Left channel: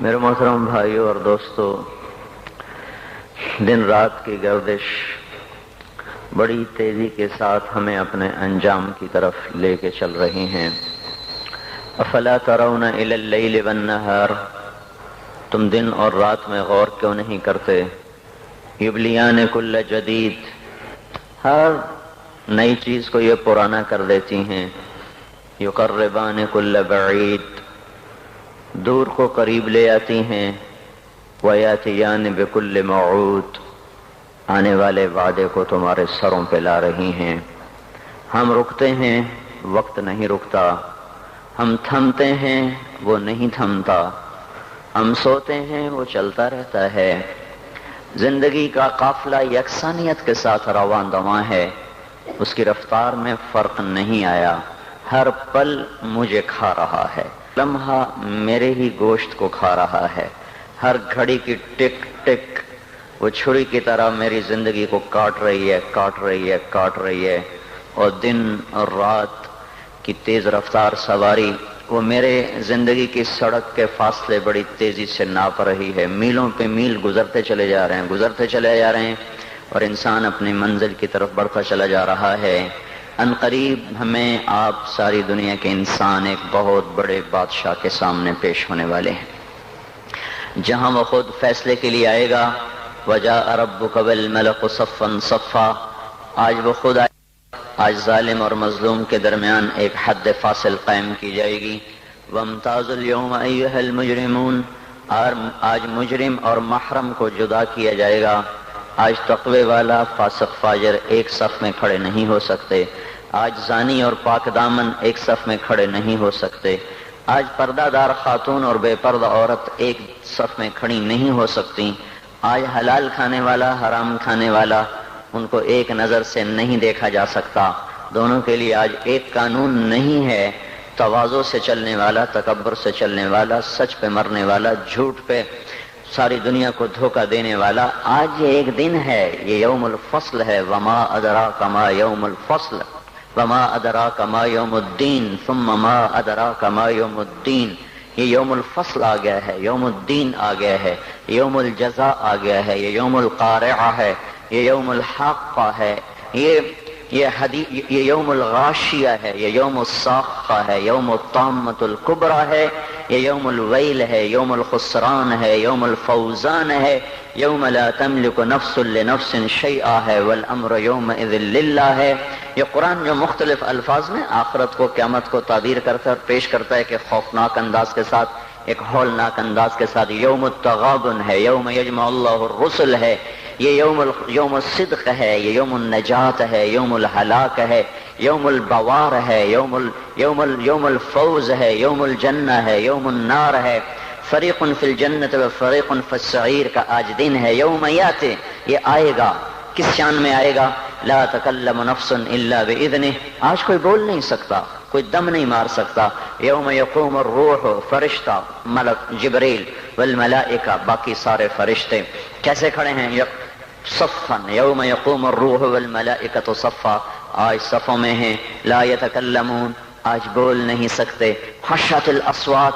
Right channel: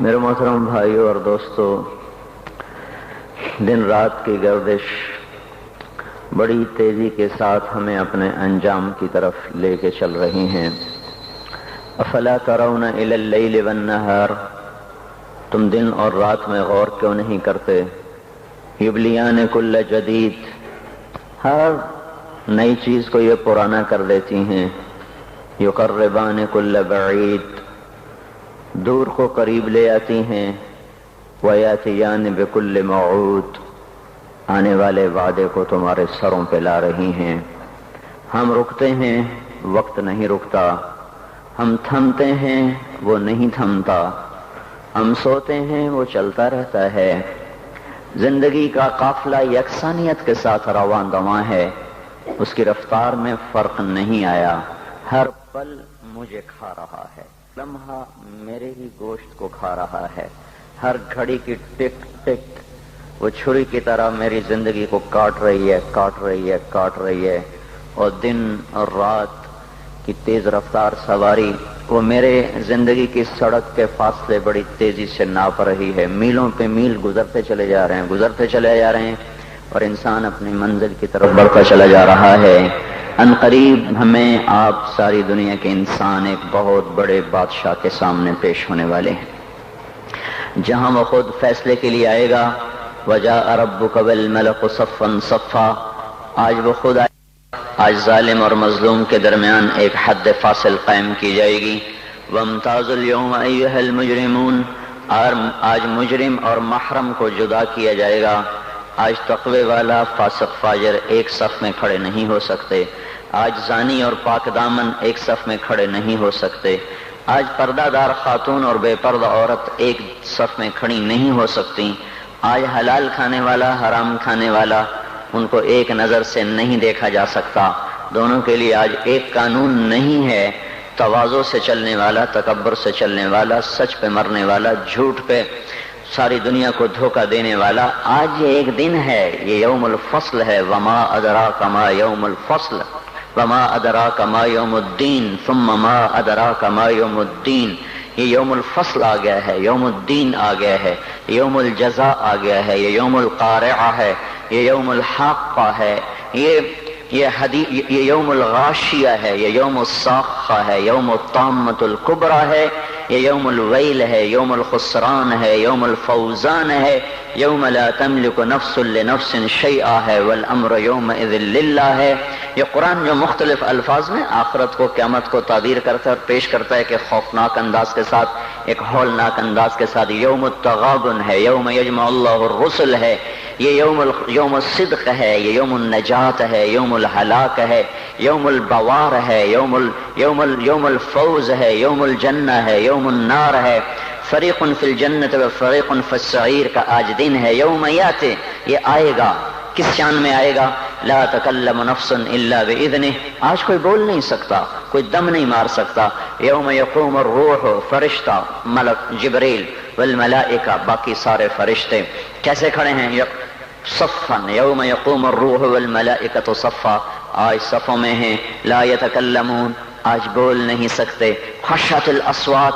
میرے محترم بھائیوں اور دوستوں، دن رات کی گردش بڑی تیزی کے ساتھ ہمیں اپنے انجام کی طرف لے کے چل رہی ہیں۔ افلا ترون الی اللیل والنہار، تم دن اور رات میں غور کیوں نہیں کرتے؟ یبلیان کل جدید، ہر نئی چیز کو یہ پرانا کر دیتی ہیں۔ یقربان کل بعید، دور کو قریب لے آتی ہیں۔ ویاتیان بکل موعود، آنے والے وعدے کو تمہارے سروں پہ لا رہی ہیں۔ ہم رکتے ہیں، وقت نہیں رکتا۔ ہم تھمتے ہیں، وہ نہیں تھمتا۔ ہم سوتے ہیں، وہ چلتا رہتا ہے۔ زندگی کا قافلہ یکسانیت کے ساتھ رواں دواں ہے، اس کی رفتار میں فرق نہیں آیا۔ ہر پل مجھے کھا رہا ہے، لمحہ میرے ہی گوشت کو کھا رہا ہے۔ ہر گھڑی کی ٹک ٹک وہ چھری کی طرح میری زندگی کو کاٹ رہی ہے، اور دن اور رات کی تیز رفتار سواری وہ میرے زندگی کی سڑک کے فاصلے بڑی تیزی سے ناپ رہی ہے۔ میلوں پہ میل گزرتے چلے جا رہے ہیں اور انسان اپنی منزل کی طرف بڑھتا چلا جا رہا ہے۔ ان قریب ہمیں آپ ساری دنیا کے انسان ایک بہت بڑے بادشاہ کے سامنے پیش ہونے والے ہیں، جہاں وہ خود فیصلے کے لیے آئے گا۔ وجاء ربک والملک صفا صفا، آج وہ خود آئے گا۔ آج ظالم اور مظلوم کے درمیان ایک حد فاصل قائم کی جائے گی۔ وامتازوا اليوم ایھا المجرمون، آج مجرم اور محرم کو جدا کیا جائے گا۔ آج تقوی والا فاسق فاجر ایک صف میں کھڑے نہیں ہو سکتے۔ آج زانی اور پاک دامن ایک صف میں کھڑے نہیں ہو سکتے۔ آج پردہ دار خاتون اور بے پردہ عورت ایک صف میں کھڑی نہیں ہو سکتی۔ آج حلال کھانے والا حرام کھانے والا، ان کو ایک نظر سے نہیں دیکھا جا سکتا۔ دونوں کے لیے آج ایک قانون نہیں ہے۔ تواضع سے چلنے والا، تکبر سے چلنے والا، سچ پہ مرنے والا، جھوٹ پہ ساری دنیا کو دھوکہ دینے والا، آج یہ ایک دن ہے، یہ یوم الفصل ہے۔ وما ادراک ما یوم الفصل وما ادراک ما یوم الدین ثم ما ادراک ما یوم الدین، یہ یوم الفصل آ گیا ہے، یوم الدین آ گیا ہے، یوم الجزاء آ گیا ہے، یہ یوم القارعہ ہے، یہ یوم الحاقہ ہے، یہ یوم الغاشیہ ہے، یہ یوم الصاخہ ہے، یوم الطامۃ الکبریٰ ہے، یہ یوم الویل ہے، یوم الخسران ہے، یوم الفوزان ہے، یوم لا تملک نفس لنفس شیئا ہے، والامر یومئذ للہ ہے۔ یہ قرآن جو مختلف الفاظ میں آخرت کو، قیامت کو تعبیر کرتا ہے اور پیش کرتا ہے کہ خوفناک انداز کے ساتھ، ایک ہولناک انداز کے ساتھ، یوم التغابن ہے، یوم یجمع اللہ الرسل ہے، یہ یوم الصدق ہے، یہ یوم النجات ہے، یوم الہلاک ہے، یوم البوار ہے، یوم الفوز ہے، یوم الجنہ ہے، یوم النار ہے، فریق فی الجنت و فریق فی السعیر کا آج دن ہے۔ یوم یاتی، یہ آئے گا، کس شان میں آئے گا؟ لا تکلم نفس الا باذنہ، آج کوئی بول نہیں سکتا، کوئی دم نہیں مار سکتا۔ یوم یقوم الروح، فرشتہ ملک جبریل والملائکہ، باقی سارے فرشتے کیسے کھڑے ہیں؟ صفا، یوم یقوم الروح والملائکۃ صفا، آج صفوں میں ہیں۔ لا یتکلمون، آج بول نہیں سکتے۔ خشعت الاصوات،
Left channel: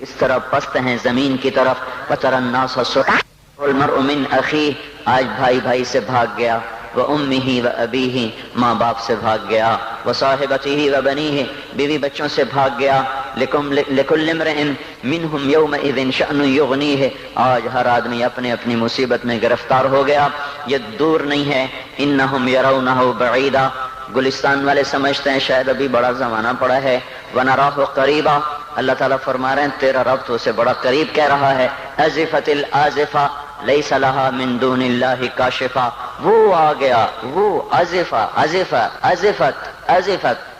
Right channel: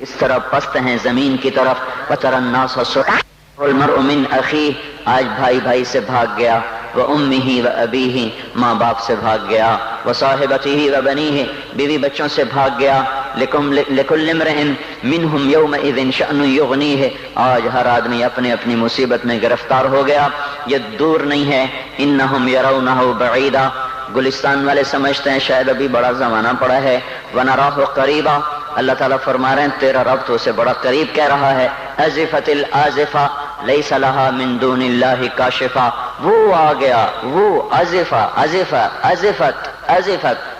اس طرح پست ہیں زمین کی طرف۔ وتری الناس صرعا والمرء من اخیہ، آج بھائی بھائی سے بھاگ گیا۔ وامہ وابیہ، ماں باپ سے بھاگ گیا۔ وصاحبتہ وبنیہ، بیوی بچوں سے بھاگ گیا۔ لکل امرئ منہم یومئذ شأن یغنیہ، آج ہر آدمی اپنی اپنی مصیبت میں گرفتار ہو گیا، یہ دور نہیں ہے۔ انہم یرونہ بعیدا، گلستان والے سمجھتے ہیں شاید ابھی بڑا زمانہ پڑا ہے۔ ونراہ قریبا، اللہ تعالیٰ فرما رہے ہیں تیرا رب تو اسے بڑا قریب کہہ رہا ہے۔ ازفت الازفہ لیس لہا من دون اللہ کاشفہ، وہ آ گیا، وہ ازفت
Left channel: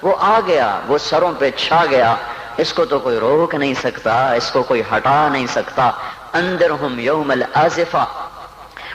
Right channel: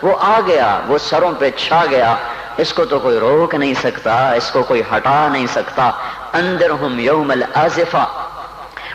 وہ آ گیا، وہ سروں پہ چھا گیا، اس کو تو کوئی روک نہیں سکتا، اس کو کوئی ہٹا نہیں سکتا۔ انذرہم یوم الازفہ،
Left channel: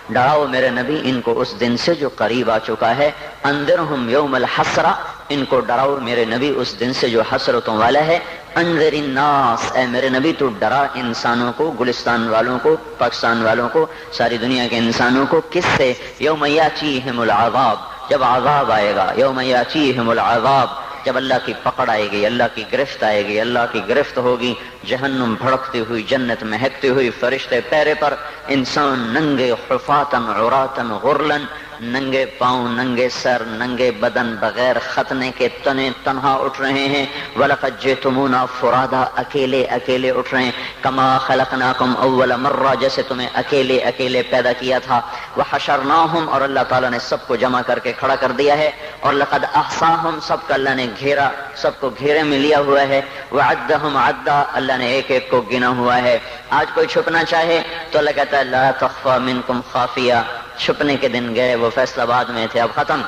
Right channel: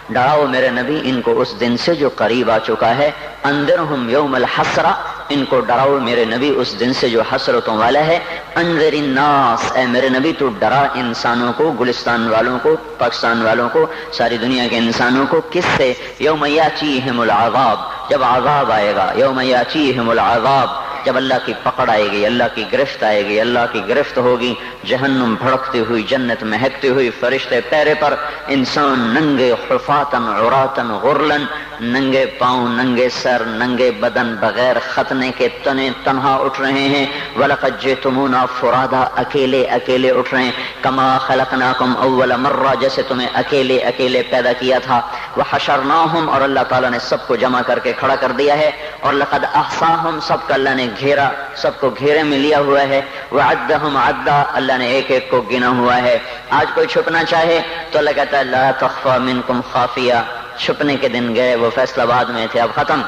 ڈراؤ میرے نبی ان کو اس دن سے جو قریب آ چکا ہے۔ انذرہم یوم الحسرہ، ان کو ڈراؤ میرے نبی اس دن سے جو حسرتوں والا ہے۔ انذر الناس، اے میرے نبی تو ڈرا انسانوں کو، گلستان والوں کو، پاکستان والوں کو، ساری دنیا کے انسانوں کو۔ کس سے؟ یوم یاتیہم العذاب، جب عذاب آئے گا۔ یوم یاتیہم العذاب، جب اللہ کی پکڑ آئے گی، اللہ کی گرفت آئے گی، اللہ کی گرفت ہوگی، جہنم بھڑکتی ہوئی، جنت مہکتی ہوئی، فرشتے پیرے پر، انسان ننگے حفاتن عراتن غرلن، ننگے پاؤں، ننگے سر، ننگے بدن، بغیر ختنے کے تنے تنہا اٹھ رہے ہیں۔ وَلَقَدْ جِئْتُمُونَا فُرَادَىٰ، اکیلے اکیلے اٹھ رہے ہیں۔ کَمَا خَلَقْنَاكُمْ أَوَّلَ مَرَّةٍ، جیسے تمہیں اکیلے اکیلے پیدا کیا تھا۔ وَحَشَرْنَاهُمْ، اور اللہ تعالیٰ نے سب کو جمع کر کے کھڑا کر دیا ہے۔ اور لَقَدْ أَحْصَاهُمْ، سب کا اللہ نے گھیرا، سب کو گھیرے میں لیا ہوا ہے۔ وَعَدَّهُمْ عَدًّا، اللہ نے ایک ایک کو گنا ہوا ہے۔ آج کوئی چھپنا چاہے تو اللہ کہتا ہے لا تخفى منكم خافیہ، چھپنے کے دن گئے، وہ فیصلہ آباد میں تھے، اب ختم۔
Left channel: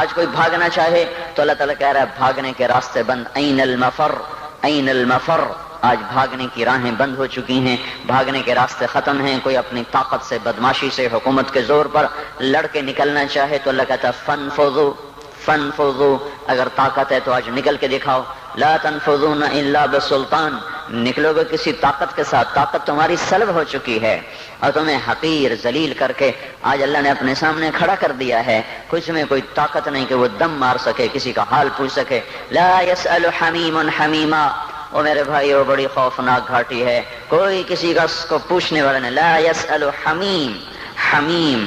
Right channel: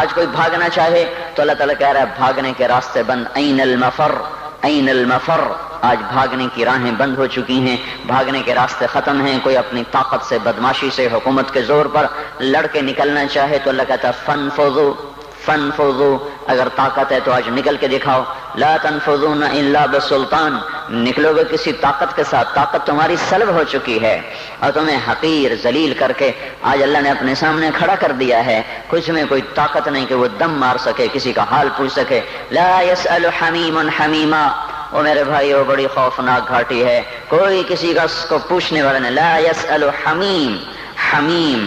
آج کوئی بھاگنا چاہے تو اللہ تعالیٰ کہہ رہا ہے بھاگنے کے راستے بند، این المفر، این المفر، آج بھاگنے کی راہیں بند ہو چکی ہیں، بھاگنے کے راستے ختم ہیں۔ کوئی اپنی طاقت سے، بدماشی سے، حکومت کے زور پر لڑ کے نکلنا چاہے تو اللہ کہتا ہے فانفذوا، فانفذوا، اگر طاقت ہے تو آج نکل کے دکھاؤ۔ لا تنفذون الا بسلطان، نکلو گے کسی طاقت کے ساتھ، طاقت تمہاری سلب ہو چکی ہے اور تمہیں حقیر ذلیل کر کے آج اللہ نے اپنے سامنے کھڑا کر دیا ہے۔ کچھ میں کوئی طاقت نہیں کہ وہ دم مار سکے، کسی کا حال پوچھ سکے۔ لا يسأل حمیم حمیما، وہ میرے بھائی وہ بڑی خوفناک گھاٹی ہے، کوئی کسی کا کو پوچھنے والا نہیں۔ لا يسأل حمیم، حمیم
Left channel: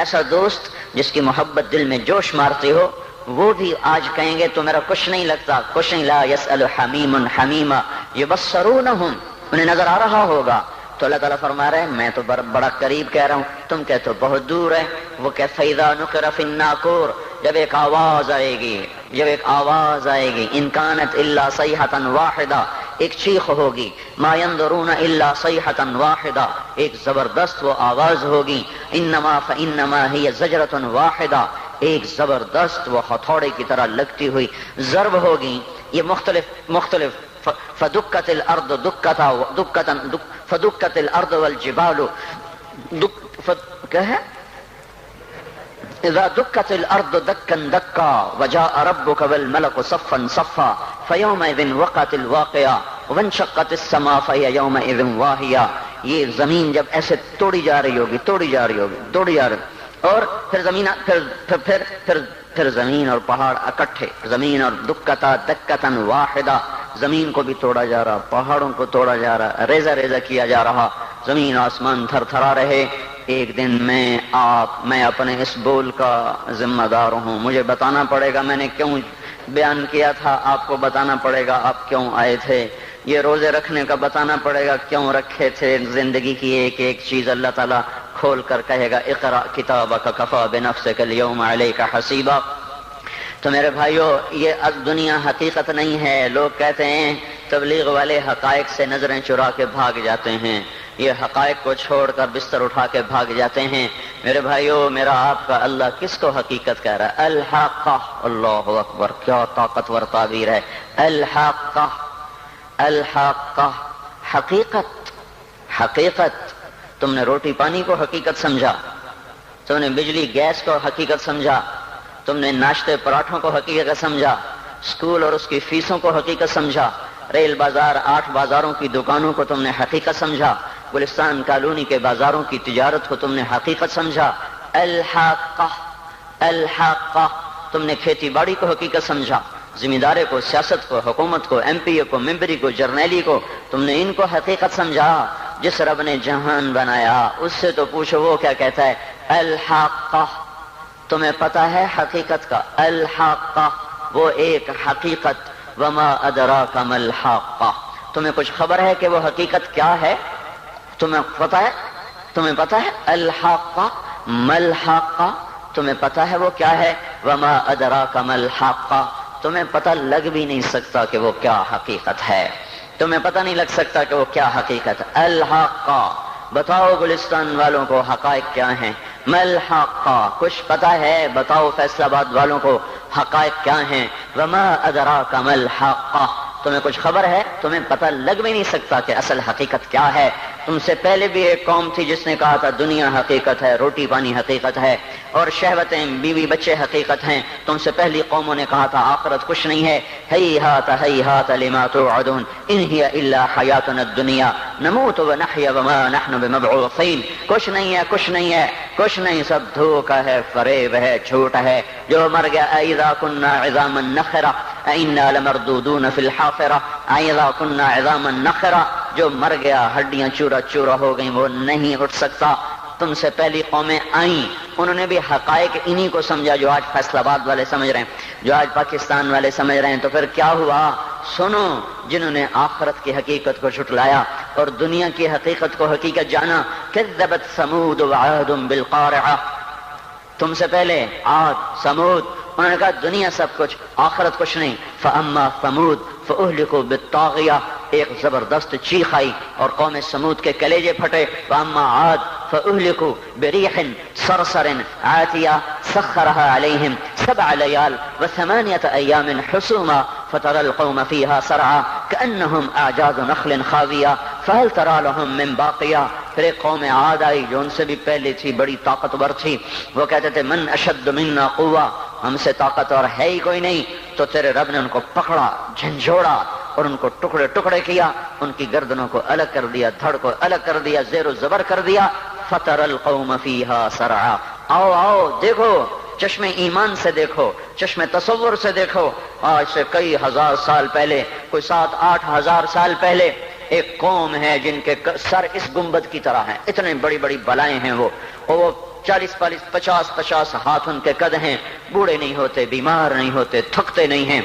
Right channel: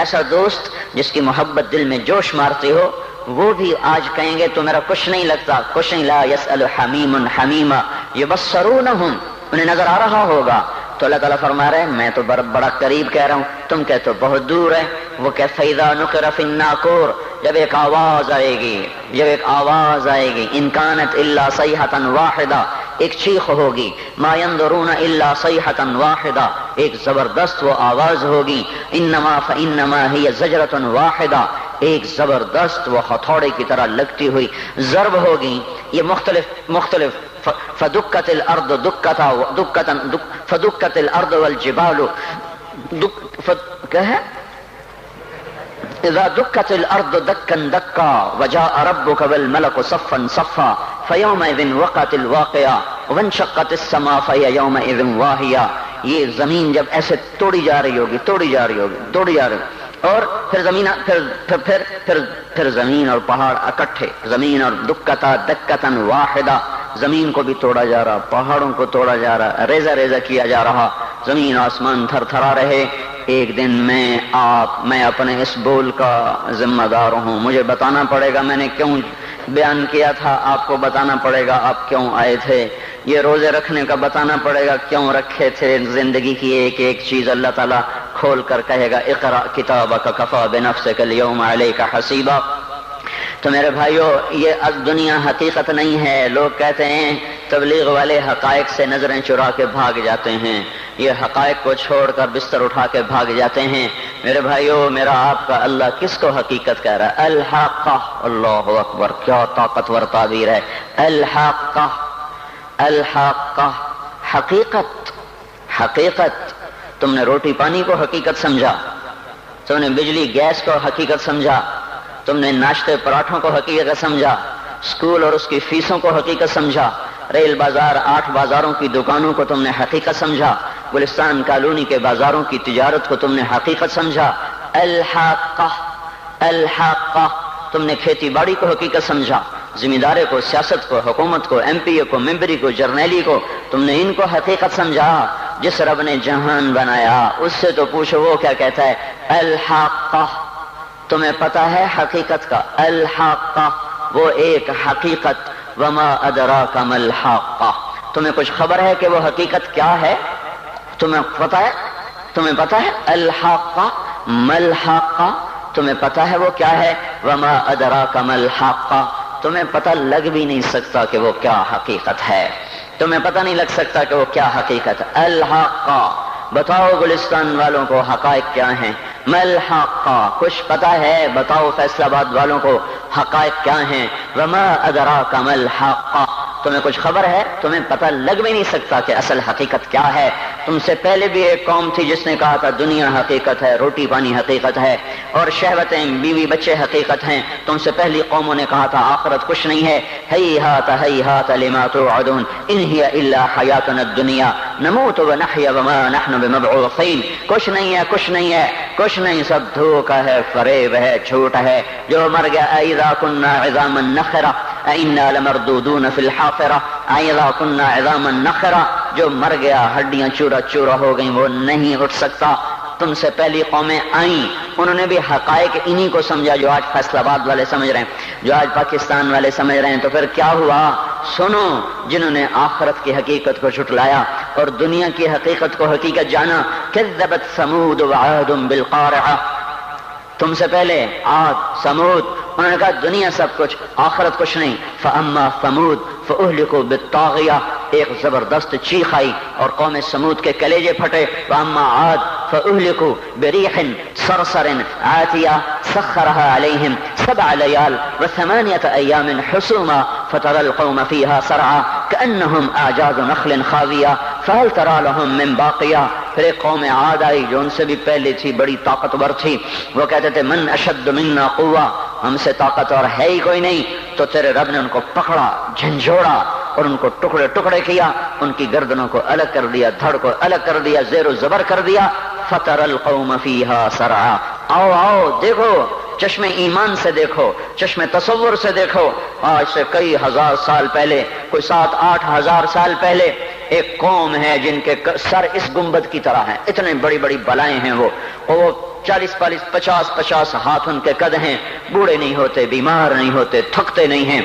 ایسا دوست جس کی محبت دل میں جوش مارتی ہو، وہ بھی آج کہیں گے تو میرا کچھ نہیں لگتا، کچھ نہیں۔ لا يسأل حمیم حمیما یبصرونہم، انہیں نظر آ رہا ہوگا تو اللہ تعالیٰ فرما رہے ہیں میں تو بڑا قریب کہہ رہا ہوں، تم کہتے ہو بہت دور ہے۔ وہ کہ فَإِذَا نُقِرَ فِي النَّاقُورِ، جب ایک آواز آئے گی، جب ایک آواز آئے گی، إِن كَانَتْ إِلَّا صَيْحَةً وَاحِدَةً، ایک چیخ ہوگی، مَا يَنظُرُونَ إِلَّا صَيْحَةً وَاحِدَةً، ایک زبردست وہ آواز ہوگی، إِنَّمَا فَإِنَّمَا هِيَ زَجْرَةٌ وَاحِدَةٌ، ایک زبردست وہ ہتھوڑے کی طرح لگتی ہوئی ضرب ہوگی۔ یہ مختلف فدکت الارض فدکت الارض والجبال کیا ہے اذا دکت الارض دکا دکا وجاء ربك والملك صفا صفا فيومئذ وقعت الواقعة وانشقت السماء فهي يومئذ واهية، یہ زمین جب ایسے توڑی جا رہی ہوگی اور پھر زمین اور پہاڑ اکٹھے، زمین اور دکتن واحدہ، زمین کو بھی توڑا جا رہا، پہاڑوں کو توڑا جا رہا، ریزہ ریزہ کیا جا رہا، زمین آسمان تھر تھرا رہے۔ ایک دن میں اپنے اس بول کا ذمہ دار ہوں، مجھے بتانا پڑے گا میں نے کیوں بیان کیا تھا، آپ کو بتانا پڑے گا آپ کیوں آئے تھے، یہ روزے رکھنے کا بتانا پڑے گا کیوں رکھے تھے، زندگی کی ایک ایک چیز اللہ تعالیٰ کھول کر کہے گا اقرأ کتابک کفی بنفسک اليوم علیک حسیبا۔ تو میرے بھائیو یہ اب دنیا حقیقت نہیں ہے۔ لوگ کہتے ہیں تبلیغ والے حقائق سے نظریں چرا کے بھاگ جاتے ہیں، یہ حقائق کو چھوڑ کر بستر اٹھا کے بھاگ جاتے ہیں۔ میرے بھائیو میرا آپ کا اللہ کس کو حقیقت کہہ رہا ہے؟ الحاقہ، اللہ اکبر، کیا طاقتور تعبیر ہے۔ الحاقہ، الحاقہ، حقیقت۔ تم نے روٹی پانی کو حقیقت سمجھا، تم نے بجلی گیس کو حقیقت سمجھا، تم نے ناشتے پراٹھوں کو حقیقت سمجھا، اسکول اور اس کی فیسوں کو حقیقت سمجھا، ریل بازار 8 بازاروں کی دکانوں کو تم نے حقیقت سمجھا، گلستان کالونی کے بازاروں کی تجارت کو تم نے حقیقت سمجھا۔ الحاقہ، الحاقہ، تم نے کھیتی باڑی کو حقیقت سمجھا، ذمہ داری کو، سیاست کو، حکومت کو، ایم پی اے کو، ممبری کو، جرنیلی کو، تم نے ان کو حقیقت سمجھا۔ جس رب نے جہان بنایا اس سے تو پوچھو وہ کیا کہتا ہے؟ الحاقہ، تمہیں پتا ہے حقیقت کا؟ الحاقہ، وہ ایک حقیقت۔ وما ادراک ما الحاقہ، تمہیں کچھ خبر ہے کہ وہ حقیقت کیا ہے؟ تمہیں پتا ہے الحاقہ ما الحاقہ، تمہیں پتا ہے وہ کیا ہے؟ وما ادراک ما الحاقہ، تمہیں پتہ لگ بھی نہیں سکتا کہ وہ کیا حقیقت ہے، تمہیں پتہ نہیں لگ سکتا کہ وہ کیا حقیقت ہے۔ الحاقہ، بتاؤ گلستان والوں کو حقائق کیا ہیں؟ ما الحاقہ، کچھ پتہ ہے؟ بتاؤ فیصل آباد والوں کو حقائق کیا ہیں؟ وما ادراک ما الحاقہ، تمہیں کچھ خبر ہے؟ تمہیں پتہ لگ بھی نہیں سکتا کہ اصل حقیقت کیا ہے۔ تم سے پہلے بھی ایک قوم تھی جس نے کہا تھا دنیا حقیقت ہے، روٹی پانی حقیقت ہے، اور شہوتیں، بیوی بچے حقیقت ہیں۔ تم سے پہلی قوموں نے کہا تھا آخرت کچھ نہیں ہے۔ ہیہات ہیہات لما توعدون ان ہی الا حیاتنا الدنیا نموت ونحیا وما نحن بمبعوثین، کچھ نہیں ہے، کچھ نہیں ہے، کچھ نہیں، سب دھوکہ ہے، فریب ہے، جھوٹ ہے۔ جو مر گیا اذا كنا عظاما نخرہ، انا لمردودون فی الحافرہ اذا كنا عظاما نخرہ، جو مر گیا ہڈیاں چورا چورا ہو گئیں وہ نہیں اٹھ سکتا۔ تم سے پہلی قومیں آئیں، انہوں نے بھی حقائق انہی کو سمجھا جو آج فیصل آباد والے سمجھ رہے ہیں، جو آج پاکستان والے سمجھ رہے ہیں۔ تو پھر کیا ہوا؟ سنو، جنہوں نے آخرت کی حقیقت کو جھٹلایا اور دنیا کی حقیقت کو حقیقت جانا۔ کذبت ثمود وعاد بالقارعہ، تم سے پہلے عاد ثمود، انہوں نے کہا دنیا سب کچھ آخرت کچھ نہیں۔ فاما ثمود فاہلکوا بالطاغیہ، ایک زبردست چیخ آئی اور قوم ثمود کے کلیجے پھٹے۔ واما عاد فاہلکوا بریح صرصر عاتیہ سخرها علیہم 7 لیال و8 ایام حسوما فترى القوم فیہا سرعا کأنہم اعجاز نخل خاویہ فہل تری لہم من باقیہ۔ پھر ایک قوم عاد آئی جو ان سے بھی پہلے تھی، بڑی طاقتور تھی، وہ کہتے تھے من اشد منا قوہ، ہم سے طاقتور ہے ہی کوئی نہیں۔ تو تیرے رب نے ان کو پکڑا، جھنجھوڑا اور ان کو ٹکڑے ٹکڑے کیا، ان کی گردنوں کو الگ کر دیا، دھڑ کو الگ کر دیا، زیر و زبر کر دیا۔ فَتَرَى الْقَوْمَ فِيهَا سَرْعًا، آؤ آؤ دیکھو، چشم ایمان سے دیکھو، چشم تصور سے دیکھو۔ آج سے کئی ہزار سال پہلے، کوئی 7-8 ہزار سال پہلے ایک قوم ہے جن کے سر اس گنبد کی طرح ہیں، اتنے بڑی بڑی بلائیں ہیں وہ 40-50 ہاتھ ان کے قد ہیں، بوڑھے نہیں ہوتے، بیمار نہیں ہوتے، تھکتے نہیں ہیں،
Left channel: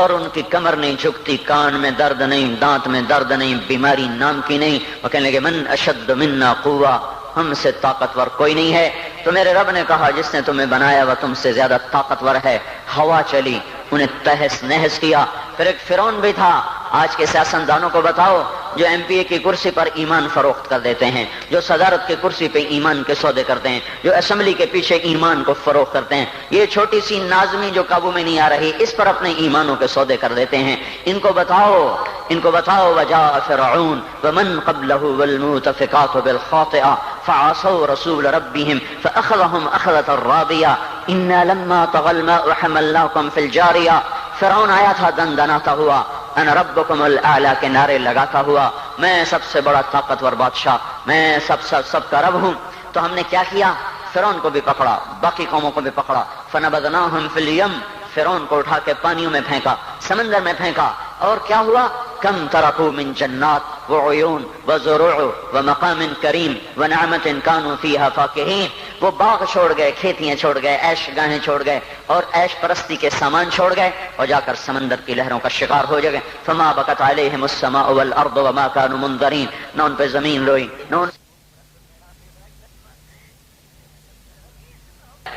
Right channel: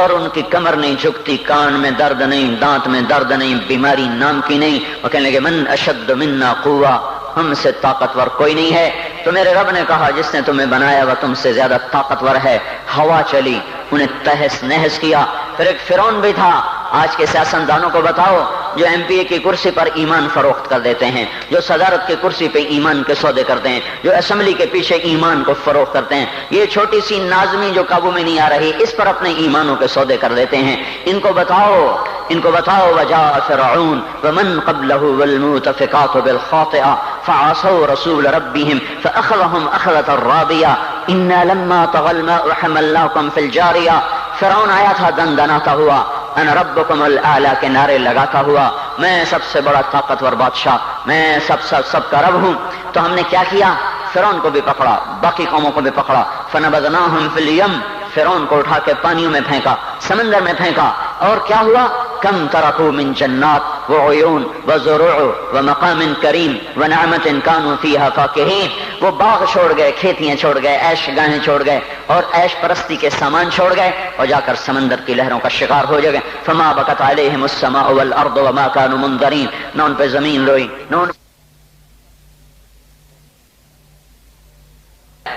اور ان کی کمر نہیں جھکتی، کان میں درد نہیں، دانت میں درد نہیں، بیماری نام کی نہیں۔ وہ کہنے لگے من اشد منا قوہ، ہم سے طاقتور کوئی نہیں ہے۔ تو میرے رب نے کہا جس نے تمہیں بنایا وہ تم سے زیادہ طاقتور ہے۔ ہوا چلی، انہیں تہس نہس کیا۔ پھر ایک فرعون بھی تھا۔ آج کے سیاستدانوں کو بتاؤ جو ایم پی اے کی کرسی پر ایمان فروخت کر دیتے ہیں، جو صدارت کی کرسی پہ ایمان کے سودے کرتے ہیں، جو اسمبلی کے پیچھے ایمان کو فروخت کرتے ہیں، یہ چھوٹی سی نازنی جو قابو میں نہیں آ رہی، اس پر اپنے ایمانوں کے سودے کر دیتے ہیں۔ ان کو بتاؤ وجاء فرعون ومن قبله والمؤتفقات بالخاطئة فعصوا رسول ربهم فأخذهم أخذة رابية إنا لما طغى الماء حملناكم في الجارية۔ فرعون آیا تھا دندناتا ہوا، انا ربکم الاعلی کے نعرے لگاتا ہوا، میں سب سے بڑا طاقتور بادشاہ، میں سب کا رب ہوں۔ تو ہم نے کیا کیا؟ فرعون کو بھی پکڑا، باقی قوموں کو بھی پکڑا۔ فنبذناہم فی الیم، فرعون کو اٹھا کے پانیوں میں پھینکا، سمندر میں پھینکا، اور کیا ہوا؟ کم ترکوا من جنات وعیون وزروع ومقام کریم ونعمت کانوا فیہا فاکہین، وہ باغ چھوڑ گئے، کھیتیاں چھوڑ گئے، عیش گاہیں چھوڑ گئے اور عیش پرستی کے سامان چھوڑ گئے، اور جا کر سمندر کی لہروں کا شکار ہو گئے۔ فما بکت علیہم السماء والارض وما کانوا منظرین، نہ ان پہ زمین روئی، نہ ان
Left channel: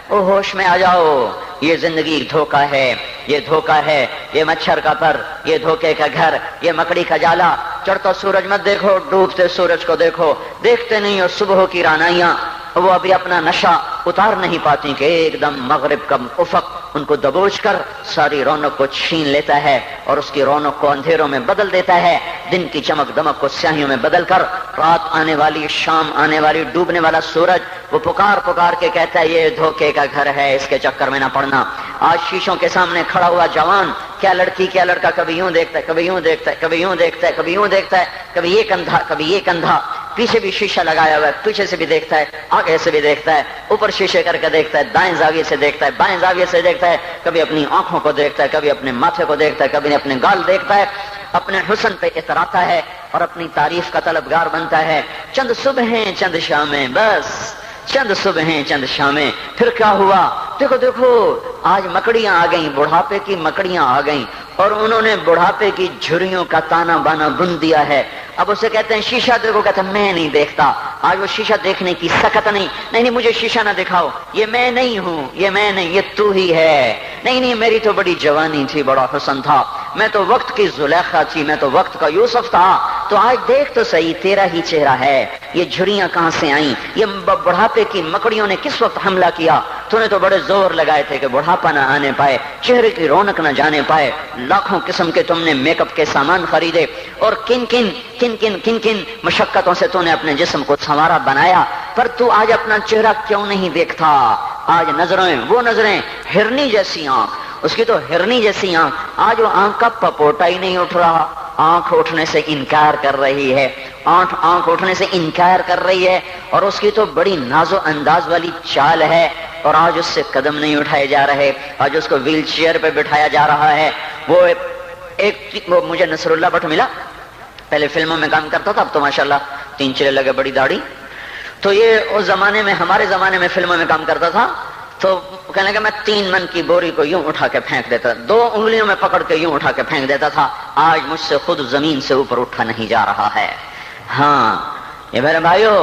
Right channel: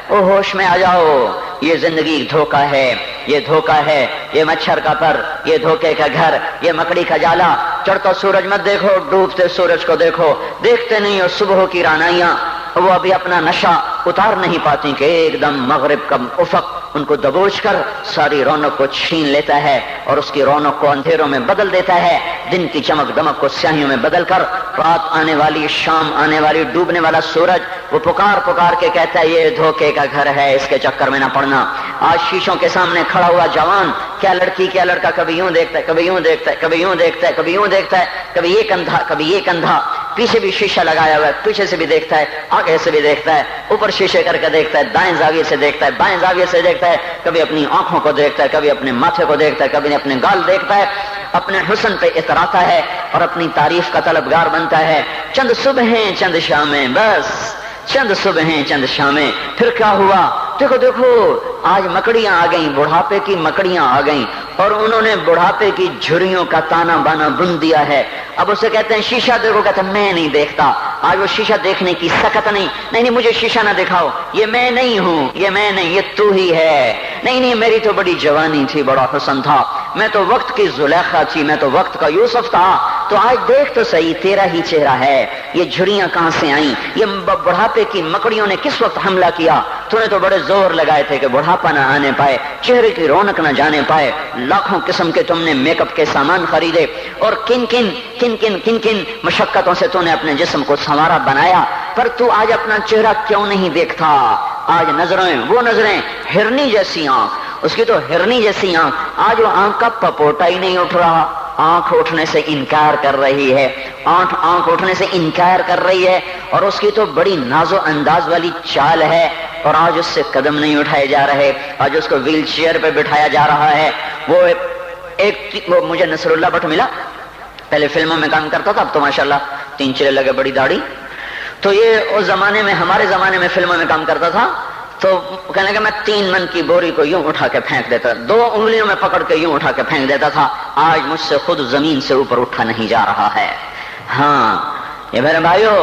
او ہوش میں آ جاؤ، یہ زندگی دھوکہ ہے، یہ دھوکہ ہے، یہ مچھر کا پر، یہ دھوکے کا گھر، یہ مکڑی کا جالا۔ چڑھتا سورج مت دیکھو، ڈوبتے سورج کو دیکھو، دیکھتے نہیں اور صبح کی رعنائیاں وہ ابھی اپنا نشہ اتار نہیں پاتی کہ ایک دم مغرب کا افق ان کو دبوچ کر ساری رونق کو چھین لیتا ہے اور اس کی رونق کو اندھیروں میں بدل دیتا ہے، دن کی چمک دمک کو سیاہیوں میں بدل کر رات آنے والی، شام آنے والی، ڈوبنے والا سورج وہ پکار پکار کے کہتا ہے یہ دھوکے کا گھر ہے، اس کے چکر میں نہ پڑنا۔ آج شیشوں کے سامنے کھڑا ہوا جوان، کیا لڑکی کیا لڑکا، کبھی یوں دیکھتا ہے، کبھی یوں دیکھتا ہے، کبھی یوں دیکھتا ہے، کبھی یوں دیکھتا ہے، کبھی یہ کندھا، کبھی یہ کندھا، پیچھے بھی شیشہ لگایا ہوا ہے، پیچھے سے بھی دیکھتا ہے، آگے سے بھی دیکھتا ہے، اوپر شیشے کر کے دیکھتا ہے، دائیں زاویے سے دیکھتا ہے، بائیں زاویے سے دیکھتا ہے، کبھی اپنی آنکھوں کو دیکھتا ہے، کبھی اپنے ماتھے کو دیکھتا ہے، کبھی اپنے گال دیکھتا ہے، اپنے حسن پہ اتراتا ہے اور اپنی تعریف کا طلبگار بنتا ہے۔ چند صبحیں چند شامیں، بس چند صبحیں چند شامیں۔ پھر کیا ہوا؟ دیکھو آج مکڑیاں آ گئیں، بڑھاپے کی مکڑیاں آ گئیں اور انہوں نے بڑھاپے کی جھریوں کا تانا بانا بن دیا ہے۔ اب اسے کہتے ہیں شیشہ دیکھو گا تو میں نہیں دیکھتا، آج وہ شیشہ دیکھنے کی سکت نہیں مجھے شیشہ نہ دکھاؤ، یہ میں نہیں ہوں، یہ میں نہیں، یہ تو ہی ہے۔ نہیں میری تو بڑی جوانی تھی، بڑا حسن تھا، میں تو وقت کی زلیخا تھی، میں تو وقت کا یوسف تھا، تو آج دیکھ تو صحیح تیرا ہی چہرہ ہے، یہ جھریاں کہاں سے آئیں، یہ بڑھاپے کی مکڑیوں نے کس وقت حملہ کیا؟ تو نے تو بڑے زور لگائے تھے کہ بڑھاپا نہ آنے پائے، چہرے کی رونق نہ جانے پائے، لاکھوں قسم کے تم نے میک اپ کے سامان خریدے اور کن کن مشقتوں سے تو نے اپنے جسم کو سنوارا بنایا، پر تو آج اپنا چہرہ کیوں نہیں دیکھتا؟ آج نظریں وہ نظریں، ہرنی جیسی آنکھ، اس کی تو ہرنی جیسی آنکھ، آج وہ آنکھ کا پپوٹا ہی نہیں اٹھ رہا، آنکھ اٹھنے سے انکار کر رہی ہے، آنکھ اٹھنے سے انکار کر رہی ہے، اور اس کی تو بڑی ناز و انداز والی چال ہے، اور آج اس سے قدم نہیں اٹھائے جا رہے، آج اس کو ویل چیئر پہ بٹھایا جا رہا ہے۔ وہ مجھے نصر اللہ بٹ ملا، پہلے فلموں میں کام کرتا تھا، اب تو ماشاءاللہ 3 چلے لگے، بڑی داڑھی۔ تو یہ اس زمانے میں، ہمارے زمانے میں فلموں میں کام کرتا تھا، تو کہنے لگا میں 3 من کی بوری کو یوں اٹھا کے پھینک دیتا، 2 انگلیوں میں پکڑ کے یوں اٹھا کے پھینک دیتا تھا، آج مجھ سے خود زمین سے اوپر اٹھا نہیں جا رہا ہے۔ ہاں یہ میرے بھائیو،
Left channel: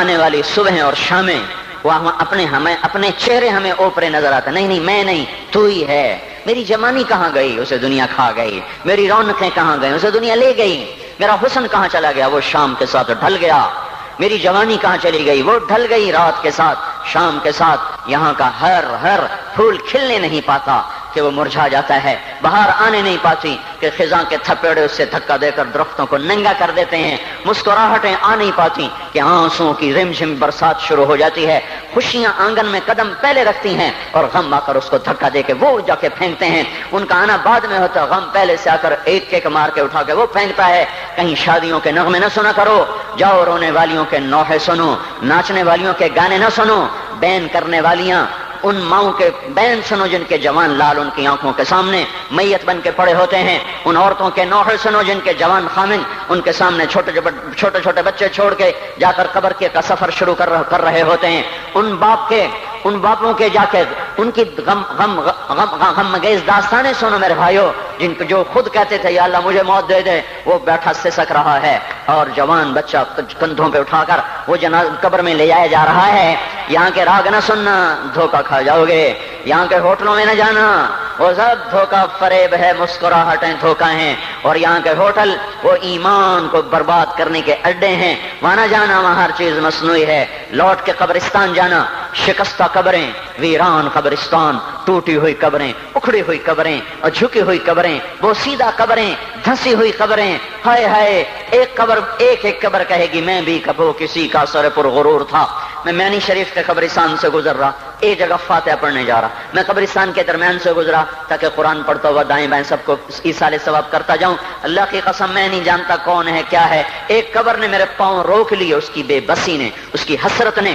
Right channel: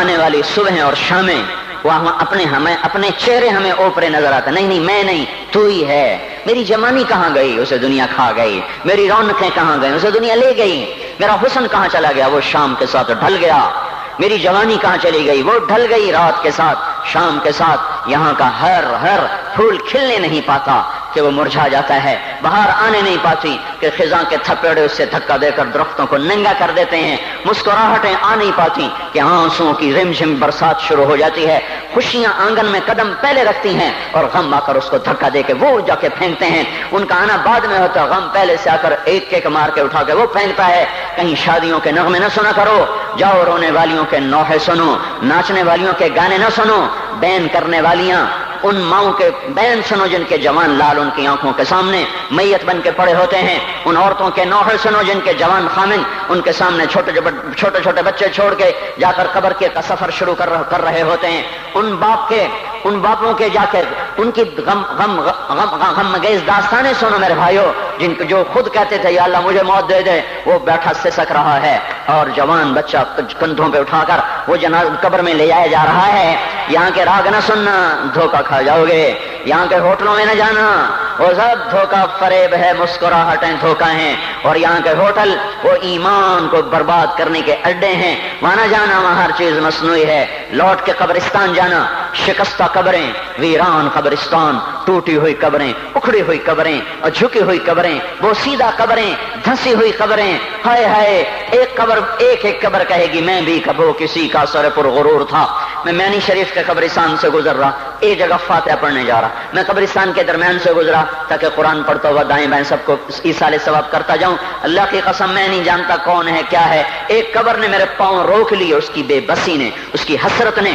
آنے والی صبح اور شامیں وہاں اپنے چہرے ہمیں اوپرے نظر آتے، نہیں میں نہیں، تو ہی ہے۔ میری جوانی کہاں گئی؟ اسے دنیا کھا گئی۔ میری رونقیں کہاں گئی؟ اسے دنیا لے گئی۔ میرا حسن کہاں چلا گیا؟ وہ شام کے ساتھ ڈھل گیا۔ میری جوانی کہاں چلی گئی؟ وہ ڈھل گئی رات کے ساتھ، شام کے ساتھ۔ یہاں کا ہر پھول کھلنے نہیں پاتا کہ وہ مرجھا جاتا ہے، بہار آنے نہیں پاتی کہ خزاں کے تھپیڑے اس سے دھکا دے کر درختوں کو ننگا کر دیتے ہیں، مسکراہٹیں آ نہیں پاتی کہ آنسوؤں کی رم جھم برسات شروع ہو جاتی ہے، خوشیاں آنگن میں قدم پہلے رکھتی ہیں اور غم آ کر اس کو دھکا دے کے وہ جا کے پھینکتے ہیں۔ ان کا آنا بعد میں ہوتا ہے، غم پہلے سے آ کر ایک مار کے اٹھا کے وہ پھینکتا ہے۔ کہیں شادیوں کے نغمے نہ سنا کرو، جاؤ رونے والیوں کے نوحے سنو، ناچنے والیوں کے گانے نہ سنو، بین کرنے والیاں ان ماؤں کے بین سنو جن کے جوان لال ان کی آنکھوں کے سامنے میت بن کے پڑے ہوتے ہیں، ان عورتوں کے نوحے سنو جن کے جوان خامن ان کے سامنے چھوٹے بچے چھوڑ کے جا کر قبر کے کا سفر شروع کر رہے ہوتے ہیں، ان باپوں کے جا کر ان کی غم گیز داستانیں سنو میرے بھائیو، جن کے جو خود کہتے تھے یا اللہ مجھے موت دے دے، وہ بیٹھا سسک رہا ہے اور جوان بچہ کندھوں پہ اٹھا کر وہ قبر میں لے جایا جا رہا ہے۔ یہاں کے راگ نہ سننا، دھوکہ کھا جاؤ گے۔ یہاں کے ہوٹلوں میں نہ جانا، وہ سب دھوکہ فریب ہے، مسکراہٹیں دھوکہ ہیں، اور یہاں کے ہوٹل وہ ایمان کو برباد کرنے کے اڈے ہیں، وہاں نہ جانا، وہاں ہر چیز مصنوعی ہے۔ لوٹ کے قبرستان جانا، شکستہ قبریں، ویران قبرستان، ٹوٹی ہوئی قبریں، اکھڑی ہوئی قبریں اور جھکی ہوئی قبریں، وہ سیدھا قبریں، دھنسی ہوئی قبریں، ہائے ہائے، ایک قبر کہے گی میں بھی کبھی کسی کا سر پر غرور تھا۔ میں مینی شریف کے قبرستان سے گزر رہا، ایک جگہ فاتحہ پڑھنے جا رہا، میں قبرستان کے درمیان سے گزرا تاکہ قرآن پڑھتا ہوا دائیں بائیں سب کو ایصال ثواب کرتا جاؤں۔ اللہ کی قسم میں نہیں جانتا کون ہے کیا ہے، ایک قبر نے میرے پاؤں روک لیے، اس کی بے بسی نے، اس کی حسرت نے،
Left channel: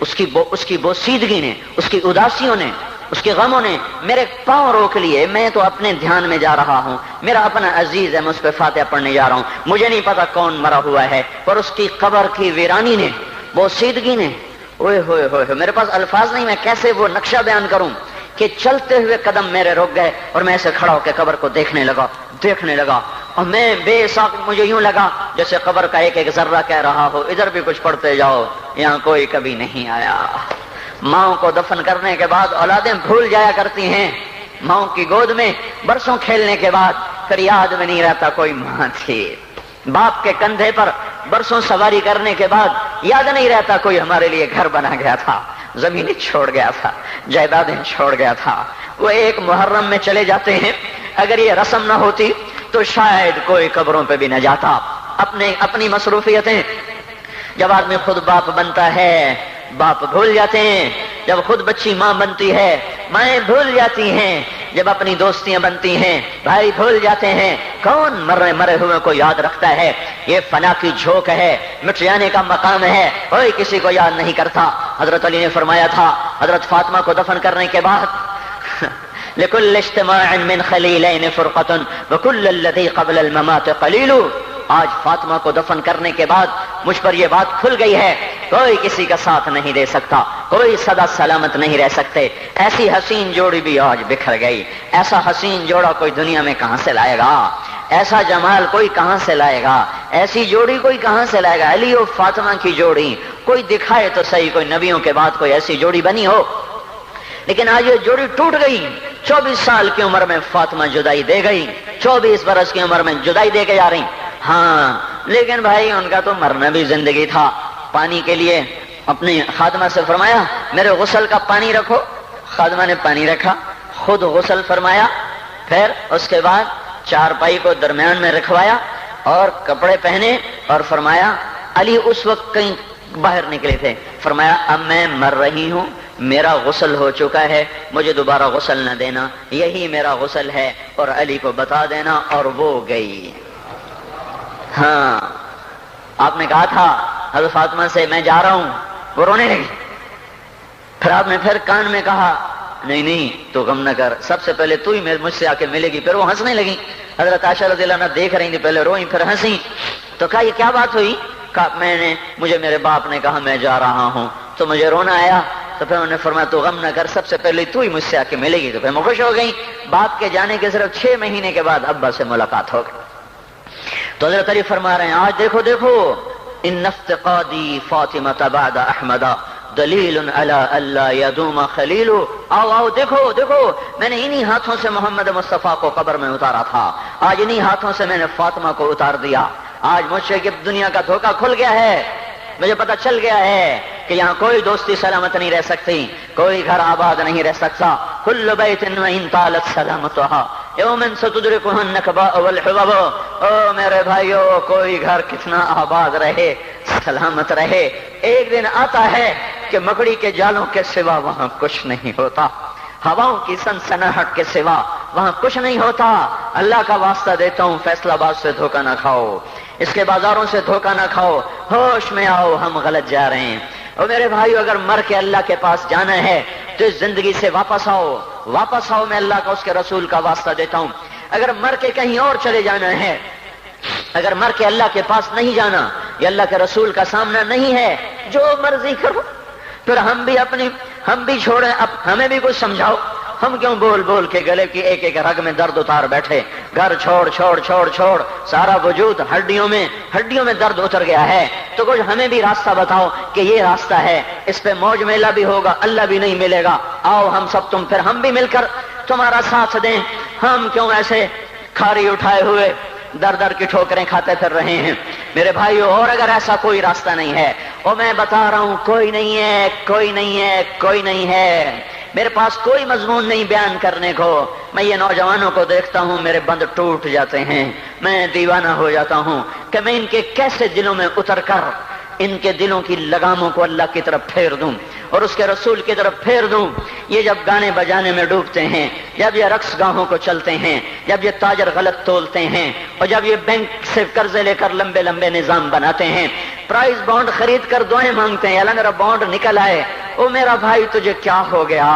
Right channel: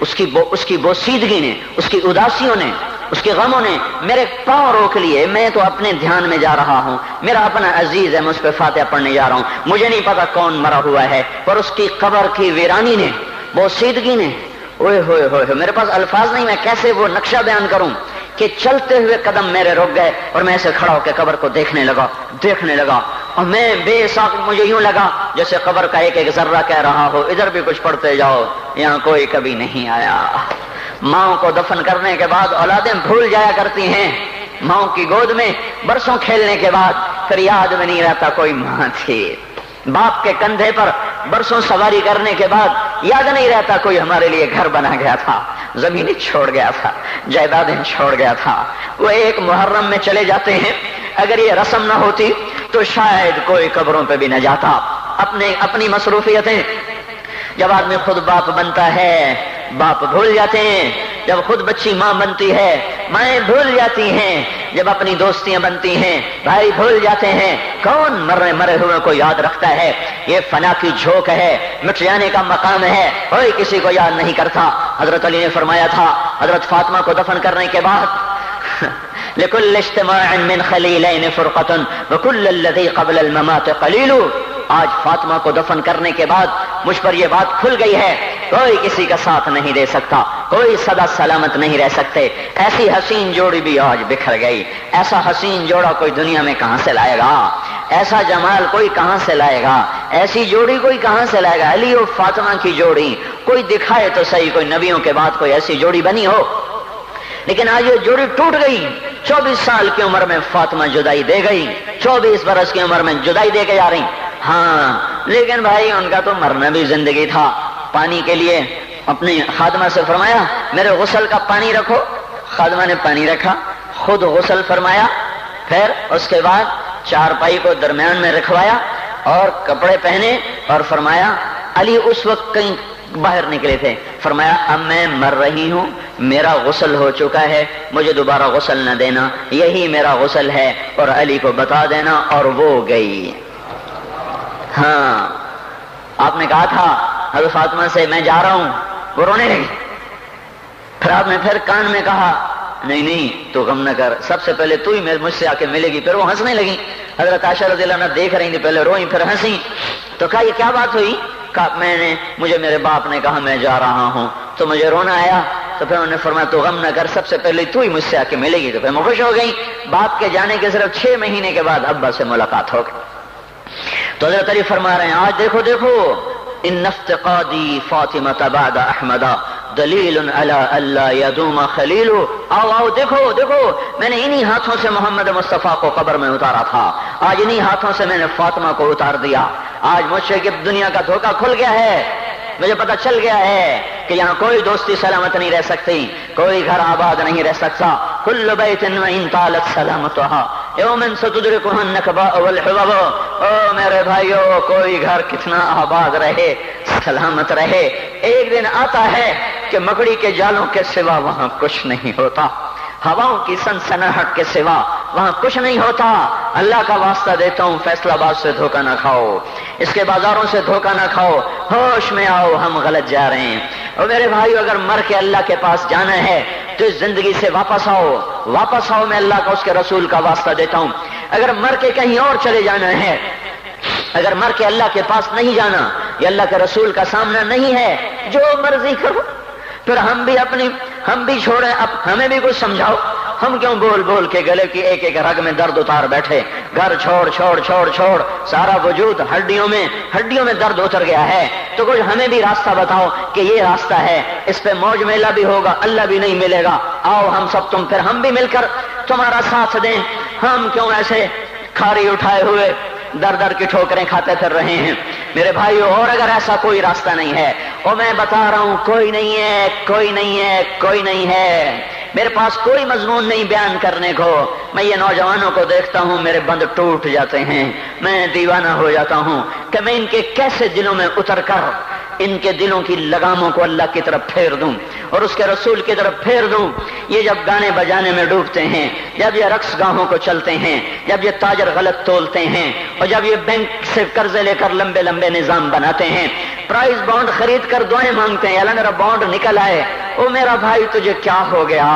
اس کی بوسیدگی نے، اس کی اداسیوں نے، اس کے غموں نے میرے پاؤں روک لیے۔ میں تو اپنے دھیان میں جا رہا ہوں، میرا اپنا عزیز ہے، میں اس پہ فاتحہ پڑھنے جا رہا ہوں، مجھے نہیں پتا کون مرا ہوا ہے، پر اس کی قبر کی ویرانی نے، بوسیدگی نے، اوئے ہوئے ہوئے، میرے پاس الفاظ نہیں، میں کیسے وہ نقشہ بیان کروں کہ چلتے ہوئے قدم میرے رک گئے اور میں ایسے کھڑا ہو کے قبر کو دیکھنے لگا اور میں بے ساکھ، مجھے یوں لگا جیسے قبر کا ایک ذرہ کہہ رہا ہو ادھر بھی کچھ پڑھتے جاؤ، یہاں کوئی کبھی نہیں آیا۔ ماؤں کو دفن کرنے کے بعد اولادیں بھول جایا کرتی ہیں، ماؤں کی گود میں برسوں کھیلنے کے بعد پھر یاد میں نہیں رہتا کوئی ماں تھی، باپ کے کندھے پر برسوں سواری کرنے کے بعد یاد نہیں رہتا کوئی ہمارے لیے گھر بنا گیا تھا، زمینیں چھوڑ گیا تھا، جائیدادیں چھوڑ گیا تھا۔ وہ ایک محرم میں چلے جاتے ہیں، اگر یہ رسم نہ ہوتی تو شاید کوئی قبروں پہ بھی نہ جاتا۔ اپنی مصروفیتیں، جب آدمی خود باپ بنتا ہے باپ بھول جاتے ہیں، جب خود بچی ماں بنتی ہے مائیں بھول جاتی ہیں، جب اپنی دوستیاں بنتی ہیں بھائی بھول جاتے ہیں۔ کون مرے ہوئے کو یاد رکھتا ہے؟ یہ فنا کی جھوک ہے، مٹ جانے کا مقام ہے، کوئی کسی کو یاد نہیں کرتا۔ حضرت علی نے فرمایا تھا حضرت فاطمہ کو دفن کرنے کے بعد لكل اجتماع من خليلين فرقة وكل الذي قبل الممات قليل۔ آج فاطمہ کو دفن کرنے کے بعد مجھ پر یہ بات کھل گئی ہے، کوئی کسی کا ساتھ نہیں دے سکتا، کوئی سدا سلامت نہیں رہ سکتے۔ ایسی حسین جوڑی بھی آج بکھر گئی، ایسا حسین جوڑا کوئی دنیا میں کہاں سے لائے گا، ایسا جمال کوئی کہاں سے لائے گا، ایسی جوڑی کوئی کہاں سے لائے گا۔ علی اور فاطمہ کی جوڑی کوئی دکھائے تو صحیح، کوئی نبیوں کے بعد کوئی ایسی جوڑی بنی ہو، لیکن آج یہ جوڑی ٹوٹ گئی۔ 24 سال کی عمر میں فاطمہ جدائی دے گئی، 24 برس کی عمر میں جدائی دے کے جا رہی۔ ہاں لیکن بھائی ان کا تو مرنا بھی زندگی تھا۔ پانی کے لیے اپنی خادمہ سے فرمایا میرے غسل کا پانی رکھو، خادمہ نے پانی رکھا، خود غسل فرمایا، پھر اس کے بعد چارپائی کو درمیان میں رکھوایا اور کپڑے پہنے اور فرمایا، علی اس وقت کہیں باہر نکلے تھے، فرمایا اب میں مر رہی ہوں، میرا غسل ہو چکا ہے، مجھے دوبارہ غسل نہ دینا، یہی میرا غسل ہے اور علی کو بتا دینا، اور وہ گئی۔ ہاں آپ نے کہا تھا حضرت فاطمہ سے میں جا رہا ہوں، وہ رونے لگی، پھر آپ نے پھر کان میں کہا نہیں نہیں تو غم نہ کر، سب سے پہلے تو ہی مجھ سے آ کے ملے گی۔ پھر وہ ہنسنے لگی، حضرت عائشہ رضی اللہ عنہا دیکھ رہی تھی، پہلے روئیں پھر ہنسی۔ تو کہا یہ کیا بات ہوئی؟ کہا مجھے میرے باپ نے کہا میں جا رہا ہوں تو مجھے رونا آیا، تو پھر انہوں نے فرمایا تو غم نہ کر، سب سے پہلے تو ہی مجھ سے آ کے ملے گی۔ تو پھر میں خوش ہو گئی۔ باپ کے جانے کے صرف 6 مہینے کے بعد ابا سے ملاقات ہو گئی۔ تو حضرت علی فرما رہے ہیں آج دیکھو دیکھو ان افتقادی فاطمہ بعد احمد دلیل علی اللہ یدوم خلیل۔ آؤ آؤ دیکھو دیکھو، میں نے انہی ہاتھوں سے محمد مصطفیٰ کو قبر میں اتارا تھا، آج انہی ہاتھوں سے میں نے فاطمہ کو اتار دیا۔ آج مجھ سے کہ دنیا کا دھوکہ کھل گیا ہے، مجھے پتہ چل گیا ہے کہ یہاں کوئی دوستی سلامت نہیں رہ سکتی، کوئی گھر آباد نہیں رہ سکتا۔ کل بیت وإن طالت سلامتها یوم ستدرکها النکباء والحبب۔ او میرے بھائیو، کوئی گھر کتنا آباد رہے، سلامت رہے، ایک دن آتا ہے کہ مکڑی کے جالوں کے سوا وہاں کچھ نہیں ہوتا، ہواؤں کی سنسناہٹ کے سوا وہاں کچھ نہیں ہوتا۔ اللہ کا واسطہ دیتا ہوں فیصل آباد سے دھوکہ نہ کھاؤ، اس کے بازاروں سے دھوکہ نہ کھاؤ، ہوش میں آؤ، ہم غلط جا رہے ہیں۔ اور میرے بھائیو، اگر مر کے اللہ کے پاس جانا ہے تو اس زندگی سے واپس آؤ، واپس آؤ، میں اللہ کا اس کے رسول کا واسطہ دیتا ہوں۔ اگر مر کے کہیں اور چلے جانا ہے، اگر مر کے اللہ کے پاس نہیں جانا یا اللہ کے رسول کا سامنا نہیں ہے، جو مرضی کرو، پھر ہم بھی چھوڑیں، اب ہمیں بھی کچھ سمجھاؤ۔ ہم کیوں بول بول کے گلے کی ایک ایک رگ میں درد اتار بیٹھے؟ گھر چھوڑ چھوڑ چھوڑ چھوڑ، سارا وجود ہڈیوں میں درد اتر گیا ہے، تو کچھ ہمیں بھی راستہ بتاؤ کہ یہ راستہ ہے، اس پہ موج میلہ بھی ہوگا، اللہ بھی نہیں ملے گا۔ آؤ ہم سب پھر ہم بھی مل کر تمہارا ساتھ دیں۔ ہم کیوں ایسے کھاری اٹھائے ہوئے در در کی ٹھوکریں کھاتے پھر رہے ہیں؟ میرے بھائیو، اور اگر ایسا کوئی راستہ نہیں ہے، اور میں بتا رہا ہوں کوئی نہیں ہے، کوئی نہیں ہے، کوئی نہیں ہے، میرے پاس کوئی مضمون نہیں بیان کرنے کو، میں یہ نوجوانوں کو دیکھتا ہوں میرے بند ٹوٹ جاتے ہیں، میں دیوانہ ہو جاتا ہوں کہ میں ان کے کیسے دلوں میں اتر کر ان کے دلوں کی لگاموں کو اللہ کی طرف پھیر دوں اور اس کے رسول کی طرف پھیر دوں۔ یہ جب گانے بجانے میں ڈوبتے ہیں، جب یہ رقص گاہوں کو چلتے ہیں، جب یہ تاجر غلط تولتے ہیں، اور جب یہ بینک سے قرضے لے کر لمبے لمبے نظام بناتے ہیں، پرائز بانڈ خرید کر دعائیں مانگتے ہیں اللہ میرا بانڈ نکل آئے۔ او میرا بھائی، تجھے کیا ہو گیا؟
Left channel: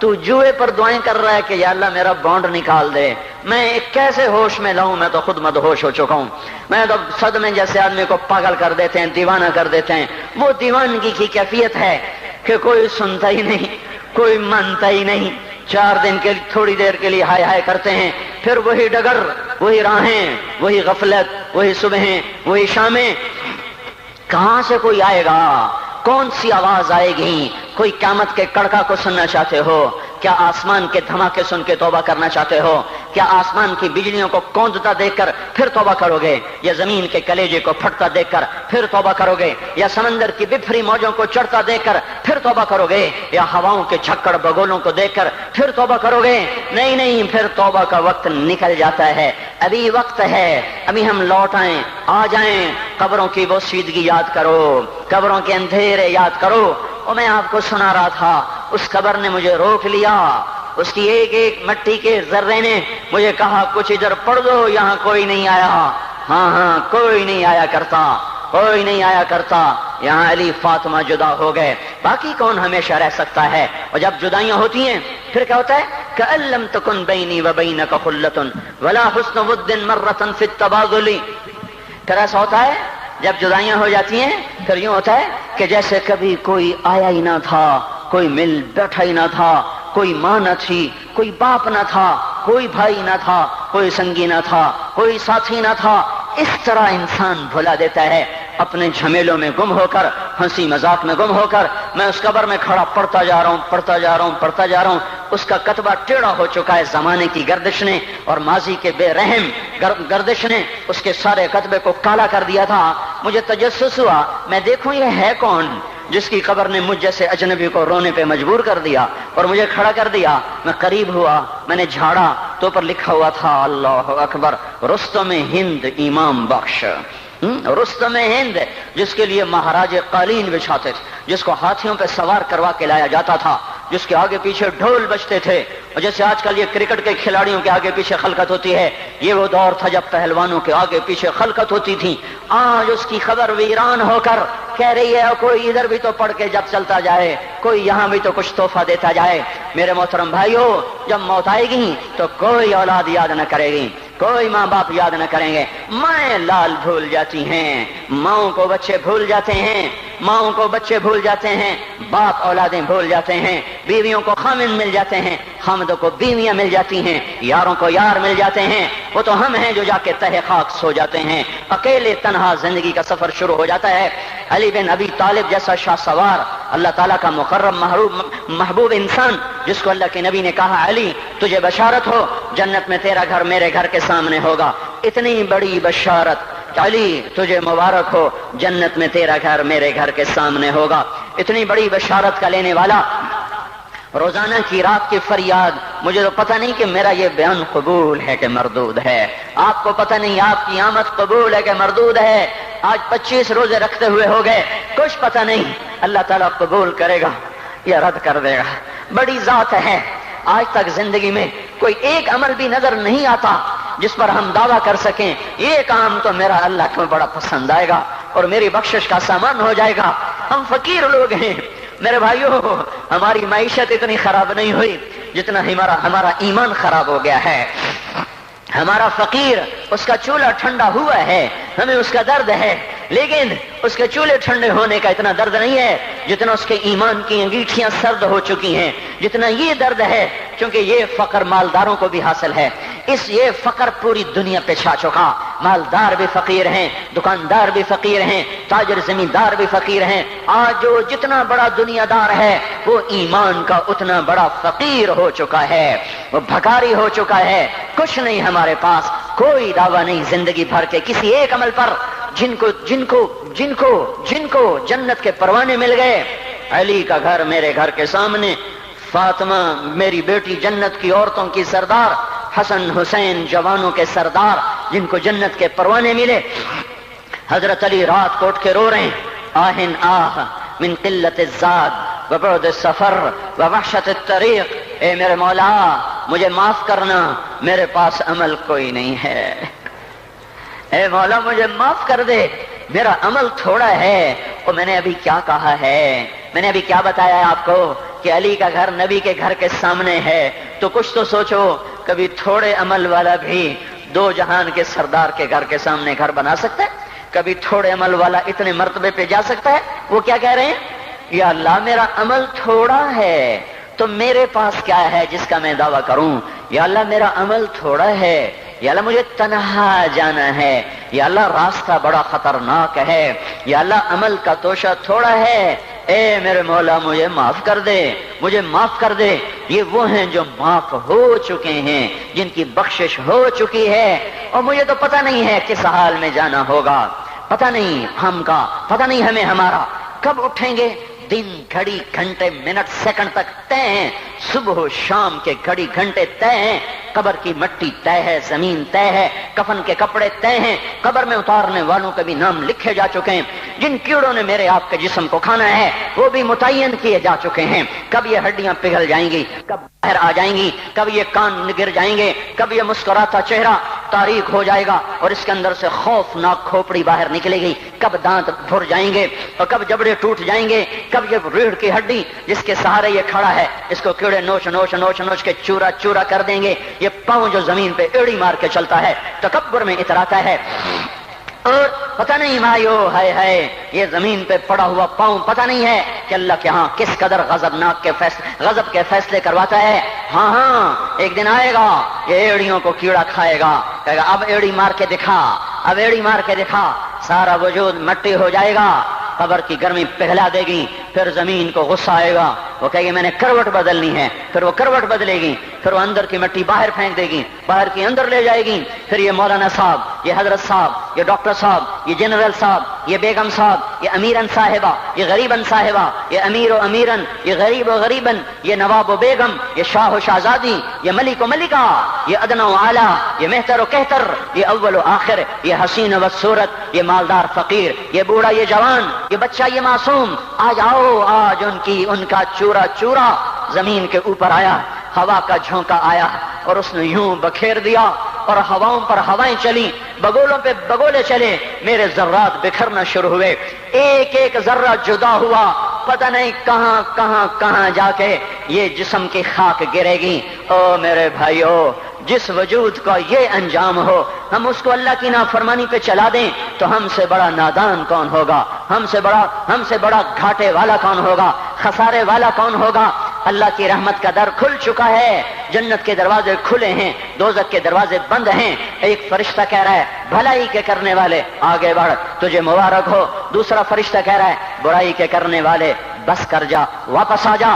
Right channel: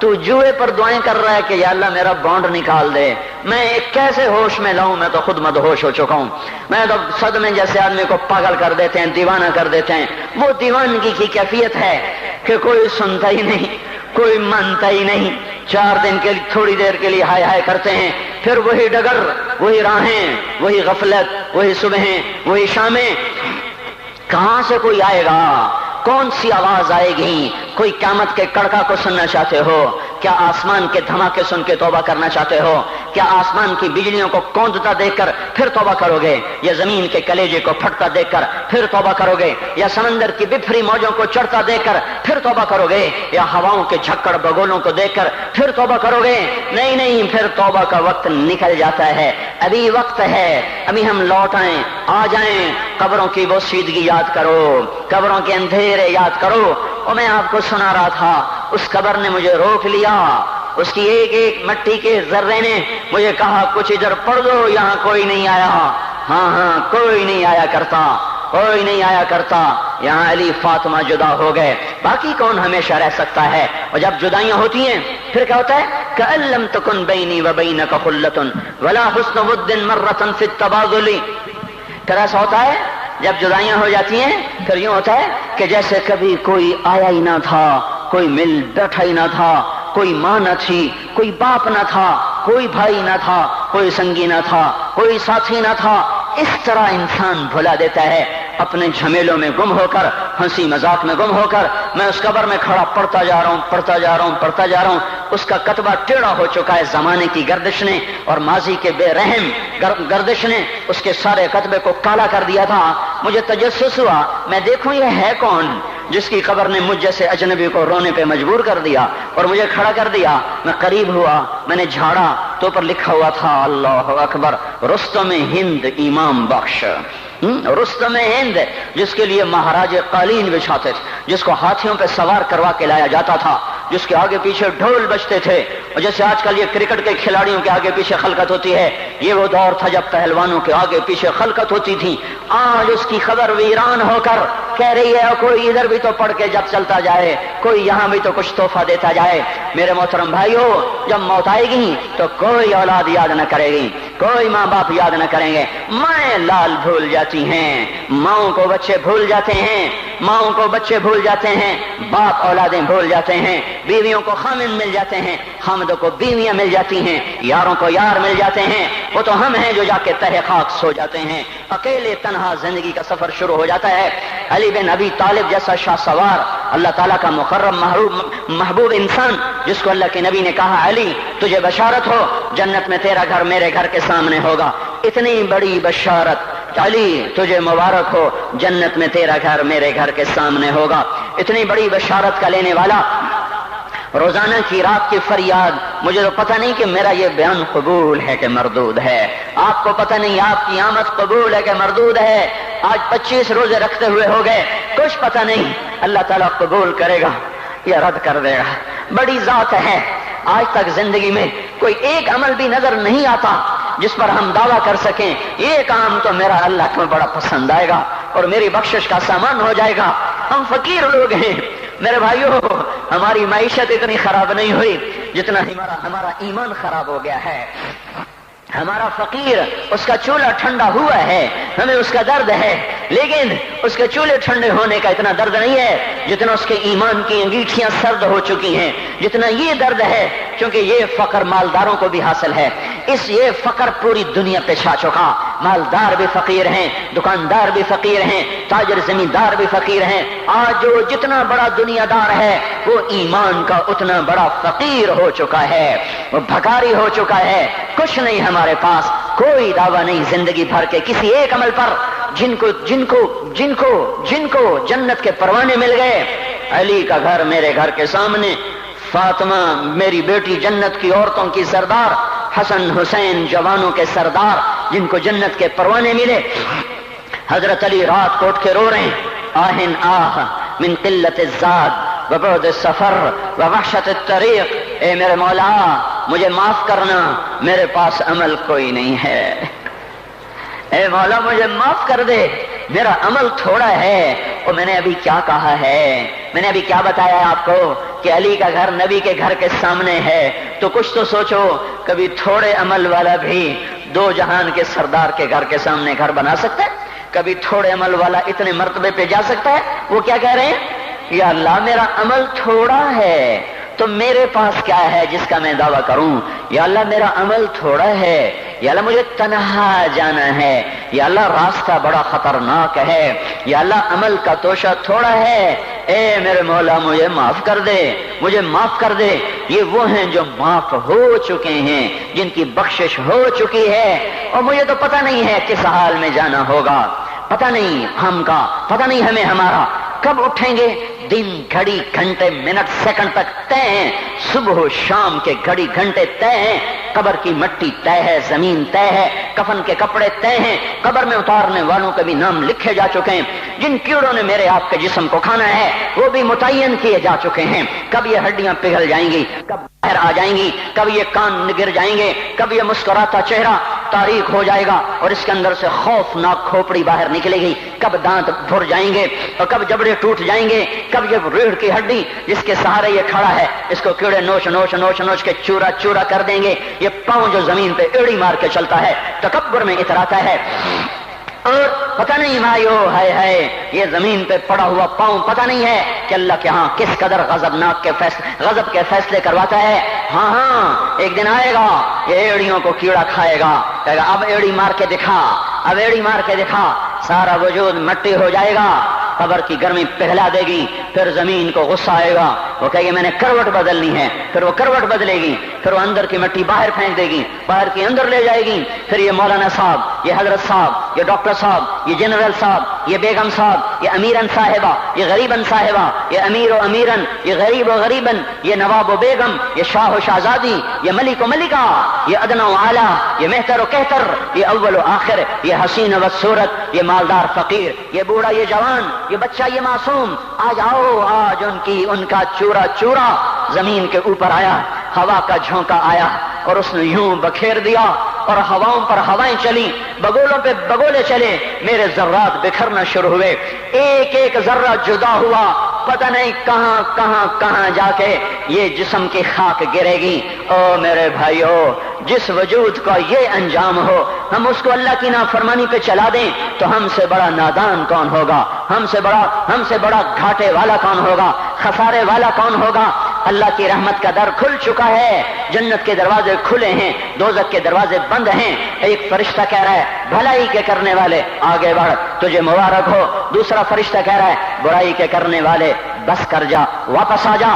تو جوئے پر دعائیں کر رہا ہے کہ یا اللہ میرا بانڈ نکال دے۔ میں کیسے ہوش میں لاؤں؟ میں تو خود مدہوش ہو چکا ہوں۔ میں تو صدمے جیسے آدمی کو پاگل کر دیتے ہیں، دیوانہ کر دیتے ہیں۔ وہ دیوانگی کی کیفیت ہے کہ کوئی سنتا ہی نہیں، کوئی مانتا ہی نہیں، 4 دن کے تھوڑی دیر کے لیے ہائے ہائے کرتے ہیں، پھر وہی ڈگر، وہی راہیں، وہی غفلت، وہی صبحیں، وہی شامیں۔ کہاں سے کوئی آئے گا؟ کون سی آواز آئے گی؟ کوئی قیامت کے کڑکا کو سننا چاہتے ہو؟ کیا آسمان کے دھماکے سن کے توبہ کرنا چاہتے ہو؟ کیا آسمان کی بجلیوں کو کوندتا دیکھ کر پھر توبہ کرو گے؟ یا زمین کے کلیجے کو پھٹتا دیکھ کر پھر توبہ کرو گے؟ یا سمندر کی بفری موجوں کو چڑھتا دیکھ کر پھر توبہ کرو گے؟ یا ہواؤں کے جھکڑ بگولوں کو دیکھ کر پھر توبہ کرو گے؟ نہیں نہیں، پھر توبہ کا وقت نکل جاتا ہے، ابھی وقت ہے، ابھی ہم لوٹ آئیں، آ جائیں۔ قبروں کی وہ سیدگی یاد کرو، قبروں کے اندھیرے یاد کرو۔ اور میں آپ کو سنا رہا تھا، اس قبر نے مجھے روک لیا، اس کی ایک ایک مٹی کے ذرے نے مجھے کہا کچھ ادھر پڑھ دو، یہاں کوئی نہیں آیا۔ ہاں کوئی نہیں آیا کرتا، کوئی نہیں آیا کرتا۔ یہاں علی فاطمہ جدا ہو گئے، باقی کون ہمیشہ رہ سکتا ہے؟ اور جب جدائیاں ہوتی ہیں پھر کیا ہوتا ہے؟ کأن لم تکن بینی وبینک خلۃ ولا حسن ود مرۃ فی التبادل۔ پھر ایسا ہوتا ہے جب جدائیاں ہو جاتی ہیں، پھر یوں ہوتا ہے کہ جیسے کبھی کوئی آیا ہی نہ تھا، کوئی مل بیٹھا ہی نہ تھا، کوئی ماں نہ تھی، کوئی باپ نہ تھا، کوئی بھائی نہ تھا، کوئی سنگی نہ تھا، کوئی ساتھی نہ تھا۔ اس طرح انسان بھلا دیتا ہے اپنے جھمیلوں میں گم ہو کر، ہنسی مذاق میں گم ہو کر۔ میں اس قبر میں کھڑا پڑھتا جا رہا ہوں، پڑھتا جا رہا ہوں، پڑھتا جا رہا ہوں۔ اس کا کتبہ ٹیڑھا ہو چکا ہے، زمانے کی گردش نے اور ماضی کے بے رحم گردش نے اس کے سارے کتبے کو کالا کر دیا تھا۔ مجھے تجسس ہوا، میں دیکھوں یہ ہے کون جس کی قبر نے مجھ جیسے اجنبی کو رونے پہ مجبور کر دیا اور مجھے کھڑا کر دیا۔ میں قریب ہوا، میں نے جھاڑا تو اوپر لکھا ہوا تھا اللہ اکبر، رستم ہند امام بخش۔ رستم ہند، جس کے لیے مہاراج قالین بچھاتے تھے، جس کو ہاتھیوں پہ سوار کروا کے لایا جاتا تھا، جس کے آگے پیچھے ڈھول بجتے تھے، اور جیسے آج کل یہ کرکٹ کے کھلاڑیوں کے آگے پیچھے خلقت ہوتی ہے، یہ وہ دور تھا جب پہلوانوں کے آگے پیچھے خلقت ہوتی تھی۔ آج اس کی خبر ویران ہو کر کہہ رہی ہے کوئی ادھر بھی تو پڑھ کے جب چلتا جائے، کوئی یہاں بھی تو کچھ تحفہ دیتا جائے۔ میرے محترم بھائیو، جب موت آئے گی تو کوئی اولاد یاد نہ کرے گی، کوئی ماں باپ یاد نہ کریں گے، مائیں لال بھول جاتی ہیں، ماؤں کو بچے بھول جاتے ہیں، ماؤں کو بچے بھول جاتے ہیں، باپ اولادیں بھول جاتے ہیں، بیویوں کو خامند مل جاتے ہیں، خامدوں کو بیویاں مل جاتی ہیں، یاروں کو یار مل جاتے ہیں، وہ تو ہم ہیں جو جا کے تہہ خاک سو جاتے ہیں، اکیلے تنہا زندگی کا سفر شروع ہو جاتا ہے۔ علی بن ابی طالب جیسا شاہ سوار، اللہ تعالیٰ کا مقرب محبوب انسان، جس کو اللہ کے نبی نے کہا علی تجھے بشارت ہو، جنت میں تیرا گھر میرے گھر کے سامنے ہوگا، اتنی بڑی بشارت، علی تجھے مبارک ہو، جنت میں تیرا گھر میرے گھر کے سامنے ہوگا، اتنی بڑی بشارت کا لینے والا، روزانہ کی رات کی فریاد، مجھے تو پتہ نہیں کہ میرا یہ بیان قبول ہے کہ مردود ہے، آپ کو پتہ نہیں آپ کی آمد قبول ہے کہ مردود ہے، آج 25 روزے رکھتے ہوئے ہو گئے، کچھ پتہ نہیں، اللہ تعالیٰ قبول کرے گا یا رد کر دے گا، بڑی ذات ہے۔ آج تک زندگی میں کوئی ایک عمل بھی نظر نہیں آتا جس پر ہم دعویٰ کر سکیں یہ کام تو میرا اللہ کو بڑا پسند آئے گا اور میری بخشش کا سامان ہو جائے گا۔ ہم فقیر لوگ ہیں میرے بھائیوں، ہماری معیشت اتنی خراب نہیں ہوئی جتنا ہمارا ایمان خراب ہو گیا ہے۔ ہمارا فقیر، اس کا چولہا ٹھنڈا ہوا ہے، ہمیں اس کا درد ہے، لیکن اس کے چولہے ٹھنڈے ہونے کا اتنا درد نہیں ہے جتنا اس کے ایمان کی انگیٹھیاں سرد ہو چکی ہیں، جتنا یہ درد ہے، کیونکہ یہ فقر مالداروں کو بھی حاصل ہے، یہ فقر پوری دنیا پہ چھا چکا، مالدار بھی فقیر ہیں، دکاندار بھی فقیر ہیں، تاجر زمیندار بھی فقیر ہیں، آج جو جتنا بڑا دنیا دار ہے وہ ایمان کا اتنا بڑا فقیر ہو چکا ہے، وہ بھکاری ہو چکا ہے، کچھ نہیں ہمارے پاس، کوئی دعویٰ نہیں زندگی بھر کے کسی ایک عمل پر، جن کو جنت کے پروانے مل گئے۔ علی کا گھر میرے گھر کے سامنے، فاطمہ میری بیٹی جنت کی عورتوں کی سردار، حسن حسین جوانوں کے سردار جن کو جنت کے پروانے ملے۔ حضرت علی رات کو اٹھ کے رو رہے ہیں، آہن آہ من قلت الزاد وبعد السفر ووحشت الطریق، اے میرے مولا مجھے معاف کرنا، میرے پاس عمل کوئی نہیں ہے، اے مولا مجھے معاف کر دے، میرا عمل تھوڑا ہے۔ اور میں نے ابھی کیا کہا ہے، میں نے ابھی کیا بتایا آپ کو کہ علی کا گھر نبی کے گھر کے سامنے ہے، تو کچھ تو سوچو، کبھی تھوڑے عمل والا بھی دو جہان کے سردار کے گھر کے سامنے گھر بنا سکتا ہے؟ کبھی تھوڑے عمل والا اتنے مرتبے پہ جا سکتا ہے؟ وہ کیا کہہ رہے ہیں، یا اللہ میرا عمل تھوڑا ہے تو میرے پاس کیا ہے جس کا میں دعویٰ کروں، یا اللہ میرا عمل تھوڑا ہے، یا اللہ مجھے تنہا جانا ہے، یا اللہ راستہ بڑا خطرناک ہے، یا اللہ عمل کا توشہ تھوڑا ہے، اے میرے مولا مجھے معاف کر دے، مجھے معاف کر دے۔ یہ وہ ہیں جو معاف ہو چکے ہیں، جن کی بخشش ہو چکی ہے، اور مجھے تو پتہ نہیں ہے کس حال میں جانا ہوگا، پتہ نہیں ہم کا، پتہ نہیں ہمیں ہمارا کب اٹھیں گے، دن گھڑی گھنٹے منٹ سیکنڈ تک طے ہیں، صبح و شام کے گھڑی گھنٹے طے ہیں، قبر کی مٹی طے ہے، زمین طے ہے، کفن کے کپڑے طے ہیں، قبر میں اتارنے والوں کے بھی نام لکھے جا چکے ہیں، جن کیڑوں نے میرے آپ کے جسم کو کھانا ہے وہ بھی متعین کیے جا چکے ہیں، کب یہ ہڈیاں پگھل جائیں گی، کب باہر آ جائیں گی، کب یہ کان گر جائیں گے، کب یہ مسکراتا چہرہ تاریک ہو جائے گا اور اس کے اندر سے خوفناک کھوپڑی باہر نکلے گی، کب دانت بھر جائیں گے اور کب جبڑے ٹوٹ جائیں گے، کب یہ ریڑھ کی ہڈی جس کے سہارے یہ کھڑا ہے اس کو کیڑے نوچ نوچ نوچ نوچ کے چورا چورا کر دیں گے، یہ پاؤں جو زمین پہ ایڑی مار کے چلتا ہے تکبر میں اتراتا ہے، اور پتہ نہیں مایو ہے یہ زمین پہ پڑا ہوا پاؤں پتہ نہیں ہے کہ اللہ کے ہاں کس قدر غضب کے فیصلے کرواتا ہے۔ ہاں ایک دن آئے گا یہ ایڑیوں کو کیڑا کھائے گا، کہے گا اب ایڑی مار کے دکھا، اب ایڑی مار کے دکھا، سارا وجود مٹی ہو جائے گا، قبر کی گرمی پگھلا دے گی، پھر زمین کو غصہ آئے گا، وہ کہے گی میں نے کروٹ بدلنی ہے، پھر وہ کروٹ بدلے گی، پھر وہ اندر کی مٹی باہر پھینک دے گی، باہر کی اندر لے جائے گی، پھر یہ مولانا صاحب، یہ حضرت صاحب، یہ ڈاکٹر صاحب، یہ جنرل صاحب، یہ بیگم صاحب، یہ امیرن صاحبہ، یہ غریبن صاحبہ، یہ امیر و امیرن، یہ غریب و غریبن، یہ نواب و بیگم، یہ شاہ و شہزادی، یہ ملک و ملکہ، یہ ادنا و اعلیٰ، یہ مہتر و کہتر، یہ اول و آخر، یہ حسین و صورت، یہ مالدار فقیر، یہ بوڑھا یہ جوان، یہ بچہ یہ معصوم، آج آؤ، آج ان کا چورا چورا زمین کے اوپر آیا، ہوا کا جھونکا آیا اور اس نے یوں بکھیر دیا اور ہواؤں پر ہوائیں چلی، بگولوں پہ بگولے چلے، میرے ذرات بکھرنا شروع ہوئے، ایک ایک ذرہ جدا ہوا، پتہ نہیں کہاں کہاں کہاں جا کے یہ جسم کی خاک گرے گی۔ او میرے بھائیو، جس وجود کا یہ انجام ہو، ہم اس کو اللہ کی نافرمانی پہ چلا دیں تو ہم سے بڑا نادان کون ہوگا، ہم سے بڑا گھاٹے والا کون ہوگا، خسارے والا کون ہوگا۔ اللہ کی رحمت کا در کھل چکا ہے، جنت کے دروازے کھلے ہیں، دوزخ کے دروازے بند ہیں۔ ایک فرشتہ کہہ رہا ہے بھلائی کے کرنے والے آگے بڑھ، تجھے مبارک ہو۔ دوسرا فرشتہ کہہ رہا ہے برائی کے کرنے والے بس کر جا، واپس آ جا۔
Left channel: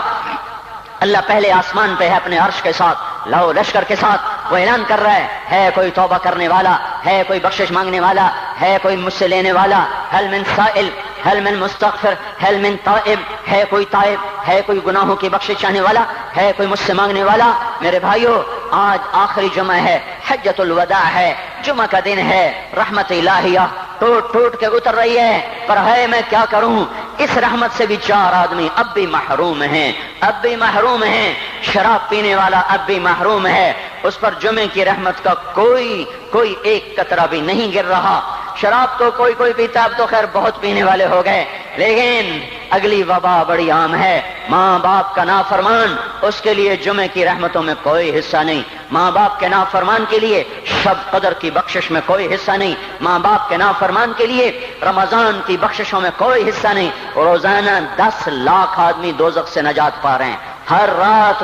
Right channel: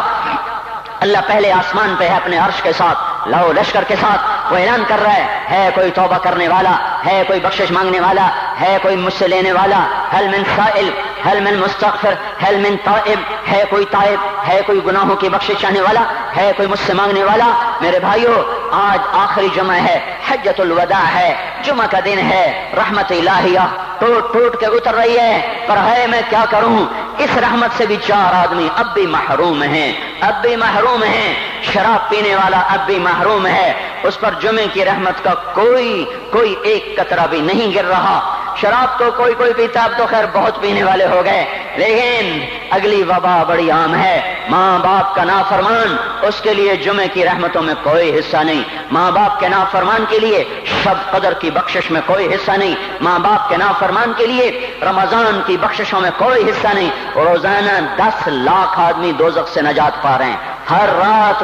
اللہ پہلے آسمان پہ ہے اپنے عرش کے ساتھ، لو لشکر کے ساتھ، وہ اعلان کر رہا ہے کوئی توبہ کرنے والا، ہے کوئی بخشش مانگنے والا، ہے کوئی مجھ سے لینے والا، هل من سائل، هل من مستغفر، هل من تائب، ہے کوئی تائب، ہے کوئی گناہوں کی بخشش چاہنے والا، ہے کوئی مجھ سے مانگنے والا۔ میرے بھائیو، آج آخری جمعہ ہے، حجۃ الوداع ہے، جمعہ کا دن ہے، رحمت الہیہ ٹوٹ ٹوٹ کے اتر رہی ہے، پر ہے میں کیا کروں، اس رحمت سے بھی 4 آدمی اب بھی محروم ہیں، اب بھی محروم ہیں۔ شراب پینے والا اب بھی محروم ہے، اس پر جمعے کی رحمت کا کوئی ایک قطرہ بھی نہیں گر رہا۔ شراب تو کوئی پیتا، اب تو خیر بہت پینے والے ہو گئے، لیکن اگلی وبا بڑی عام ہے، ماں باپ کا نافرمان، اس کے لیے جمعے کی رحمتوں میں کوئی حصہ نہیں، ماں باپ کے نافرمان کے لیے شب قدر کی بخشش میں کوئی حصہ نہیں، ماں باپ کے نافرمان کے لیے رمضان کی بخششوں میں کوئی حصہ نہیں۔ روزانہ 10 لاکھ آدمی دوزخ سے نجات پا رہے ہیں، ہر رات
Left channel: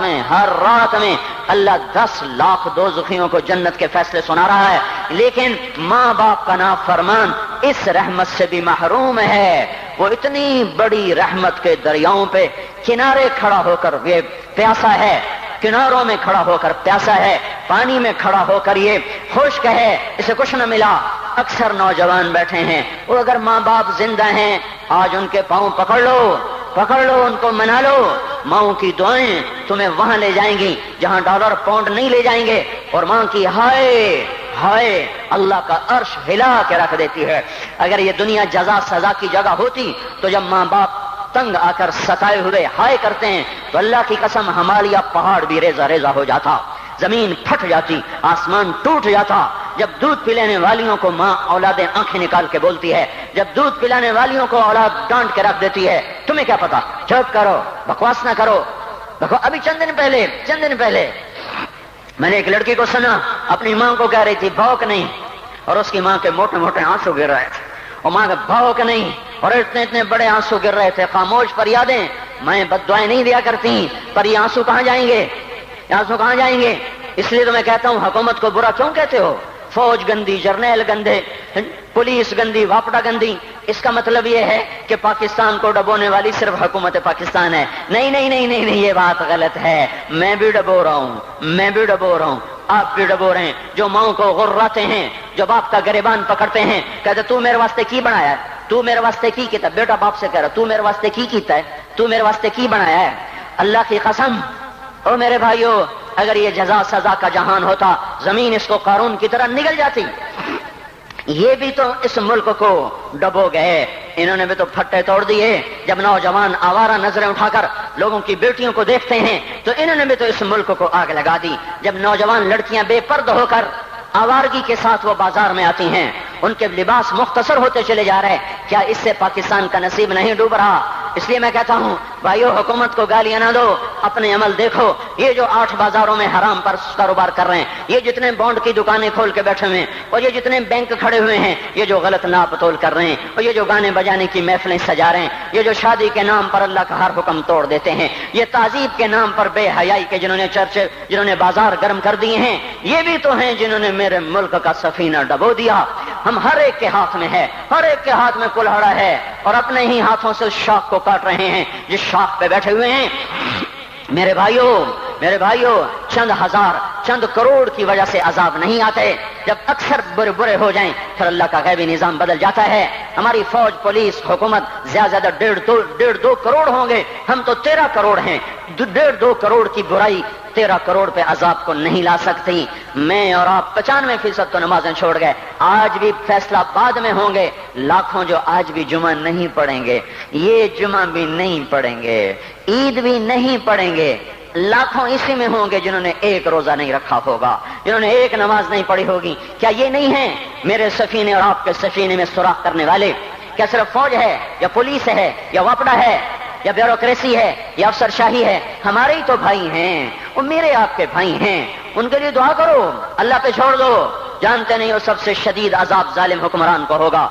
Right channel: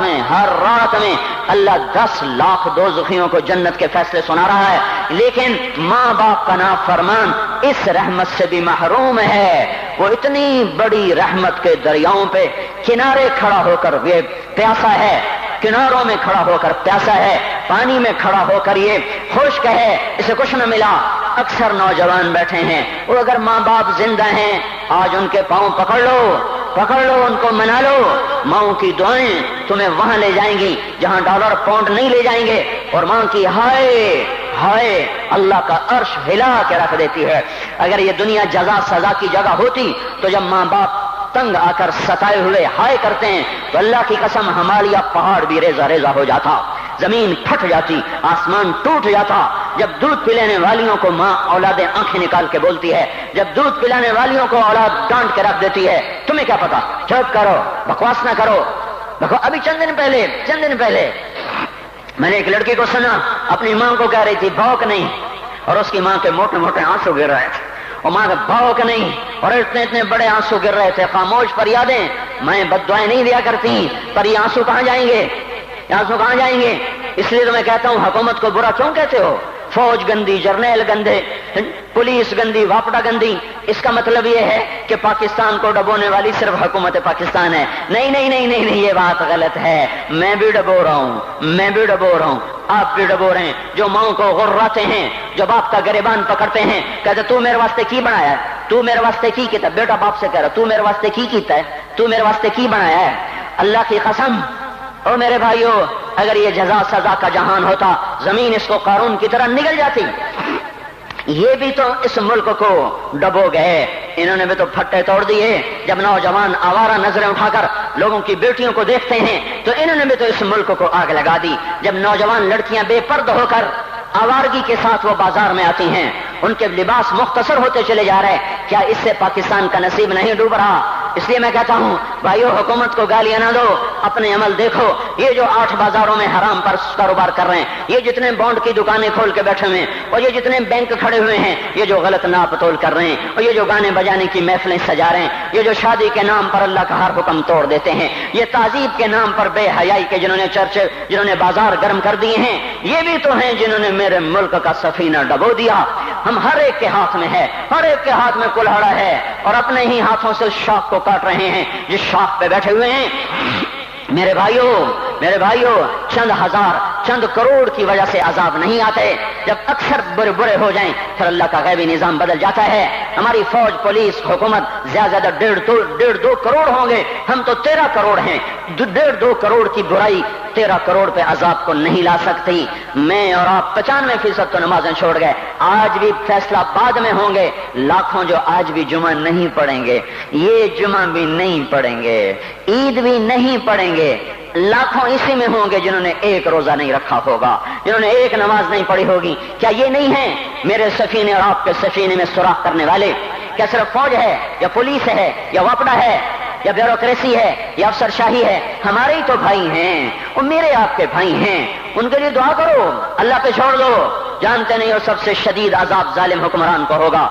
میں اللہ 10 لاکھ دوزخیوں کو جنت کے فیصلے سنا رہا ہے، لیکن ماں باپ کا نافرمان اس رحمت سے بھی محروم ہے۔ وہ اتنی بڑی رحمت کے دریاؤں پہ کنارے کھڑا ہو کر یہ پیاسا ہے، کناروں میں کھڑا ہو کر پیاسا ہے، پانی میں کھڑا ہو کر یہ خشک ہے، اسے کچھ نہ ملا۔ اکثر نوجوان بیٹھے ہیں، وہ اگر ماں باپ زندہ ہیں آج ان کے پاؤں پکڑ لو، ان کو منا لو، ماں کی دعائیں تمہیں وہاں لے جائیں گی جہاں ڈالر پاؤنڈ نہیں لے جائیں گے، اور ماں کی ہائے اللہ کا عرش ہلا کے رکھ دیتی ہے۔ اگر یہ دنیا جزا سزا کی جگہ ہوتی تو جب ماں باپ تنگ آ کر ستائے ہوئے ہائے کرتے ہیں تو اللہ کی قسم ہمالیہ پہاڑ بھی ریزہ ریزہ ہو جاتا، زمین پھٹ جاتی، آسمان ٹوٹ جاتا۔ جب دودھ پلانے والیوں کو ماں اولادیں آنکھیں نکال کے بولتی ہے، جب دودھ پلانے والیوں کو اولاد ڈانٹ کے رکھ دیتی ہے، تمہیں کیا پتا، چپ کرو، بکواس نہ کرو۔ ابھی چند دن پہلے میں نے ایک لڑکی کو سنا، اپنی ماں کو کہہ رہی تھی بھوک نہیں، اور اس کی ماں کے موٹے موٹے آنسو گر رہے تھے، اور ماں کا بھوک نہیں، اور اتنے بڑے آنسو گر رہے تھے۔ خاموش فریادیں، میں بد دعائیں نہیں دیا کرتی، پر یہ آنسو کہاں جائیں گے؟ اس لیے تو میں کہتا ہوں حکومت کو برا کیوں کہتے ہو؟ فوج گندی، جرنیل گندے، پولیس گندی، واپڈا گندی، اس کا مطلب یہ ہے کہ پاکستان کو ڈبونے والی صرف حکومت پاکستان ہے۔ نہیں، یہ بات غلط ہے، میں بھی ڈبو رہا ہوں، آپ بھی ڈبو رہے ہیں۔ جو ماں کو غراتے ہیں، جو باپ کا گریبان پکڑتے ہیں، کہتے تو میرے واسطے کی بنایا ہے، تو میرے واسطے کی کیتا ہے، بیٹا باپ سے کہہ رہا تو میرے واسطے کی کیتا ہے، تو میرے واسطے کی بنایا ہے۔ اللہ کی قسم، اور میرے بھائیو، اگر یہ جزا سزا کا جہان ہوتا، زمین اس کو قارون کی طرح نگل جاتی۔ یہ بھی تو اس ملک کو ڈبو گئے، انہوں نے بھی تو پھٹے توڑ دیے۔ جب نوجوان آوارہ نظریں اٹھا کر لوگوں کی بیٹیوں کو دیکھتے ہیں تو انہوں نے بھی تو اس ملک کو آگ لگا دی۔ جب نوجوان لڑکیاں بے پرد ہو کر آوارگی کے ساتھ وہ بازار میں آتی ہیں، ان کے لباس مختصر ہوتے چلے جا رہے، کیا اس سے پاکستان کا نصیب نہیں ڈوب رہا؟ اس لیے میں کہتا ہوں بھائیو، حکومت کو گالیاں نہ دو، اپنے عمل دیکھو۔ یہ جو 8 بازاروں میں حرام پر کاروبار کر رہے ہیں، یہ جتنے بانڈ کی دکانیں کھول کے بیٹھے ہوئے ہیں، اور یہ جتنے بینک کھڑے ہوئے ہیں، یہ جو غلط ناپ تول کر رہے ہیں، اور یہ جو گانے بجانے کی محفلیں سجا رہے ہیں، یہ جو شادی کے نام پر اللہ کا ہر حکم توڑ دیتے ہیں، یہ تعذیب کے نام پر بے حیائی کے جنہوں نے بازار گرم کر دیے ہیں، یہ بھی تو ہیں جنہوں نے میرے ملک کا سفینہ ڈبو دیا۔ ہم ہر ایک کے ہاتھ میں ہے، ہر ایک کے ہاتھ میں کلہاڑا ہے، اور اپنے ہی ہاتھوں سے شاخ کو کاٹ رہے ہیں جس شاخ پہ بیٹھے ہوئے ہیں۔ میرے بھائیو، چند ہزار، چند کروڑ کی وجہ سے عذاب نہیں آتے، جب اکثر برے ہو جائیں پھر اللہ کا غیبی نظام بدل جاتا ہے۔ ہماری فوج، پولیس، حکومت زیادہ 1.5-2 کروڑ ہوں گے، ہم تو 13 کروڑ ہیں۔ 1.5-2 کروڑ کی برائی 13 کروڑ پہ عذاب کو نہیں لا سکتی۔ میں اور آپ 95% تو نمازیں چھوڑ گئے، آج بھی فیصلہ بعد میں ہوں گے، لاکھوں جو آج بھی جمعہ نہیں پڑھیں گے، یہ جمعہ بھی نہیں پڑھیں گے، عید بھی نہیں پڑھیں گے، لاکھوں اسی میں ہوں گے جنہوں نے ایک روزہ نہیں رکھا ہوگا، جنہوں نے ایک نماز نہیں پڑھی ہوگی۔ کیا یہ نہیں ہے میرے سفینے اور آپ کے سفینے میں سوراخ کرنے والے؟ کیا صرف فوج ہے یا پولیس ہے یا وپڈا ہے یا بیوروکریسی ہے یا افسر شاہی ہے؟ ہمارے ہی تو بھائی ہیں، وہ میرے آپ کے بھائی ہیں، ان کے لیے دعا کرو، اللہ پہ چھوڑ دو، جانتے نہیں وہ سب سے شدید عذاب ظالم حکمران کو ہوگا۔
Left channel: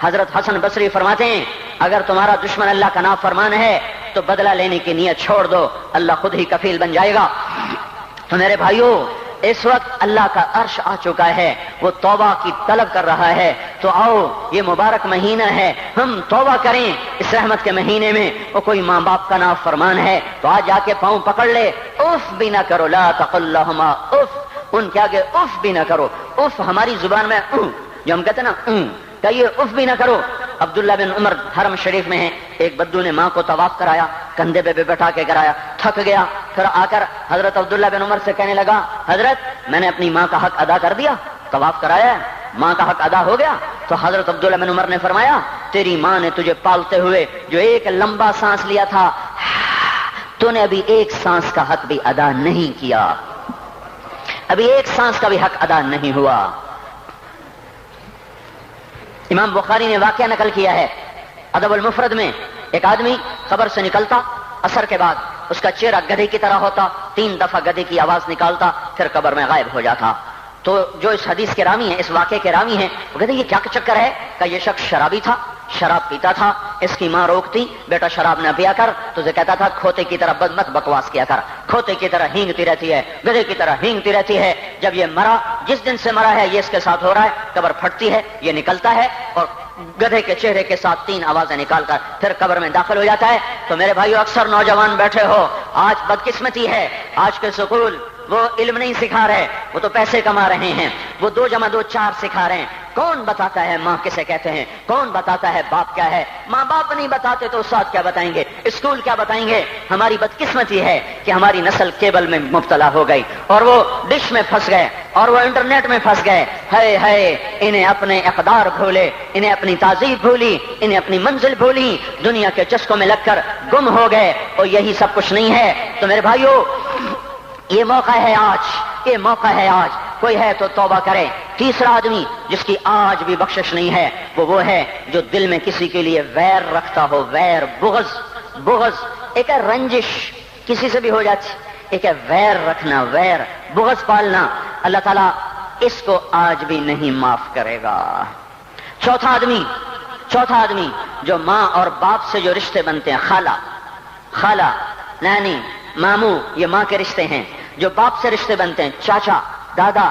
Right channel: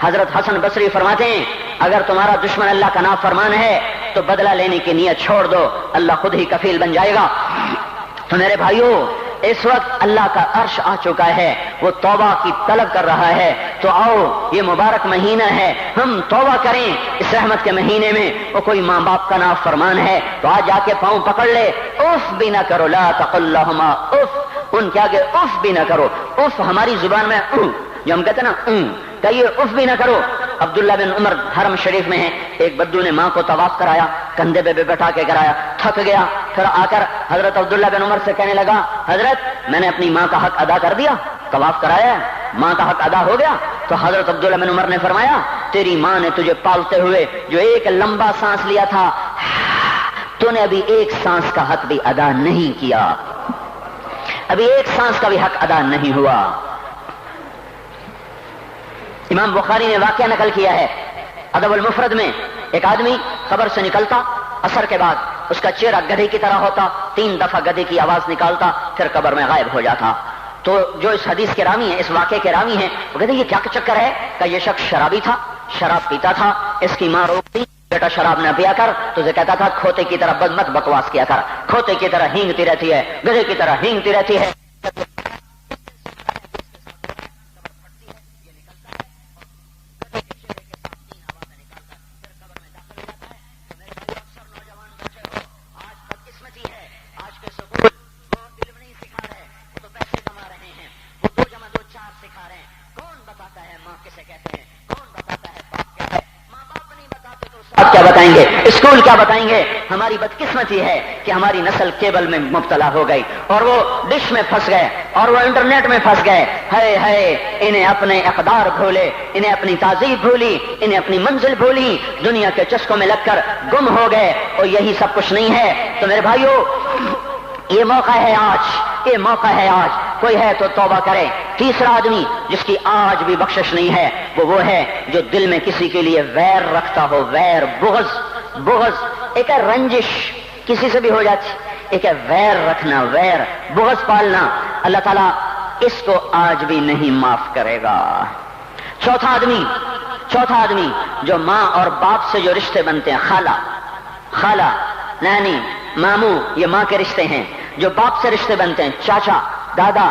حضرت حسن بصری فرماتے ہیں اگر تمہارا دشمن اللہ کا نافرمان ہے تو بدلہ لینے کی نیت چھوڑ دو، اللہ خود ہی کفیل بن جائے گا۔ تو میرے بھائیوں، اس وقت اللہ کا عرش آ چکا ہے، وہ توبہ کی طلب کر رہا ہے، تو آؤ یہ مبارک مہینہ ہے، ہم توبہ کریں اس رحمت کے مہینے میں۔ وہ کوئی ماں باپ کا نافرمان ہے تو آج جا کے پاؤں پکڑ لے، اف بھی نہ کرو، لا تقل لہما اف، ان کے آگے اف بھی نہ کرو۔ اف ہماری زبان میں جو ہم کہتے ہیں نا کہیے، اف بھی نہ کرو۔ عبداللہ بن عمر حرم شریف میں ہیں، ایک بدو نے ماں کو طواف کرایا، کندھے پہ بٹھا کے کرایا، تھک گیا، پھر آ کر حضرت عبداللہ بن عمر سے کہنے لگا حضرت میں نے اپنی ماں کا حق ادا کر دیا، طواف کرایا، ماں کا حق ادا ہو گیا؟ تو حضرت عبداللہ بن عمر نے فرمایا تیری ماں نے تجھے پالتے ہوئے جو ایک لمبا سانس لیا تھا، تو نے ابھی ایک سانس کا حق بھی ادا نہیں کیا، ابھی ایک سانس کا بھی حق ادا نہیں ہوا۔ امام بخاری نے واقعہ نقل کیا ہے ادب المفرد میں، ایک آدمی قبر سے نکلتا، عصر کے بعد اس کا چہرہ گدھے کی طرح ہوتا، 3 دفعہ گدھے کی آواز نکالتا، پھر قبر میں غائب ہو جاتا۔ تو جو اس حدیث کے راوی ہیں، اس واقعے کے راوی ہیں، وہ کہتے ہیں یہ کیا چکر ہے کہ یہ شخص شرابی تھا، شراب پیتا تھا، اس کی ماں روکتی بیٹا شراب نہ پیا کر، تو یہ کہتا تھا کھوتے کی طرح مت بکواس کیا کر، کھوتے کی طرح ہینگتی رہتی ہے، گدھے کی طرح ہینگتی رہتی ہے۔ جب یہ مرا، جس دن سے مرا ہے یہ اس کے ساتھ ہو رہا ہے، قبر پھٹتی ہے، یہ نکلتا ہے اور گدھے کے چہرے کے ساتھ 3 آوازیں نکال کر پھر قبر میں داخل ہو جاتا ہے۔ تو میرے بھائیو، اکثر نوجوان بیٹھے ہو، آج بدقسمتی ہے، آج کے سکول وہ علم نہیں سکھا رہے، وہ تو پیسے کما رہے ہیں، وہ 2 + 2 = 4 سکھا رہے ہیں۔ کون بتاتا ہے ماں کسے کہتے ہیں؟ کون بتاتا ہے باپ کیا ہے؟ ماں باپ نہیں بتاتے تو استاد کیا بتائیں گے؟ اسکول کیا بتائیں گے؟ ہماری بدقسمتی ہے کہ ہماری نسل کیبل میں مبتلا ہو گئی اور وہ ڈش میں پھنس گئے اور وہ انٹرنیٹ میں پھنس گئے۔ ہے انہیں اپنے اقدار بھولے، انہیں اپنی تہذیب بھولی، انہیں اپنی منزل بھولی، دنیا کے چسکوں میں لگ کر گم ہو گئے، اور یہی سب کچھ نہیں ہے۔ تو میرے بھائیوں، یہ موقع ہے آج، یہ موقع ہے آج، کوئی ہے تو توبہ کرے۔ تیسرا آدمی جس کی آج بھی بخشش نہیں ہے وہ ہے جو دل میں کسی کے لیے ویر رکھتا ہو، ویر، بغض، ایک ہے رنجش، کسی سے بھی ہو جاتی، ایک ہے ویر رکھنا، ویر، بغض پالنا، اللہ تعالیٰ اس کو آج بھی نہیں معاف کرے گا۔ چوتھا آدمی جو ماں اور باپ سے جو رشتے بنتے ہیں، خالہ، نانی، ماموں، یہ ماں کے رشتے ہیں۔ جو باپ سے رشتے بنتے ہیں، چاچا، دادا،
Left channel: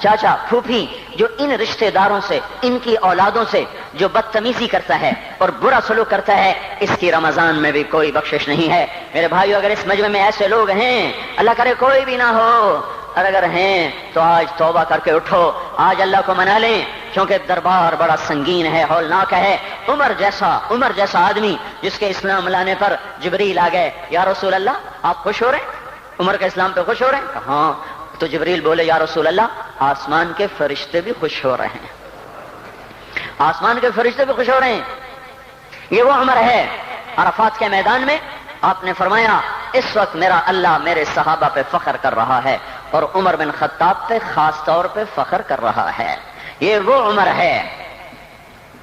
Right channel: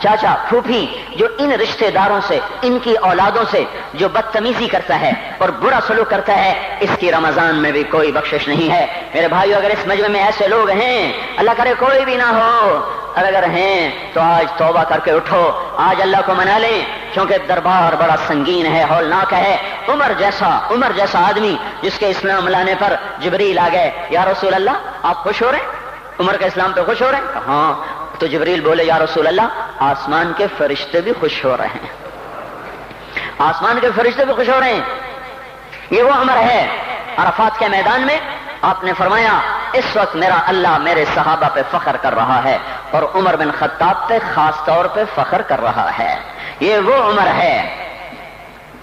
چاچا، پھوپھی، جو ان رشتے داروں سے، ان کی اولادوں سے جو بدتمیزی کرتا ہے اور برا سلوک کرتا ہے، اس کی رمضان میں بھی کوئی بخشش نہیں ہے۔ میرے بھائیو، اگر اس مجمع میں ایسے لوگ ہیں، اللہ کرے کوئی بھی نہ ہو، اور اگر ہیں تو آج توبہ کر کے اٹھو، آج اللہ کو منا لیں، کیونکہ دربار بڑا سنگین ہے، ہولناک ہے۔ عمر جیسا آدمی جس کے اسلام لانے پر جبریل آ گئے، یا رسول اللہ آپ خوش ہو رہے ہیں؟ عمر کے اسلام پہ خوش ہو رہے ہیں؟ ہاں۔ تو جبریل بولے، یا رسول اللہ آسمان کے فرشتے بھی خوش ہو رہے ہیں، آسمان کے فرشتے بھی خوش ہو رہے ہیں۔ یہ وہ عمر ہے۔ عرفات کے میدان میں آپ نے فرمایا اس وقت میرا اللہ میرے صحابہ پہ فخر کر رہا ہے، اور عمر بن خطاب پہ خاص طور پہ فخر کر رہا ہے۔ یہ وہ عمر ہے۔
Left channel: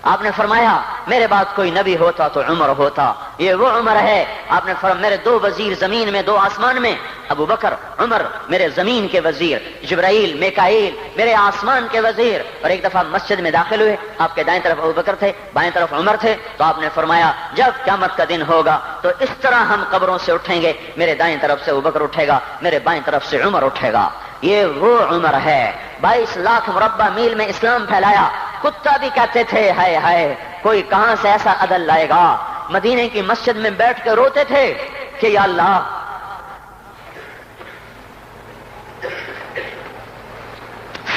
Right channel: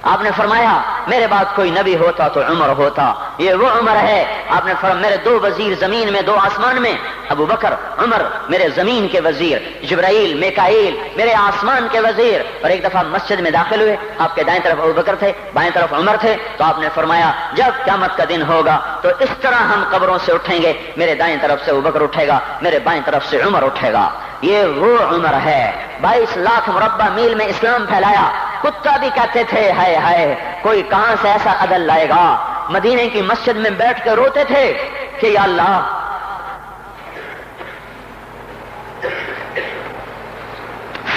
آپ نے فرمایا میرے بعد کوئی نبی ہوتا تو عمر ہوتا، یہ وہ عمر ہے۔ آپ نے فرمایا میرے 2 وزیر زمین میں، 2 آسمان میں، ابو بکر، عمر میرے زمین کے وزیر، جبرائیل، میکائیل میرے آسمان کے وزیر۔ اور ایک دفعہ مسجد میں داخل ہوئے، آپ کے دائیں طرف ابو بکر تھے، بائیں طرف عمر تھے، تو آپ نے فرمایا جب قیامت کا دن ہوگا تو اس طرح ہم قبروں سے اٹھیں گے، میرے دائیں طرف سے ابو بکر اٹھے گا، میرے بائیں طرف سے عمر اٹھے گا۔ یہ وہ عمر ہے۔ 22 لاکھ مربع میل میں اسلام پھیلایا، کتا بھی کہتے تھے ہائے کوئی کہاں سے ایسا عدل لائے گا۔ مدینے کی مسجد میں بیٹھ کے روتے تھے کہ یا اللہ،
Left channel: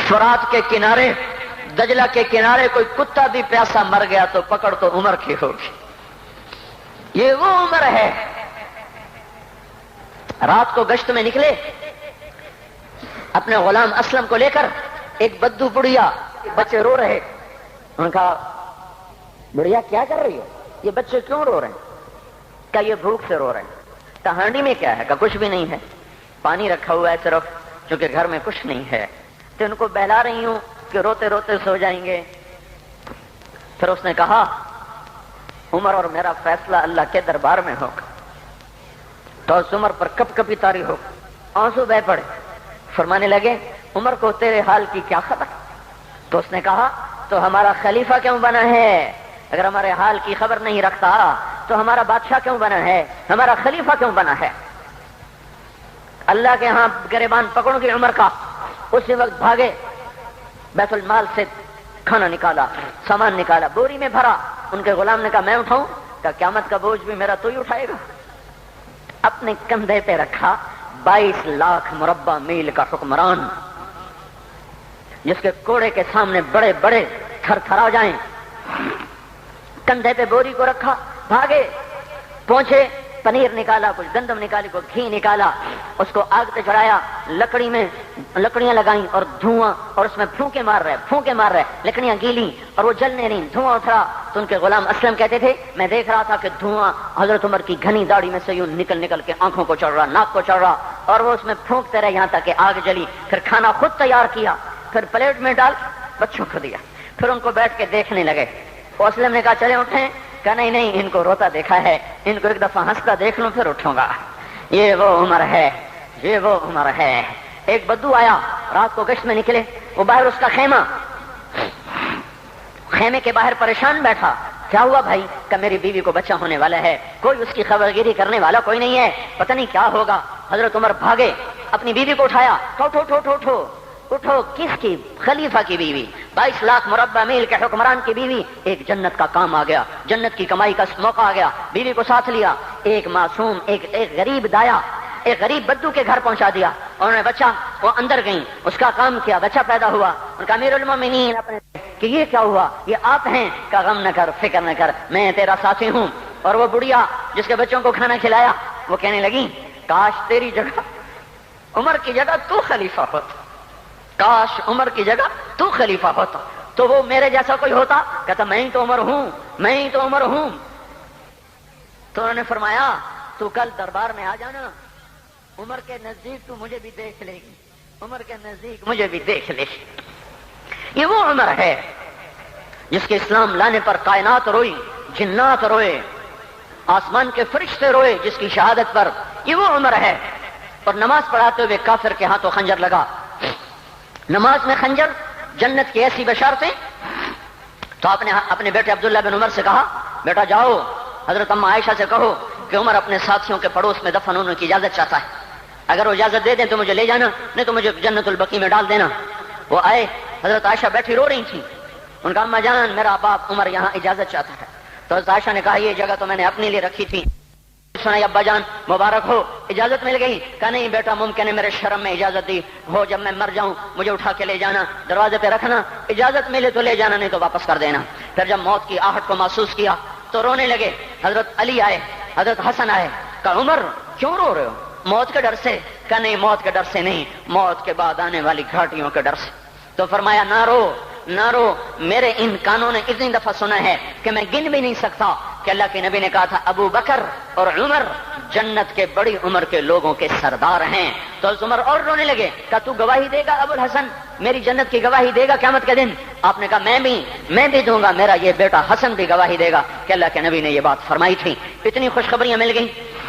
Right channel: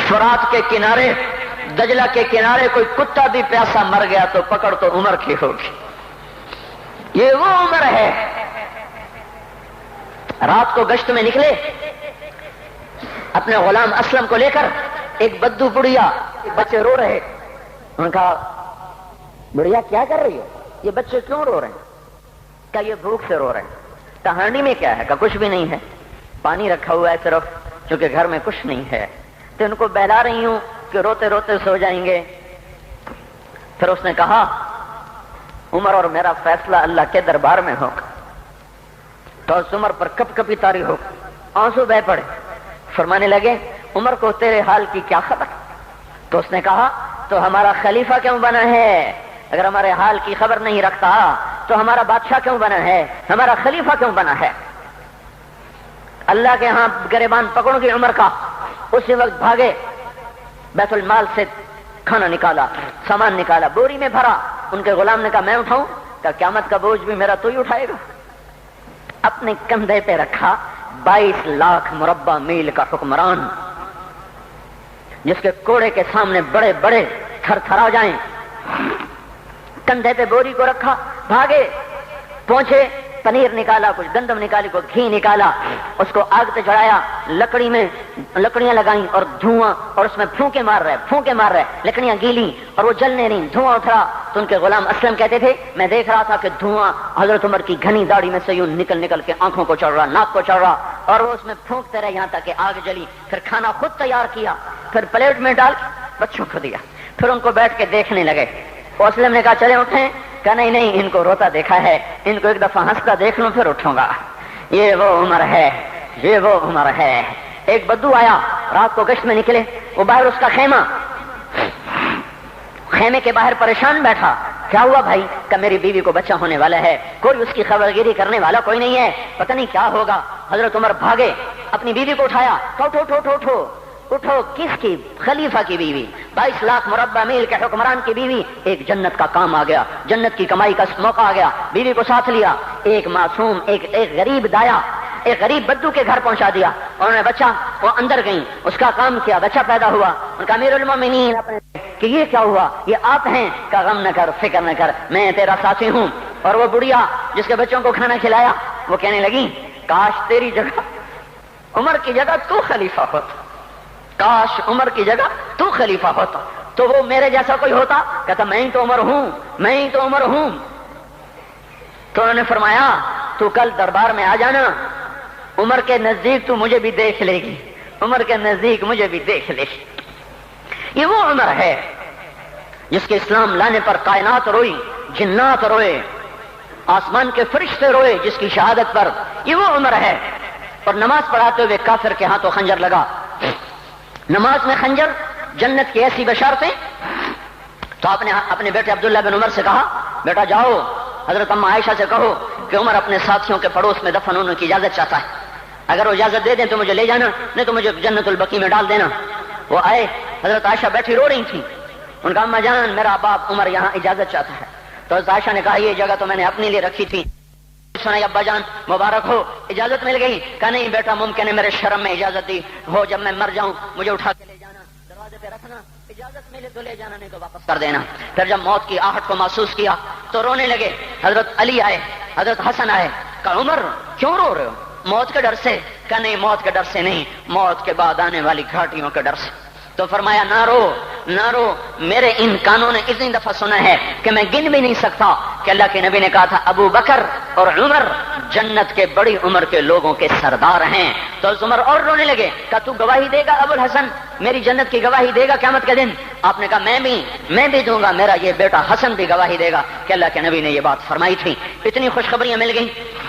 فرات کے کنارے، دجلہ کے کنارے کوئی کتا بھی پیاسا مر گیا تو پکڑ تو عمر کی ہوگی۔ یہ وہ عمر ہے۔ رات کو گشت میں نکلے اپنے غلام اسلم کو لے کر، ایک بدو بڑھیا، بچے رو رہے، انہوں نے کہا بڑھیا کیا کر رہی ہے؟ یہ بچے کیوں رو رہے ہیں؟ کیا یہ بھوک سے رو رہے ہیں؟ ہانڈی میں کیا ہے؟ کہ کچھ بھی نہیں ہے، پانی رکھا ہوا ہے صرف، چونکہ گھر میں کچھ نہیں ہے۔ تو ان کو بہلا رہی ہوں کہ روتے روتے سو جائیں گے۔ پھر اس نے کہا عمر اور میرا فیصلہ اللہ کے دربار میں ہوگا۔ تو اس عمر پر کپ کپی طاری ہو، آنسو بہ پڑے، فرمانے لگے عمر کو تیرے حال کی کیا خبر؟ تو اس نے کہا تو ہمارا خلیفہ کیوں بنا ہے؟ اگر ہمارے حال کی خبر نہیں رکھتا تو ہمارا بادشاہ کیوں بنا ہے؟ ہمارا خلیفہ کیوں بنا ہے؟ اللہ کے ہاں گریبان پکڑ کے عمر کا، اسی وقت بھاگے، بیت المال سے کھانا نکالا، سامان نکالا، بوری میں بھرا۔ ان کے غلام نے کہا میں اٹھاؤں؟ کہ قیامت کا بوجھ بھی میرا تو ہی اٹھائے گا۔ اپنے کندھے پہ رکھا 22 لاکھ مربع میل کا حکمران، جس کے کوڑے کے سامنے بڑے بڑے تھر تھرا جائیں، کندھے پہ بوری کو رکھا، بھاگے، پہنچے، پنیر نکالا، کچھ گندم نکالی، کچھ گھی نکالا، اس کو آگ پہ چڑھایا، لکڑی میں لکڑیاں لگائیں اور دھواں، اور اس میں پھونکے مار رہے، لکڑیاں گیلی اور وہ جلنے رہیں، دھواں اٹھا۔ تو ان کے غلام اسلم کہتے تھے میں دیکھ رہا تھا کہ دھواں حضرت عمر کی گھنی داڑھی میں سے یوں نکل نکل کے آنکھوں کو چڑھ رہا، ناک کو چڑھ رہا، اور وہ اس میں پھونکتے رہے یہاں تک کہ آگ جلی۔ پھر کھانا خود تیار کیا، پھر پلیٹ میں ڈال بچوں کو دیا، پھر ان کو بیٹھ کے دیکھنے لگے۔ اسلم نے کہا چلے اٹھیں؟ کہ نہیں، ان کو روتا دیکھا ہے، ان کو ایک دفعہ ہنستا دیکھ لوں پھر اٹھوں گا۔ یہ وہ عمر ہے، یہ وہ عمر ہے۔ ایک بدو آیا، رات کو گشت میں نکلے، وہ باہر اس کا خیمے کے باہر پریشان بیٹھا۔ کیا ہوا بھائی؟ کہ میری بیوی کو بچہ ہونے والا ہے، کوئی اس کی خبرگیری کرنے والا کوئی نہیں ہے، پتہ نہیں کیا ہوگا۔ حضرت عمر بھاگے، اپنی بیوی کو اٹھایا، اٹھو، کس کی؟ خلیفہ کی بیوی، 22 لاکھ مربع میل کے حکمران کی بیوی۔ ایک جنت کا کام آ گیا، جنت کی کمائی کا موقع آ گیا، بیوی کو ساتھ لیا، ایک معصوم، ایک غریب دایا، ایک غریب بدو کے گھر پہنچا دیا۔ انہوں نے بچہ، وہ اندر گئیں، اس کا کام کیا، بچہ پیدا ہوا۔ ان کا امیر المومنین کہ یہ کیا ہوا؟ یہ آپ ہیں؟ کا غم نہ کر، فکر نہ کر، میں تیرا ساتھی ہوں۔ اور وہ بڑھیا جس کے بچوں کو کھانا کھلایا، وہ کہنے لگی کاش تیری جگہ عمر کی جگہ تو خلیفہ ہوتا، کاش عمر کی جگہ تو خلیفہ ہوتا تو وہ میرے جیسا کوئی ہوتا۔ کہتا میں ہی تو عمر ہوں۔ تو انہوں نے فرمایا تو کل دربار میں آ جانا، عمر کے نزدیک تو مجھے بھی دیکھ لے گی، عمر کے نزدیک مجھے بھی دیکھ لے گی۔ یہ وہ عمر ہے جس کے اسلام لانے پر کائنات روئی، جنات روئے، آسمان کے فرشتے روئے جس کی شہادت پر۔ یہ وہ عمر ہے۔ اور نماز پڑھاتے ہوئے کافر کے ہاتھوں خنجر لگا، نماز میں خنجر، جنت کی ایسی بشارتیں۔ تو آپ نے اپنے بیٹے عبداللہ بن عمر سے کہا بیٹا جاؤ حضرت اماں عائشہ سے کہو کہ عمر اپنے ساتھیوں کے پڑوس میں دفن ہونے کی اجازت چاہتا ہے، اگر وہ اجازت دے دیں تو مجھے لے جانا، نہیں تو مجھے جنت البقیع میں ڈال دینا۔ وہ آئے، حضرت عائشہ بیٹھی رو رہی تھی، ان کا اماں جان میرا باپ عمر یہاں اجازت چاہتا ہے۔ تو حضرت عائشہ نے کہا یہ جگہ تو میں نے اپنے لیے رکھی تھی، ابا جان مبارک ہو، اجازت مل گئی؟ کہا نہیں بیٹا ممکن ہے میرے شرم میں اجازت دی ہو، جب میں مر جاؤں مجھے اٹھا کے لے جانا، دروازے پہ رکھنا، اجازت ملے تو لے جانا نہیں تو واپس کر دینا۔ پھر جب موت کی آہٹ کو محسوس کیا تو رونے لگے۔ حضرت علی آئے، حضرت حسن آئے، کہا عمر کیوں رو رہے ہو؟ موت کے ڈر سے؟ کہا نہیں موت کے ڈر سے نہیں، موت کے بعد آنے والی گھاٹیوں کے ڈر سے۔ تو فرمایا نہ رو، میرے ان کانوں نے اتنی دفعہ سنا ہے کہ میں گن بھی نہیں سکتا کہ اللہ کے نبی نے کہا تھا ابو بکر اور عمر جنت کے بڑی عمر کے لوگوں کے سردار ہیں۔ تو عمر اور رونے لگے، کہا تو گواہی دے گا ابو الحسن، میری جنت کی گواہی دے گا قیامت کے دن؟ آپ نے کہا میں بھی دوں گا، میرا یہ بیٹا حسن بھی گواہی دے گا کہ اللہ کے نبی نے یہ بات فرمائی تھی۔ اتنی خوشخبریاں مل گئیں۔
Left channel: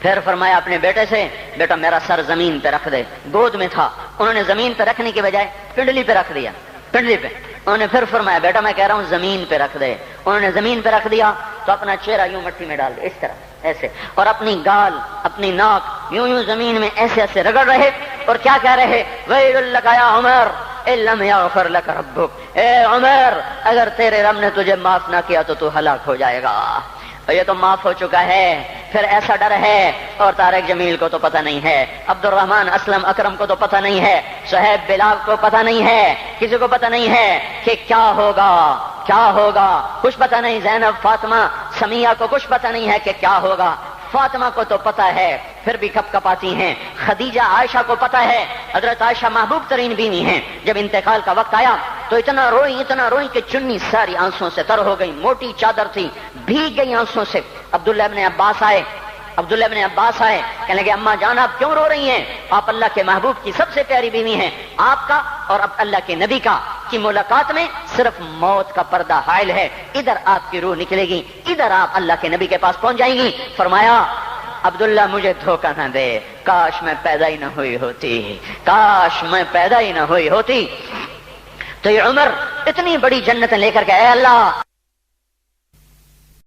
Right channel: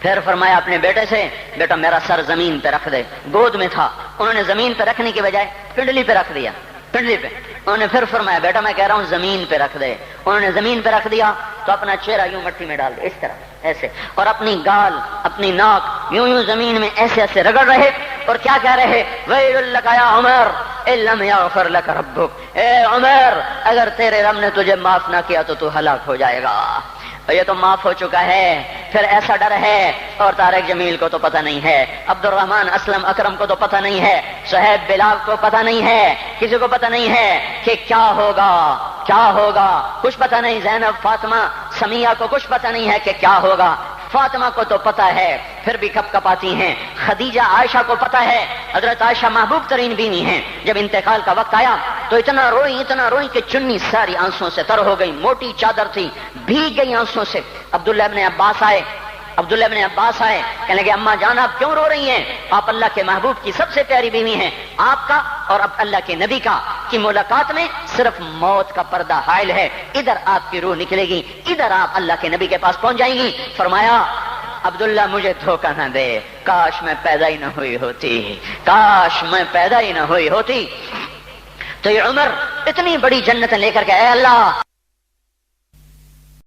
پھر فرمایا اپنے بیٹے سے بیٹا میرا سر زمین پہ رکھ دے، گود میں تھا، انہوں نے زمین پہ رکھنے کی بجائے پنڈلی پہ رکھ دیا، پنڈلی پہ۔ انہوں نے پھر فرمایا بیٹا میں کہہ رہا ہوں زمین پہ رکھ دے، انہوں نے زمین پہ رکھ دیا۔ تو اپنا چہرہ یوں مٹی میں ڈال دے، اس طرح ایسے، اور اپنی گال اپنی ناک یوں زمین میں ایسے رگڑ رہے اور کیا کہہ رہے ویل لک یا عمر ان لم یغفر لک ربک، اے عمر اگر تیرے رب نے تجھے معاف نہ کیا تو ہلاک ہو جائے گا۔ یہ تو معاف ہو چکا ہے، پھر ایسا ڈر ہے۔ اور طارق جمیل کو تو پتہ نہیں ہے، عبد الرحمن اسلم اکرم کو تو پتہ نہیں ہے، شہید بلال کو پتہ نہیں ہے، کسی کو پتہ نہیں ہے کہ کیا ہوگا، کچھ پتہ نہیں۔ زینب فاطمہ سمیہ کو کچھ پتہ نہیں ہے کہ کیا ہوگا، فاطمہ کو تو پتہ ہے پھر بھی کپ کپاتی ہیں، خدیجہ عائشہ کو پتہ ہے، حضرت عائشہ محبوب ترین بیوی ہیں۔ جب انتقال کا وقت آیا تو اتنا روئی کہ چنی ساری آنسوں سے تر ہو گئی، موٹی چادر تھی بھیگ گئی آنسوں سے۔ عبداللہ ابن عباس آئے، عبداللہ ابن عباس آئے، کہنے لگے اماں جان آپ کیوں رو رہی ہیں؟ آپ اللہ کے محبوب کی سب سے پیاری بیوی ہیں، آپ کا اور اب اللہ کے نبی کا کی ملاقات میں صرف موت کا پردہ حائل ہے، ادھر آپ کی روح نکلے گی، ادھر آپ اللہ کے نبی کے پاس پہنچ جائیں گی۔ فرمایا عبداللہ مجھے دھوکہ نہ دے، کاش میں پیدا ہی نہ ہوئی ہوتی، کاش میں پیدا ہی نہ ہوئی ہوتی۔ تو یہ عمر اتنی بڑی جنت لے کر کے اے اللہ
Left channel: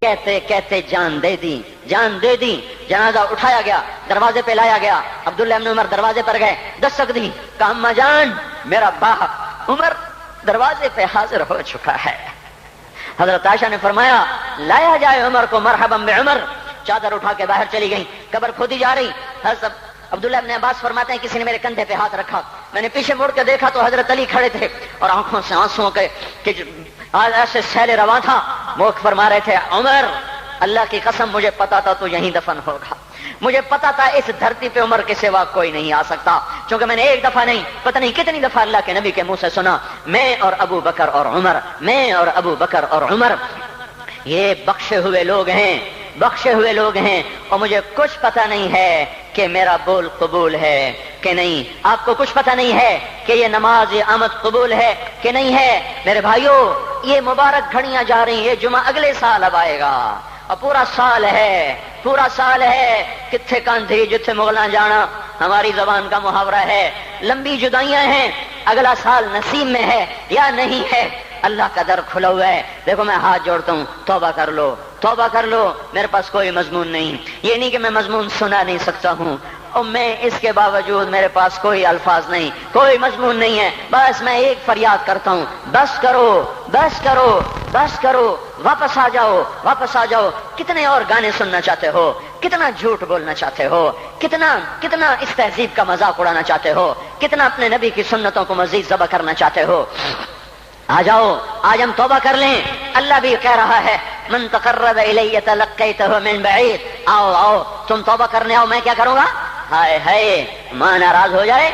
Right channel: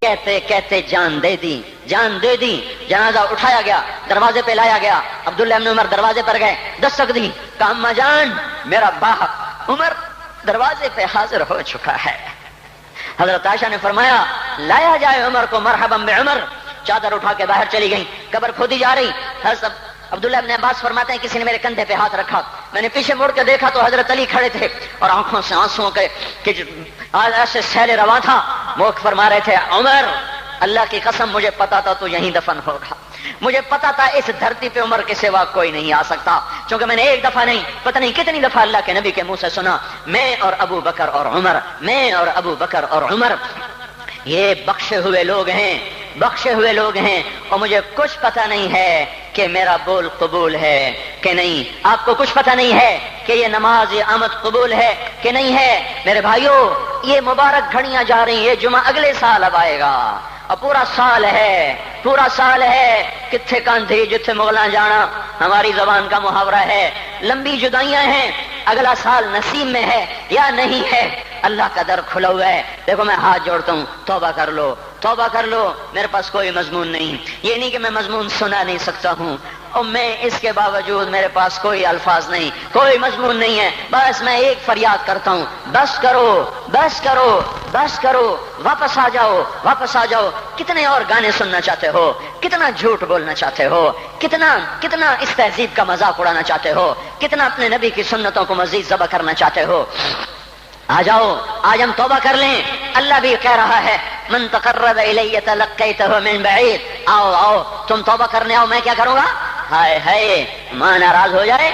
کہتے کہتے جان دے دی، جان دے دی۔ جنازہ اٹھایا گیا، دروازے پہ لایا گیا، عبداللہ ابن عمر دروازے پر گئے، دستک دی، کہا اماں جان میرا باپ عمر دروازے پہ حاضر ہو چکا ہے۔ حضرت عائشہ نے فرمایا لایا جائے عمر کو، مرحبا بعمر۔ چادر اٹھا کے باہر چلی گئی، قبر کھودی جا رہی۔ حضرت عبداللہ ابن عباس فرماتے ہیں کسی نے میرے کندھے پہ ہاتھ رکھا، میں نے پیچھے مڑ کے دیکھا تو حضرت علی کھڑے تھے اور آنکھوں سے آنسوں کے ایسے سیل رواں تھا، موقع فرما رہے تھے عمر اللہ کی قسم مجھے پتا تھا تو یہیں دفن ہوگا، مجھے پتا تھا اس دھرتی پہ عمر کے سوا کوئی نہیں آ سکتا، کیونکہ میں نے ایک دفعہ نہیں پتہ نہیں کتنی دفعہ اللہ کے نبی کے منہ سے سنا میں اور ابو بکر اور عمر، میں اور ابو بکر اور عمر یہ بخشے ہوئے لوگ ہیں، بخشے ہوئے لوگ ہیں، اور مجھے کچھ پتہ نہیں ہے کہ میرا بول قبول ہے کہ نہیں، آپ کو کچھ پتہ نہیں ہے کہ یہ نماز یہ آمد قبول ہے کہ نہیں ہے۔ میرے بھائیوں یہ مبارک گھڑیاں جا رہی ہیں، یہ جمعہ اگلے سال اب آئے گا اور پورا سال ہے، پورا سال ہے، کتھے کاندھی جتھے مغلاں جانا ہماری زبان کا محاورہ ہے، لمبی جدائیاں ہیں، اگلا سال نصیب میں ہے یا نہیں ہے، اللہ کا در کھلا ہوا ہے۔ دیکھو میں ہاتھ جوڑتا ہوں، توبہ کر لو، توبہ کر لو، میرے پاس کوئی مضمون نہیں، یہ نہیں کہ میں مضمون سنا نہیں سکتا ہوں، اور میں اس کے باوجود میرے پاس کوئی الفاظ نہیں، کوئی مضمون نہیں ہے، بس میں ایک فریاد کرتا ہوں، بس کرو، بس کرو، بس کرو، واپس آ جاؤ، واپس آ جاؤ۔ کتنے اور گانے سننا چاہتے ہو، کتنا جھوٹ بولنا چاہتے ہو، کتنا اس تہذیب کا مذاق اڑانا چاہتے ہو، کتنا اپنے نبی کی سنتوں کو مزید ذبح کرنا چاہتے ہو۔ آ جاؤ، آج ہم توبہ کر لیں، اللہ بھی کہہ رہا ہے من تقرب الی تلقیتہ من بعید، آؤ آؤ تم توبہ کرنے آؤ، میں کیا کروں گا؟ ہائے ہائے ماں ناراض ہو جائے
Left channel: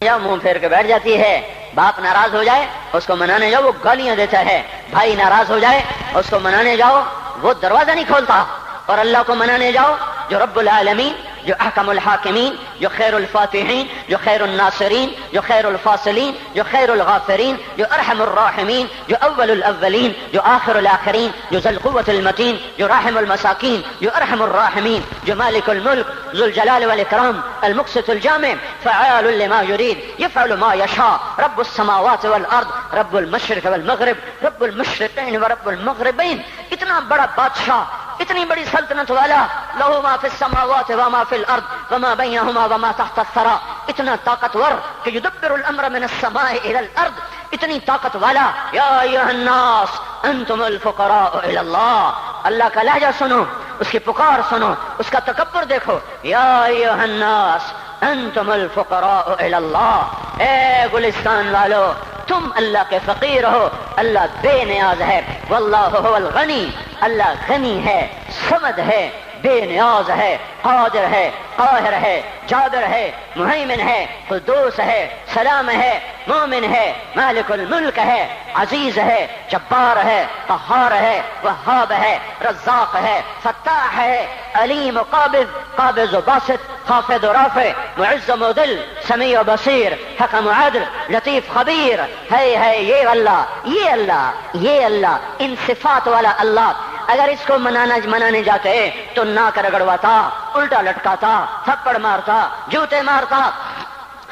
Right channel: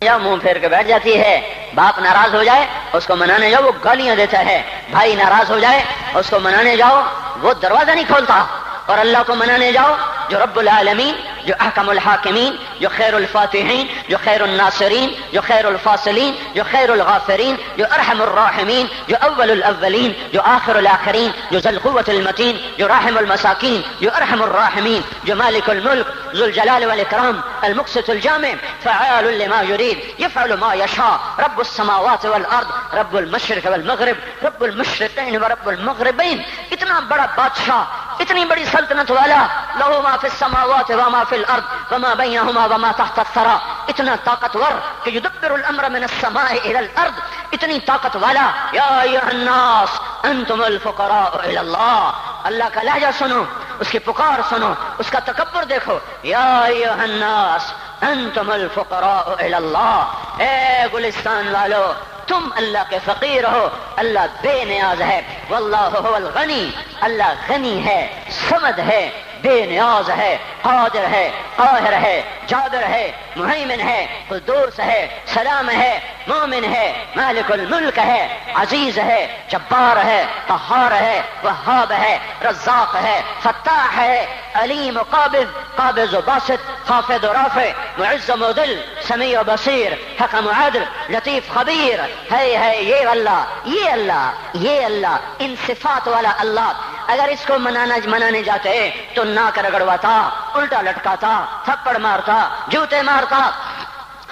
یا منہ پھیر کے بیٹھ جاتی ہے، باپ ناراض ہو جائے اس کو منانے جاؤ وہ گالیاں دیتا ہے، بھائی ناراض ہو جائے اس کو منانے جاؤ وہ دروازہ نہیں کھولتا، اور اللہ کو منانے جاؤ جو رب العالمین، جو احکم الحاکمین، جو خیر الفاتحین، جو خیر الناصرین، جو خیر الفاصلین، جو خیر الغافرین، جو ارحم الراحمین، جو اول الاولین، جو آخر الاخرین، جو ذو القوة المتین، جو راحم المساکین، جو ارحم الراحمین، جو مالک الملک ذو الجلال والاکرام المقسط الجامع فعال لما يريد يفعل ما يشاء رب السماوات والارض رب المشرق والمغرب رب المشرقین ورب المغربین۔ اتنا بڑا بادشاہ، اتنی بڑی سلطنت والا، لہو ما فی السماوات وما فی الارض وما بینہما وما تحت الثری، اتنا طاقتور کہ یدبر الامر من السماء الى الارض، اتنی طاقت والا۔ یا ایھا الناس انتم الفقراء الى اللہ، اللہ کا لہجہ سنو، اس کی پکار سنو، اس کا تکبر دیکھو، یا ایھا الناس انتم الفقراء الى اللہ، اے گلستان والو تم اللہ کے فقیر ہو، اللہ بے نیاز ہے، واللہ هو الغنی، اللہ غنی ہے، صمد ہے، بے نیاز ہے، قادر ہے، قاہر ہے، جابر ہے، مہیمن ہے، قدوس ہے، سلام ہے، مومن ہے، مالک الملک ہے، عزیز ہے، جبار ہے، قہار ہے، وہاب ہے، رزاق ہے، فتاح ہے، علیم و قابض و باسط، خافض و رافع، معز و مذل، سمیع و بصیر، حکم و عدل، لطیف خبیر، ہے یہ اللہ، یہ اللہ، یہ اللہ، ان صفات والا اللہ اگر اس کو منانے جاتے تو ناک رگڑواتا، الٹا لٹکاتا، تھپڑ مارتا، جوتے مارتا،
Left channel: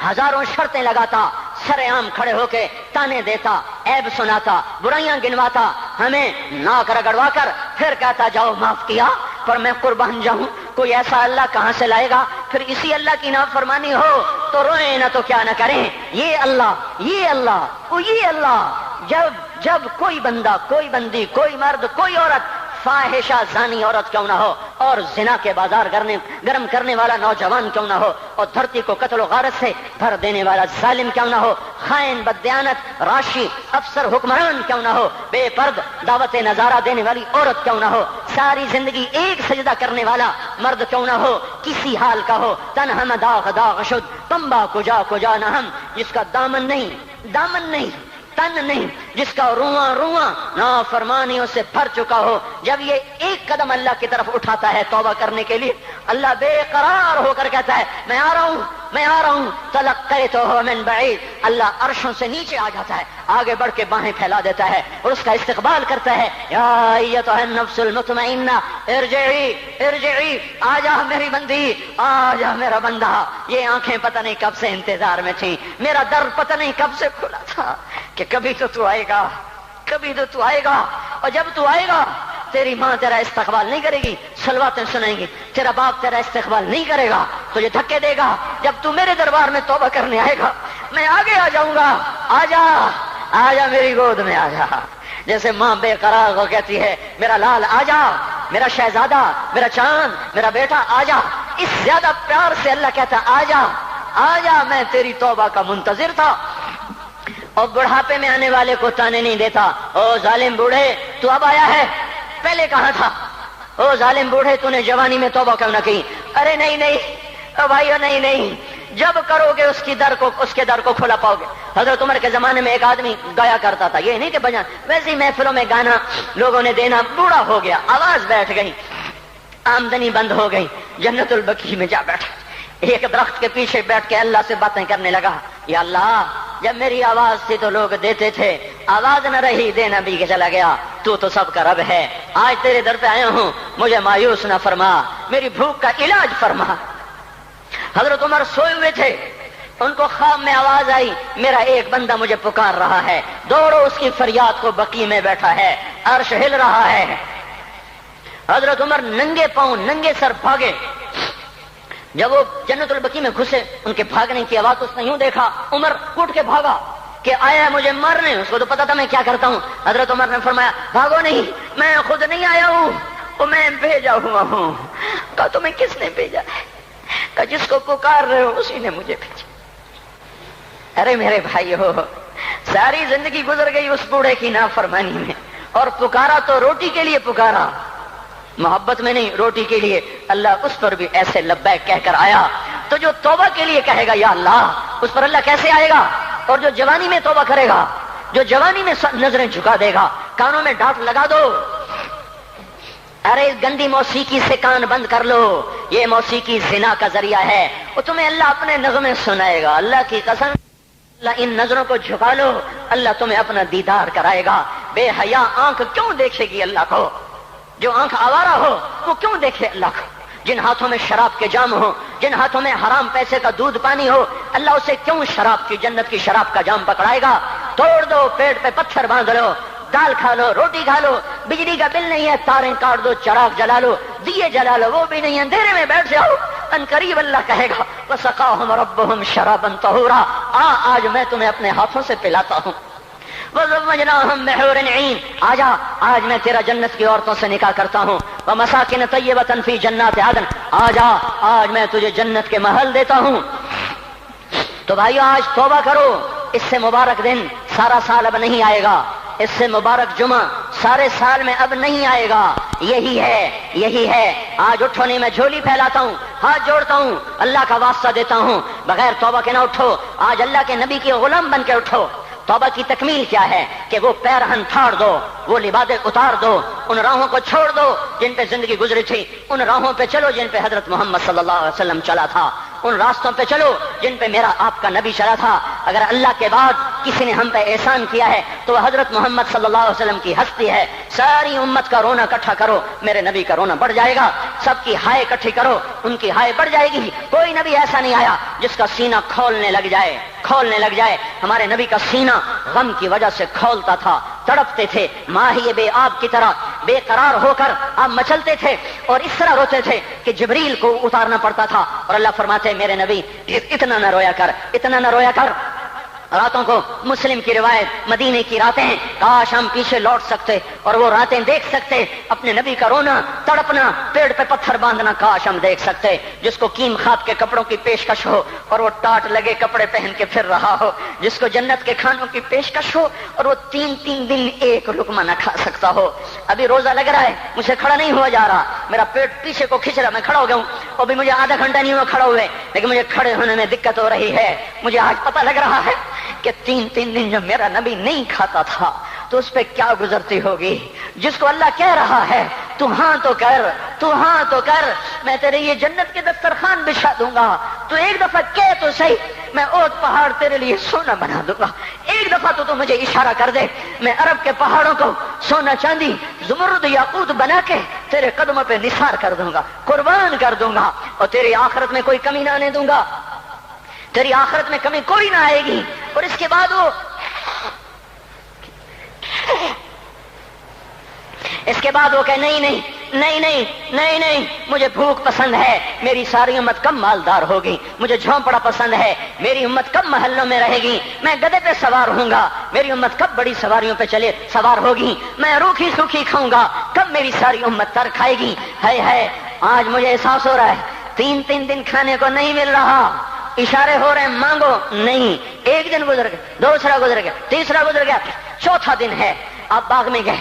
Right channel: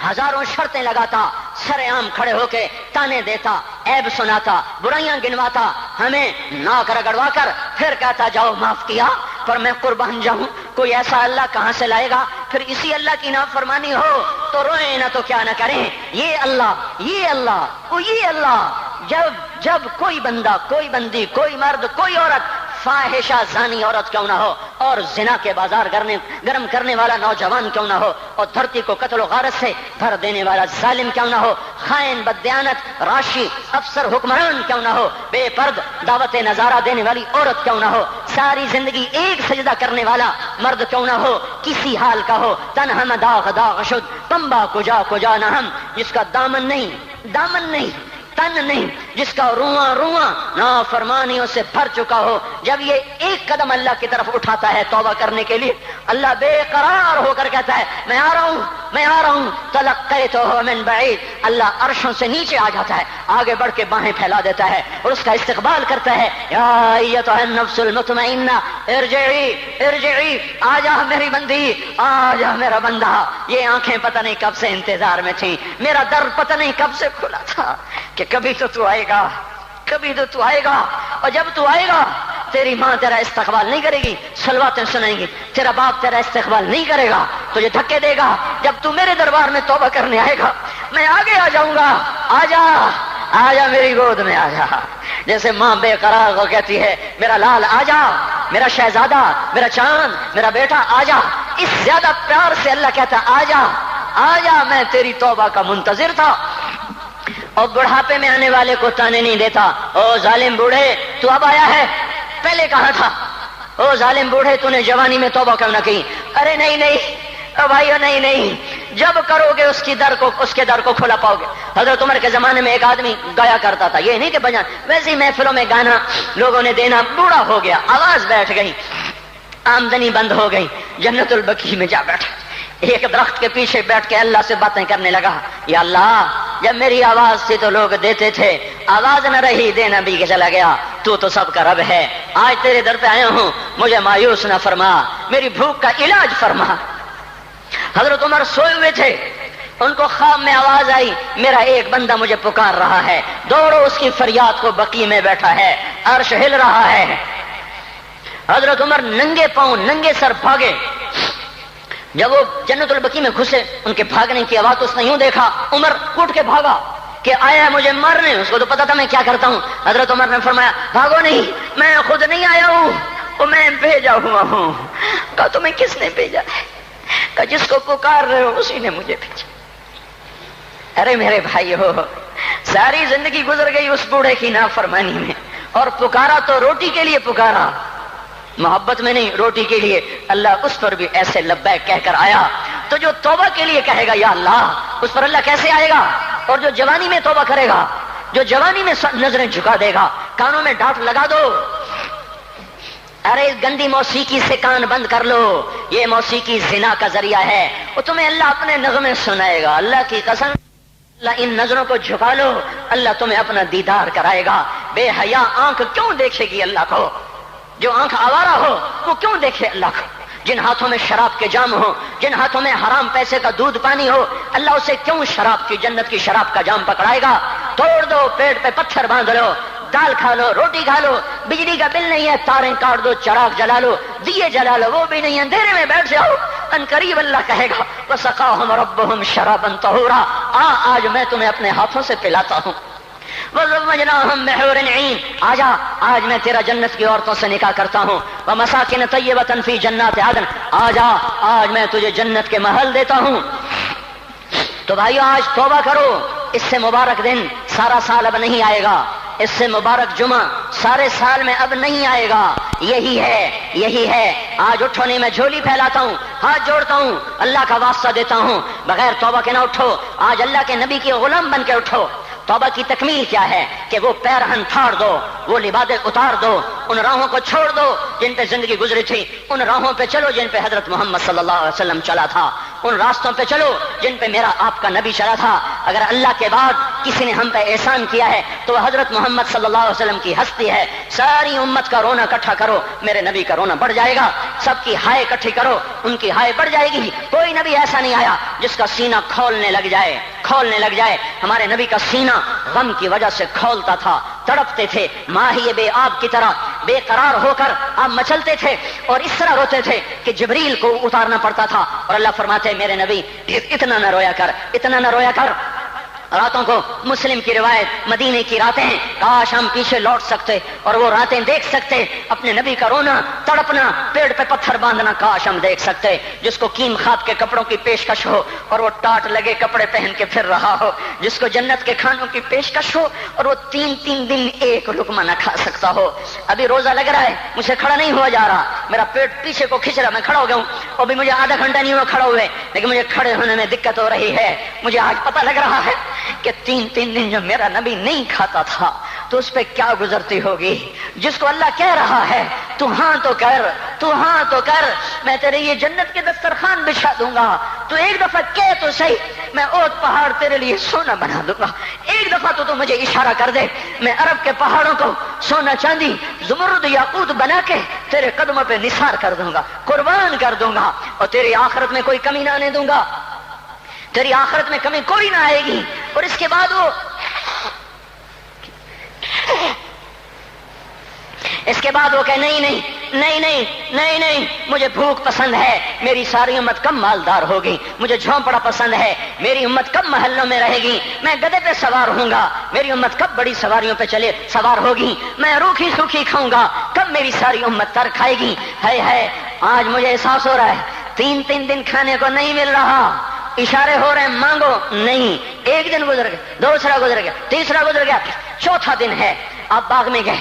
ہزاروں شرطیں لگاتا، سر عام کھڑے ہو کے تانے دیتا، عیب سناتا، برائیاں گنواتا، ہمیں ناک رگڑوا کر پھر کہتا جاؤ معاف کیا، پر میں قربان جاؤں، کوئی ایسا اللہ کہاں سے لائے گا؟ پھر اسی اللہ کی نافرمانی ہو تو روئیں نہ تو کیا نہ کریں۔ یہ اللہ، یہ اللہ، یہ اللہ، جب کوئی بندہ، کوئی بندی، کوئی مرد، کوئی عورت فاحشہ زانی عورت کیوں نہ ہو، اور زنا کے بازار گرم کرنے والا نوجوان کیوں نہ ہو، اور دھرتی کو قتل و غارت سے بھر دینے والا ظالم کیوں نہ ہو، خائن، بددیانت، راشی، افسر، حکمران کیوں نہ ہو، بے پرد دعوت نظارہ دینے والی عورت کیوں نہ ہو، ساری زندگی ایک سجدہ کرنے والا مرد کیوں نہ ہو، کسی حال کا ہو، تن ہم داغ داغ شد پمبا کجا کجا نہ ہم، جس کا دامن نہیں تن نہیں جس کا رواں رواں نافرمانیوں سے بھر چکا ہو، جب یہ ایک قدم اللہ کی طرف اٹھاتا ہے توبہ کرنے کے لیے، اللہ بے قرار ہو کر کہتا ہے میں آ رہا ہوں، میں آ رہا ہوں، تلقیتہ من بعید، اللہ عرشوں سے نیچے آ جاتا ہے، آگے بڑھ کے باہیں پھیلا دیتا ہے اور اس کا استقبال کرتا ہے، یا ایتھا النفس المطمئنہ ارجعی ارجعی، آ جا میری بندی، آ جا میرا بندہ۔ یہ آنکھیں پتہ نہیں کب سے انتظار میں تھیں، میرا در پتہ نہیں کب سے کھلا تھا کہ کبھی تو آئے گا، کبھی تو آئے گا، اور جب تو آئے گا تیری ماں تیرا استقبال نہیں کرے گی، صلواتیں سنائیں گی، تیرا باپ تیرا استقبال نہیں کرے گا، تجھے دھکے دے گا، جب تو میرے دربار میں توبہ کرنے آئے گا میں آگے آ جاؤں گا، آ جا آ جا میری گود میں آ جا، جیسے ماں بے قرار ہو کہتی ہے میرا لال آ جا، میرا شہزادہ، میرا چاند، میرا بیٹا آ جا، اس زیادہ پیار سے اللہ کہتا آ جا آ جا، میں تیری توبہ کا منتظر تھا۔ اور بڑھاپے میں آنے والے کو تانے نہیں دیتا، او ظالم بوڑھے تو اب آیا ہے، پہلے کہاں تھا؟ او ظالم بوڑھے تو نے جوانی میں توبہ کیوں نہ کی؟ ارے نہیں نہیں بھائیو، نہیں نہیں، جب کرو گے اس کے در کو کھلا پاؤ گے۔ حضرت عمر کے زمانے میں ایک آدمی گایا کرتا تھا، یہ نہیں کہ بجا ویسے محفلوں میں گانا لوگوں نے دینا، بوڑھا ہو گیا، آواز بیٹھ گئی، آمدنی بند ہو گئی، جنت البقیع میں جا بیٹھا، ایک درخت کے پیچھے بیٹھ کے اللہ سے باتیں کرنے لگا، یا اللہ جب میری آواز تھی تو لوگ دیتے تھے، آواز نہ رہی دینا بھی کہ چلا گیا، تو سب کا رب ہے، آج تیرے در پہ آیا ہوں، مجھے مایوس نہ فرما، میری بھوک کا علاج فرما۔ حضرت عمر سوئے ہوئے تھے، ان کو خواب میں آواز آئی میرا ایک بندہ مجھے پکار رہا ہے، دوڑو اس کی فریاد کو، بقیع میں بیٹھا ہے، عرش ہل رہا ہے۔ حضرت عمر ننگے پاؤں ننگے سر بھاگے، جب وہ جنت البقیع میں گھسے ان کے بھاگنے کی آواز تو اس نے یوں دیکھا، عمر اٹھ کے بھاگا کہ آیا ہے مجھے مارنے، اس کو تو پتا تھا میں کیا کرتا ہوں۔ حضرت عمر نے فرمایا بھاگو نہیں، میں خود نہیں آیا ہوں، وہ میں بھیجا ہوا ہوں۔ کہا تمہیں کس نے بھیجا؟ کہا جس کو پکار رہے ہو اسی نے مجھے بھیجا۔ ارے میرے بھائی ہو، ساری زندگی گزر گئی اس بوڑھے کی نافرمانی میں، اور پکارا تو روٹی کے لیے پکارا، محبت میں نہیں، روٹی کے لیے۔ اللہ اس پر بھی ایسے لبیک کہہ کر آیا، تو جو توبہ کے لیے کہے گا یا اللہ، اس پر اللہ کیسے آئے گا؟ اور جو جوانی میں توبہ کرے گا، جو جوانی میں نظریں جھکا دے گا، کانوں میں ڈانٹ لگا دو، ارے اس گندی موسیقی سے کان بند کر لو، یہ موسیقی زنا کا ذریعہ ہے، وہ تمہیں اللہ اپنے نغمے سنائے گا، اللہ کی قسم، اللہ ان نظروں کو جھکا لو، اللہ تمہیں اپنا دیدار کرائے گا۔ بے حیا آنکھ کیوں دیکھے گی اللہ کو؟ جو آنکھ آوارہ ہو وہ کیوں دیکھے اللہ کو؟ جن ہاتھوں میں شراب کے جام ہو، جن ہاتھوں میں حرام پیسے کا دودھ پانی ہو، اللہ اسے کیوں شراب کی، جنت کی شراب کا جام پکڑائے گا؟ توڑ دو، پیٹ پہ پتھر باندھ لو، دال کھا لو، روٹی کھا لو، بجلی کا بل نہیں ہے تاریں کاٹ دو، چراغ جلا لو، دیے جلا لو، وہ بھی نہیں، اندھیرے میں بیٹھ جاؤ، ان قریب اللہ کہے گا وَسَقَاهُمْ رَبُّهُمْ شَرَابًا طَهُورًا، آج میں تمہیں اپنے ہاتھوں سے پلاتا ہوں۔ وَزَوَّجْنَاهُمْ بِحُورٍ عِينٍ، آج میں تیرا جنت کی عورتوں سے نکاح کرتا ہوں۔ وَمَسَاكِنَ طَيِّبَةً فِي جَنَّاتِ عَدْنٍ، آج میں تجھے جنت کے محل دیتا ہوں۔ تو بھائیو آج توبہ کرو، اس سے مبارک دن سارا سال اب نہیں آئے گا، اس سے مبارک جمعہ سارے سال میں اب نہیں آئے گا، یہی ہے۔ آج اٹھو نہیں، میں جھولی پھیلاتا ہوں، ہاتھ جوڑتا ہوں، اللہ کا واسطہ دیتا ہوں، بغیر توبہ کے نہ اٹھو، آج اللہ کے نبی کے غلام بن کے اٹھو۔ توبہ کی تکمیل کیا ہے کہ وہ پیرہن پھاڑ دو، وہ لبادیں اتار دو، ان راہوں کو چھوڑ دو جن پہ زندگی گزری تھی، ان راہوں پہ چلو جن پہ حضرت محمد صلی اللہ علیہ وسلم چلا تھا، ان راستوں پہ چلو جن پہ میرا آپ کا نبی چلا تھا۔ اگر اللہ کے بعد کسی نے ہم پہ احسان کیا ہے تو وہ حضرت محمد صلی اللہ علیہ وسلم کی ہستی ہے۔ ساری امت کا رونا اکٹھا کرو، میرے نبی کا رونا بڑھ جائے گا، سب کی ہائے اکٹھی کرو، ان کی ہائے بڑھ جائے گی۔ کوئی نبی ایسا نہیں آیا جس کا سینہ کھولنے لگ جائے۔ ہمارے نبی کا سینہ غم کی وجہ سے کھولتا تھا، تڑپتے تھے، ماہی بے آب کی طرح بے قرار ہو کر آپ مچلتے تھے اور اس طرح روتے تھے کہ جبریل کو اتارنا پڑتا تھا، اور اللہ فرماتے میرے نبی اتنا نہ رویا کر۔ راتوں کو مسلم کی روایت مدینے کی راتیں ہیں، کاش ہم پیچھے لوٹ سکتے اور وہ راتیں دیکھ سکتے، اپنے نبی کا رونا تڑپنا، پیڑ پہ پتھر باندھنا کاش ہم دیکھ سکتے، جس کو کیم خات کے کپڑوں کی پیشکش ہو اور وہ ٹاٹ لگے کپڑے پہن کے پھر رہا ہو، جس کو جنت کے کھانوں کی پیشکش ہو اور وہ 3 دن ایک لقمہ نہ کھا سکتا ہو۔ ابھی روزہ لگ رہا ہے، مجھے کھڑا نہیں ہوا جا رہا، میرا پیٹ پیچھے کو کھینچ رہا، میں کھڑا ہو گیا ہوں، ابھی مجھے آدھا گھنٹہ نہیں ہوا کھڑا ہوئے، لیکن مجھے کھڑے ہونے میں دقت ہو رہی ہے۔ مجھے آج پتہ لگ رہا ہے کہ 3 دن جب میرا نبی نہیں کھاتا تھا تو اس پہ کیا گزرتی ہوگی، جس کو اللہ کہہ رہا ہے تو ہاں تو کر، تو ہاں تو کر، میں تیرے یہ جنت کے دسترخوان بچھا دوں گا، تو ایک دفعہ کہہ تو صحیح، میں اوت پہاڑ تیرے لیے سونا بنا دوں گا، ایک دفعہ تو مجھے اشارہ کر دے، میں عرب کے پہاڑوں کو سونا چاندی زمرد یاقوت بنا کے تیرے قدموں پہ نثار کر دوں گا، قربان کر دوں گا، اور تیری آخرت میں کوئی کمی نہ آنے دوں گا، تیری آخرت میں کمی کوئی نہ آئے گی۔ اور اس کے بعد وہ کہ نہیں، مجھے بھوک پسند ہے، میری ساری امت کم مالدار ہوگی، مجھے جھونپڑا پسند ہے، میری امت کم محلوں میں رہے گی، میں گدھے پہ سوار ہوں گا، میری امت کب بڑی سواریوں پہ سوار ہوگی، میں روکھی سوکھی کھاؤں گا، کب میری ساری امت تر کھائے گی۔ ہے آج مجھے احساس ہو رہا ہے 3 دن کھانے کو نہیں مل رہا، اشارے ہو رہے ہیں مانگو نہیں، ایک دن گزر گیا، دوسرا گزر گیا، تیسرا گزر گیا، چوتھا دن ہے، آپ باغ میں گئے،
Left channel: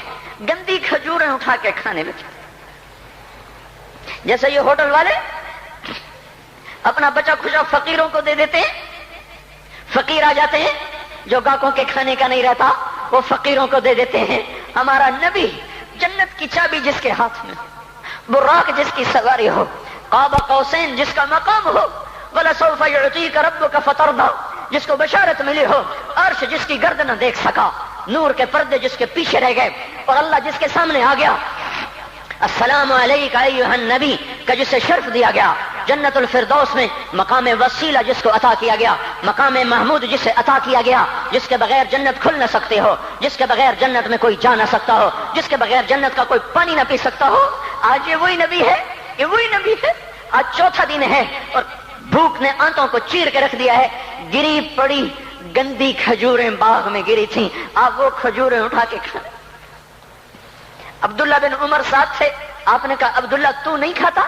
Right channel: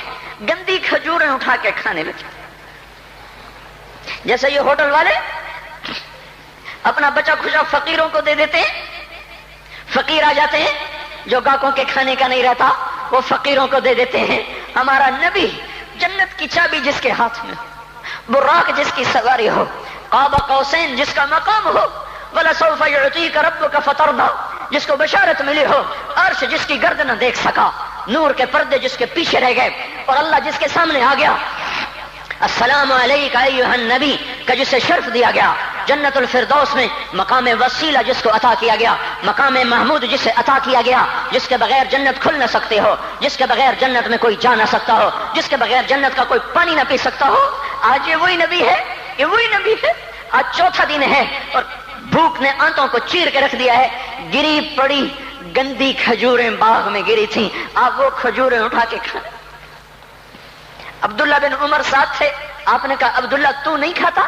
گندی کھجوریں اٹھا کے کھانے لگے، جیسے یہ ہوٹل والے اپنا بچا کھچا فقیروں کو دے دیتے، فقیر آ جاتے ہیں جو گاہکوں کے کھانے کا نہیں رہتا وہ فقیروں کو دے دیتے ہیں۔ ہمارا نبی جنت کی چابی جس کے ہاتھ میں، براق جس کی سواری ہو، قاب قوسین جس کا مقام ہو، وَلَسَوْفَ يُعْطِيكَ رَبُّكَ فَتَرْضَىٰ جس کو بشارت ملی ہو، عرش جس کی گرد نہ دیکھ سکا، نور کے پردے جس کے پیچھے رہ گئے، اور اللہ جس کے سامنے آ گیا، السلام علیک ایھا النبی کا جسے شرف دیا گیا، جنت الفردوس میں مقام وسیلہ جس کو عطا کیا گیا، مقام محمود جسے عطا کیا گیا، جس کے بغیر جنت کھل نہ سکتے ہو، جس کے بغیر جنت میں کوئی جا نہ سکتا ہو، جس کے بغیر جنت کا کوئی پانی نہ پی سکتا ہو، آج یہ وہی نبی ہے، یہ وہی نبی ہے۔ آج چوتھا دن ہے اور بھوک نے آنتوں کو چیر کے رکھ دیا ہے، گری پڑی گندی کھجوریں باغ میں گری تھیں، آپ وہ کھجوریں اٹھا کے کھا۔ عبداللہ بن عمر ساتھ تھے، آپ نے کہا عبداللہ تو نہیں کھاتا؟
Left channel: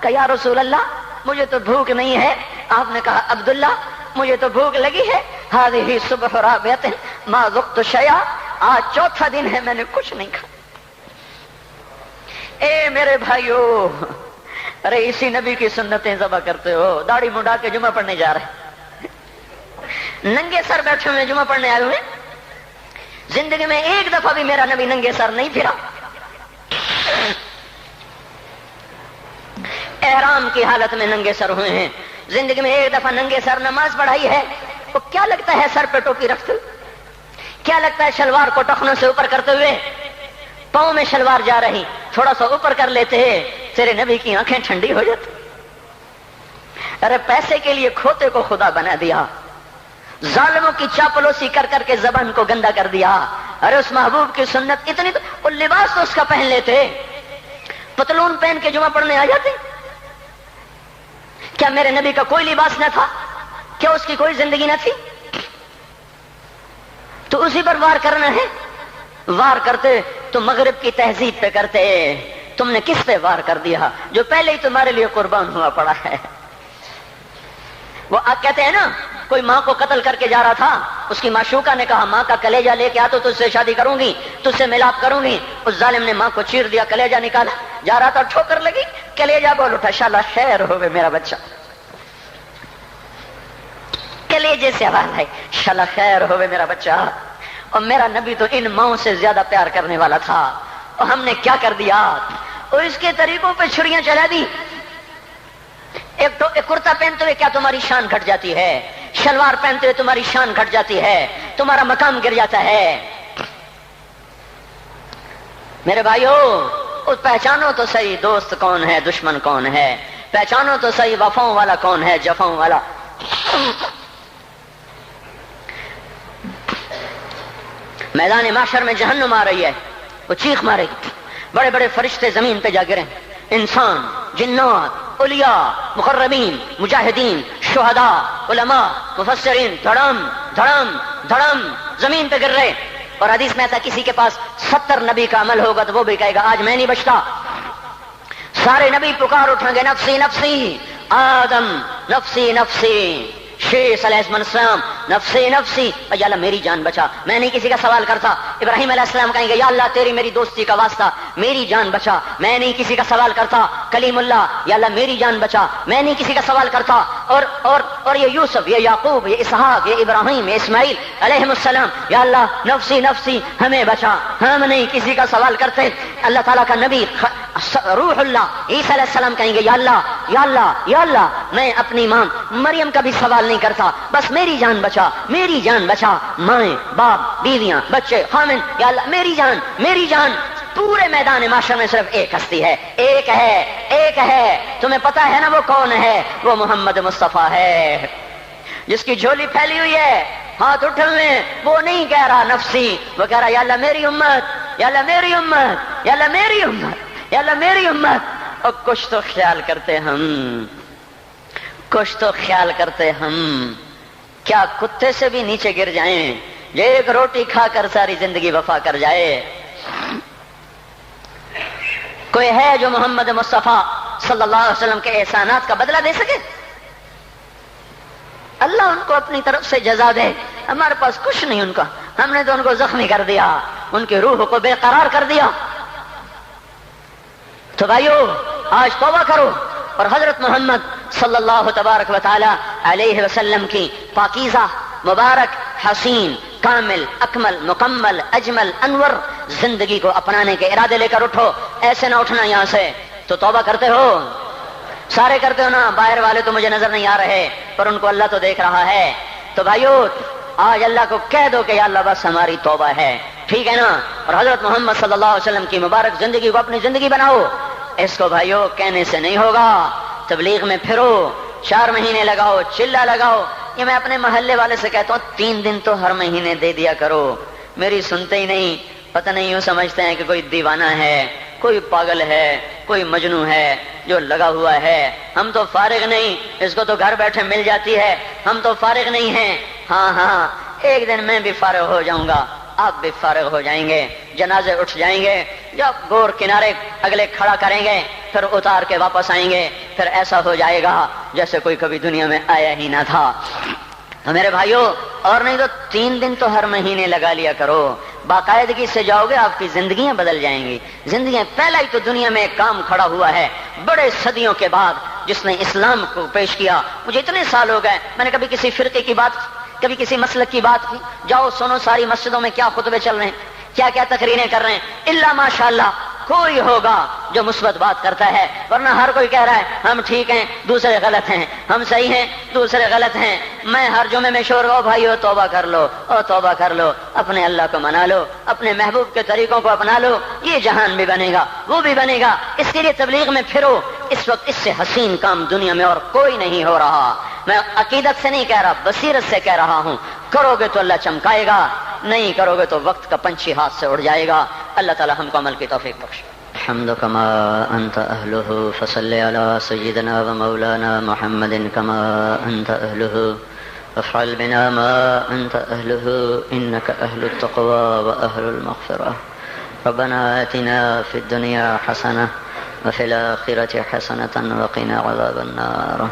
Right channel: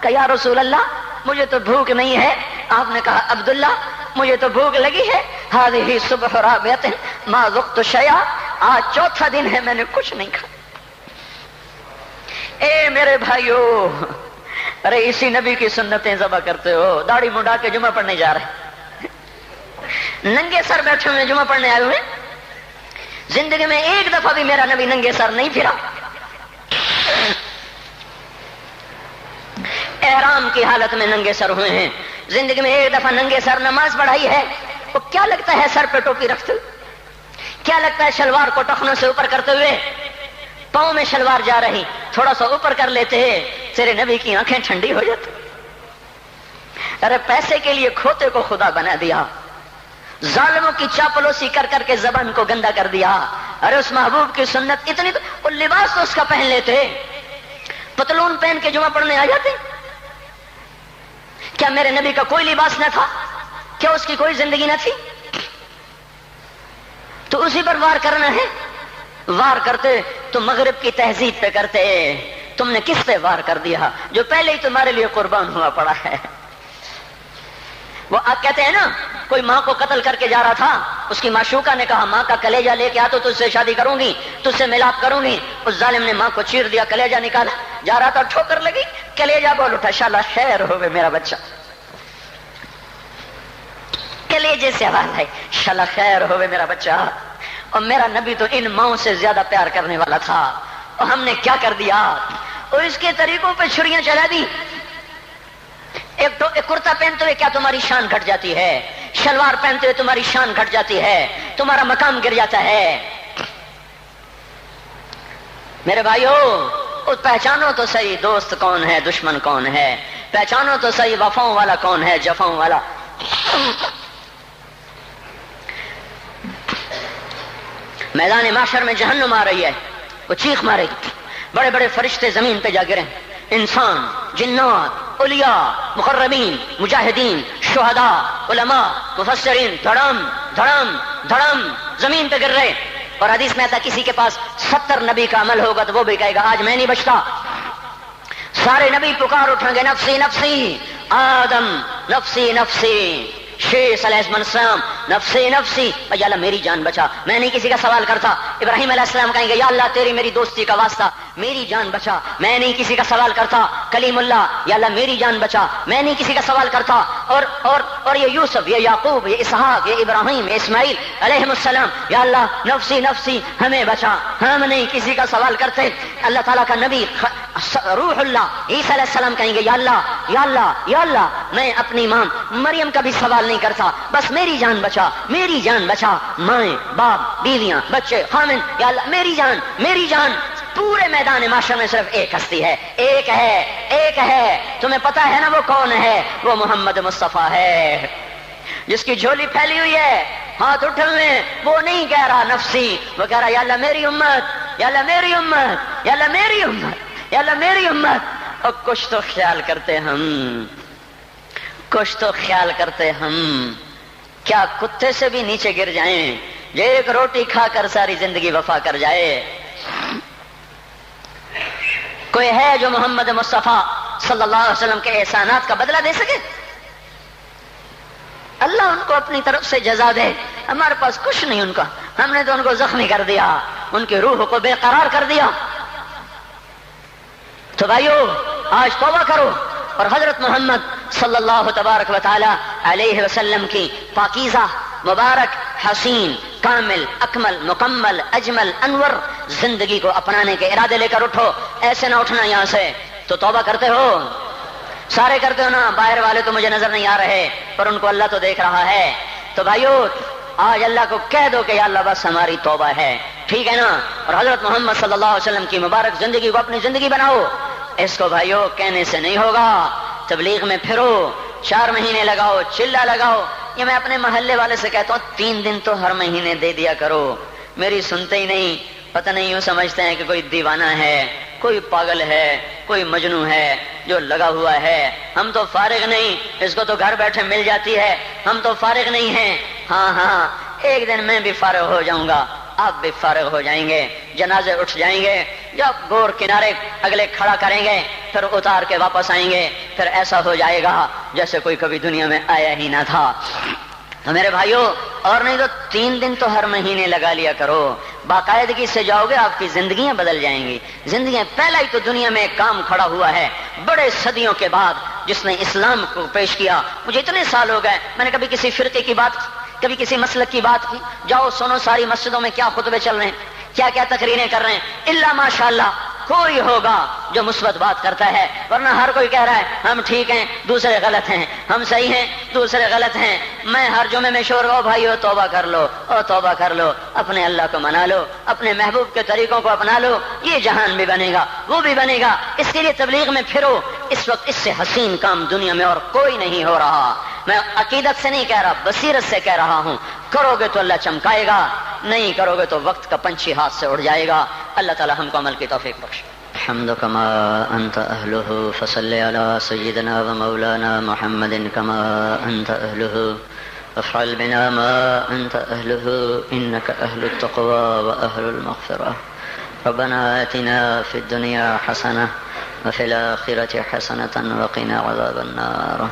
کہا یا رسول اللہ مجھے تو بھوک نہیں ہے۔ آپ نے کہا عبداللہ مجھے تو بھوک لگی ہے، ہذہ صبح رابعۃ ما ذقت شیئا، آج چوتھا دن ہے میں نے کچھ نہیں کھا۔ اے میرے بھائیو، ارے اسی نبی کی سنتیں ذبح کرتے ہو، داڑھی منڈا کے جمعہ پڑھنے جا رہے، ننگے سر بیٹھے ہوئے جمعہ پڑھنے آئے ہوئے، زندگی میں ایک دفعہ بھی میرا نبی ننگے سر نہیں پھرا، احرام کی حالت میں ننگے سر ہوئے ہیں، زندگی میں ایک دفعہ ننگے سر نماز پڑھائی ہے، تو کیا لگتا ہے سر پہ ٹوپی رکھتے ہوئے، کیا لگتا ہے شلوار کو ٹخنوں سے اوپر کرتے ہوئے، پاؤں میں شلوار جا رہی، تھوڑا سا اوپر کر لیتے ہیں، تیرے نبی کی آنکھیں ٹھنڈی ہو جاتی۔ ارے پیسے کے لیے کھوتے کو خدا بنا دیا، ظالموں کی چاپلوسی کر کر کے زبان کو گندا کر دیا۔ ارے اس محبوب کی سنت اتنی، وہ لباس تو اس کا پہن لیتے، پتلون پہن کے جمعہ پڑھنے آ جاتے۔ کیا میرے نبی کا کوئی لباس نہ تھا؟ کیا اس کی کوئی زندگی نہ تھی؟ تو اسی پر وار کرنا ہے، وار کرتے تو مغرب کی تہذیب پہ کرتے، تم نے کس پہ وار کر دیا جو پہلے ہی تمہارے لیے قربان ہوا پڑا ہے۔ وہ کہتے ہیں نا، کوئی ماں کو قتل کر کے جا رہا تھا، اس کی معشوقہ نے کہا ماں کا کلیجہ لے کے آ تو تجھ سے شادی کروں گی، تجھ سے ملاپ کروں گی، اس ظالم نے ماں کو چیر دیا، کلیجہ نکالا، جا رہا تھا ٹھوکر لگی، کلیجہ بول اٹھا، شالا خیر ہوئے میرا بچہ، کلیجے سے آواز ہے، شالا خیر ہوئے میرا بچہ۔ اور میرا نبی تو ان ماؤں سے زیادہ پیار کرنے والا تھا، اور ہم نے کیا کر دیا، اور اس کے طریقوں پہ چھریاں چلا دی۔ ایک کرتا پہنتے ہوئے کیا تمہاری شان گھٹ جاتی ہے، شلوار پہنتے ہوئے تمہاری شان گھٹ جاتی ہے، تمہارا مقام گر جاتا ہے۔ میرے بھائیو، پہچانو تو صحیح دوست کون ہے، دشمن کون ہے، پہچانو تو صحیح وفاؤں والا کون ہے، جفاؤں والا۔ میدان معاشر میں جہنم آ رہی ہے، وہ چیخ مارے گی، بڑے بڑے فرشتے زمین پہ جا گرے، انسان، جنات، اولیاء، مقربین، مجاہدین، شہداء، علماء، مفسرین، دھڑم دھڑم دھڑم زمین پہ گر رہے۔ اور حدیث میں آتا کسی کے پاس 70 نبی کا عمل ہوگا تو وہ بھی کہے گا آج میں نہیں بچتا۔ سارے نبی پکار اٹھیں گے، نفسی نفسی، آدم نفسی نفسی، شیس علیہ السلام نفسی نفسی، یا اللہ میری جان بچا، میں نہیں کسی کا سوال کرتا۔ ابراہیم علیہ السلام کہیں گے یا اللہ تیری میری دوستی کا واسطہ میری جان بچا، میں نہیں کسی کا سوال کرتا۔ کلیم اللہ، یا اللہ میری جان بچا، میں نہیں کسی کا سوال کرتا۔ اور یہ یوسف، یہ یعقوب، یہ اسحاق، یہ ابراہیم، یہ اسماعیل علیہ السلام، یا اللہ نفسی نفسی ہمیں بچا، ہم نہیں کسی کا سوال کرتے۔ اللہ تعالیٰ کا نبی روح اللہ عیسیٰ علیہ السلام کہیں گے یا اللہ یا اللہ یا اللہ میں اپنی ماں مریم کا بھی سوال نہیں کرتا، بس میری جان بچا، میری جان بچا، مائیں باپ بیویاں بچے خامن، یا اللہ میری جان میری جان۔ پورے میدان معاشر میں صرف ایک ہستی ہے، ایک ہے، ایک ہے، تمہیں پتا ہے نا وہ کون ہے؟ وہ محمد مصطفیٰ ہے، جس کی جھولی پھیلی ہوئی ہے، ہاتھ اٹھلنے، وہ نہیں کہہ رہا نفسی، وہ کہہ رہا یا اللہ میری امت، یا اللہ میری امت، یا اللہ میری امت، یا اللہ میری امت۔ اور کچھ تو خیال کرتے ہم، کچھ تو خیال کرتے ہم، کیا کتے سے بھی نیچے گر جائیں، ایک روٹی کھا کر ساری زندگی وفا کر جائے۔ کوئی ہے جو محمد مصطفیٰ صلی اللہ علیہ وسلم کے احسانات کا بدلہ دے سکے؟ اللہ ان کو اپنی طرف سے جزا دے، ہمارے پاس کچھ نہیں ان کا، ہم نے تو ان کو زخمی کر دیا، ان کی روح کو بے قرار کر دیا۔ تو بھائیو آج توبہ کرو اور حضرت محمد صلی اللہ تبارک و تعالی علیہ وسلم کی پاکیزہ مبارک حسین کامل اکمل مکمل اجمل انور زندگی کو اپنانے کے ارادے لے کر اٹھو۔ ایسے نہ اٹھنا یہاں سے، تو توبہ کرتے ہو، سارے کرتے ہو نا، باہر والے تو مجھے نظر نہیں آ رہے پر ان کو اللہ تو دیکھ رہا ہے۔ تو بھائیو آج اللہ کو کہہ دو کہ یا اللہ بس ہماری توبہ ہے، ٹھیک ہے نا، اور حضرت محمد صلی اللہ علیہ وسلم کی مبارک زندگی کو اپنی زندگی بناؤ۔ اس کو بھائیو کہنے سے نہیں ہوگا، تبلیغ میں پھرو، 4 مہینے لگاؤ، چلا لگاؤ۔ یہ میں اپنے محلے والے سے کہتا ہوں 3 دن تو ہر مہینے دے دیا کرو، میری سنتے ہی نہیں، پتہ نہیں یوں سمجھتے ہیں کہ کوئی دیوانہ ہے، کوئی پاگل ہے، کوئی مجنون ہے جو لگا ہوا ہے۔ ہم تو فارغ نہیں، اس کو تو گھر بیٹھے مل جاتی ہے، ہم تو فارغ نہیں ہیں۔ ہاں ہاں ایک دن میں بھی فارغ ہو جاؤں گا، آپ بھی فارغ ہو جائیں گے، جنازے اٹھ جائیں گے، یا گور کنارے اگلے کھڑا کریں گے، پھر اتار کے واپس آئیں گے، پھر ایسا ہو جائے گا جیسے کوئی کبھی دنیا میں آیا ہی نہ تھا۔ میرے بھائیوں، اور نہیں تو 3 دن تو ہر مہینے لگا لیا کرو، باقاعدگی سے جاؤ گے، آپ کی زندگیاں بدل جائیں گی، زندگیاں۔ پہلا ہی تو دنیا میں ایک کام کھڑا ہوا ہے بڑے صدیوں کے بعد جس نے اسلام کو پیش کیا۔ مجھے اتنے سال ہو گئے، میں نے کبھی کسی فرقے کی بات، کبھی کسی مسلک کی بات کی، جاؤ سنو ساری مسجدوں میں کیا خطبے چل رہے ہیں، کیا کیا تقریریں کر رہے ہیں، الا ماشاءاللہ کوئی ہوگا جو مثبت بات کرتا ہے، ورنہ ہر کوئی کہہ رہا ہے ہم ٹھیک ہیں دوسرے غلط ہیں، ہم صحیح ہیں دوسرے غلط ہیں۔ میں ہر جمعے میں شور ہو بھائیو توبہ کر لو، اور توبہ کر لو، اپنے اللہ کو منا لو، اپنے محبوب کے طریقوں کو اپنا لو، یہ جہان بھی بنے گا، وہ بھی بنے گا۔ اس کے لیے تبلیغ میں پھرو، اس وقت اس سے حسین کام دنیا میں اور کوئی نہیں ہو رہا۔ میں عقیدت سے نہیں کہہ رہا، بصیرت سے کہہ رہا ہوں، کرو گے تو اللہ چمکائے گا، نہیں کرو گے تو وقت کا پنچھی ہاتھ سے اڑ جائے گا۔ اللہ تعالی ہم کو عمل کی توفیق بخشے۔ الحمد كما أنت أهله فصل على سيدنا ومولانا محمد كما أنت أهله وافعل بنا ما أنت أهله إنك أهل التقوى وأهل المغفرة ربنا آتنا في الدنيا حسنة وفي الآخرة حسنة وقنا عذاب النار۔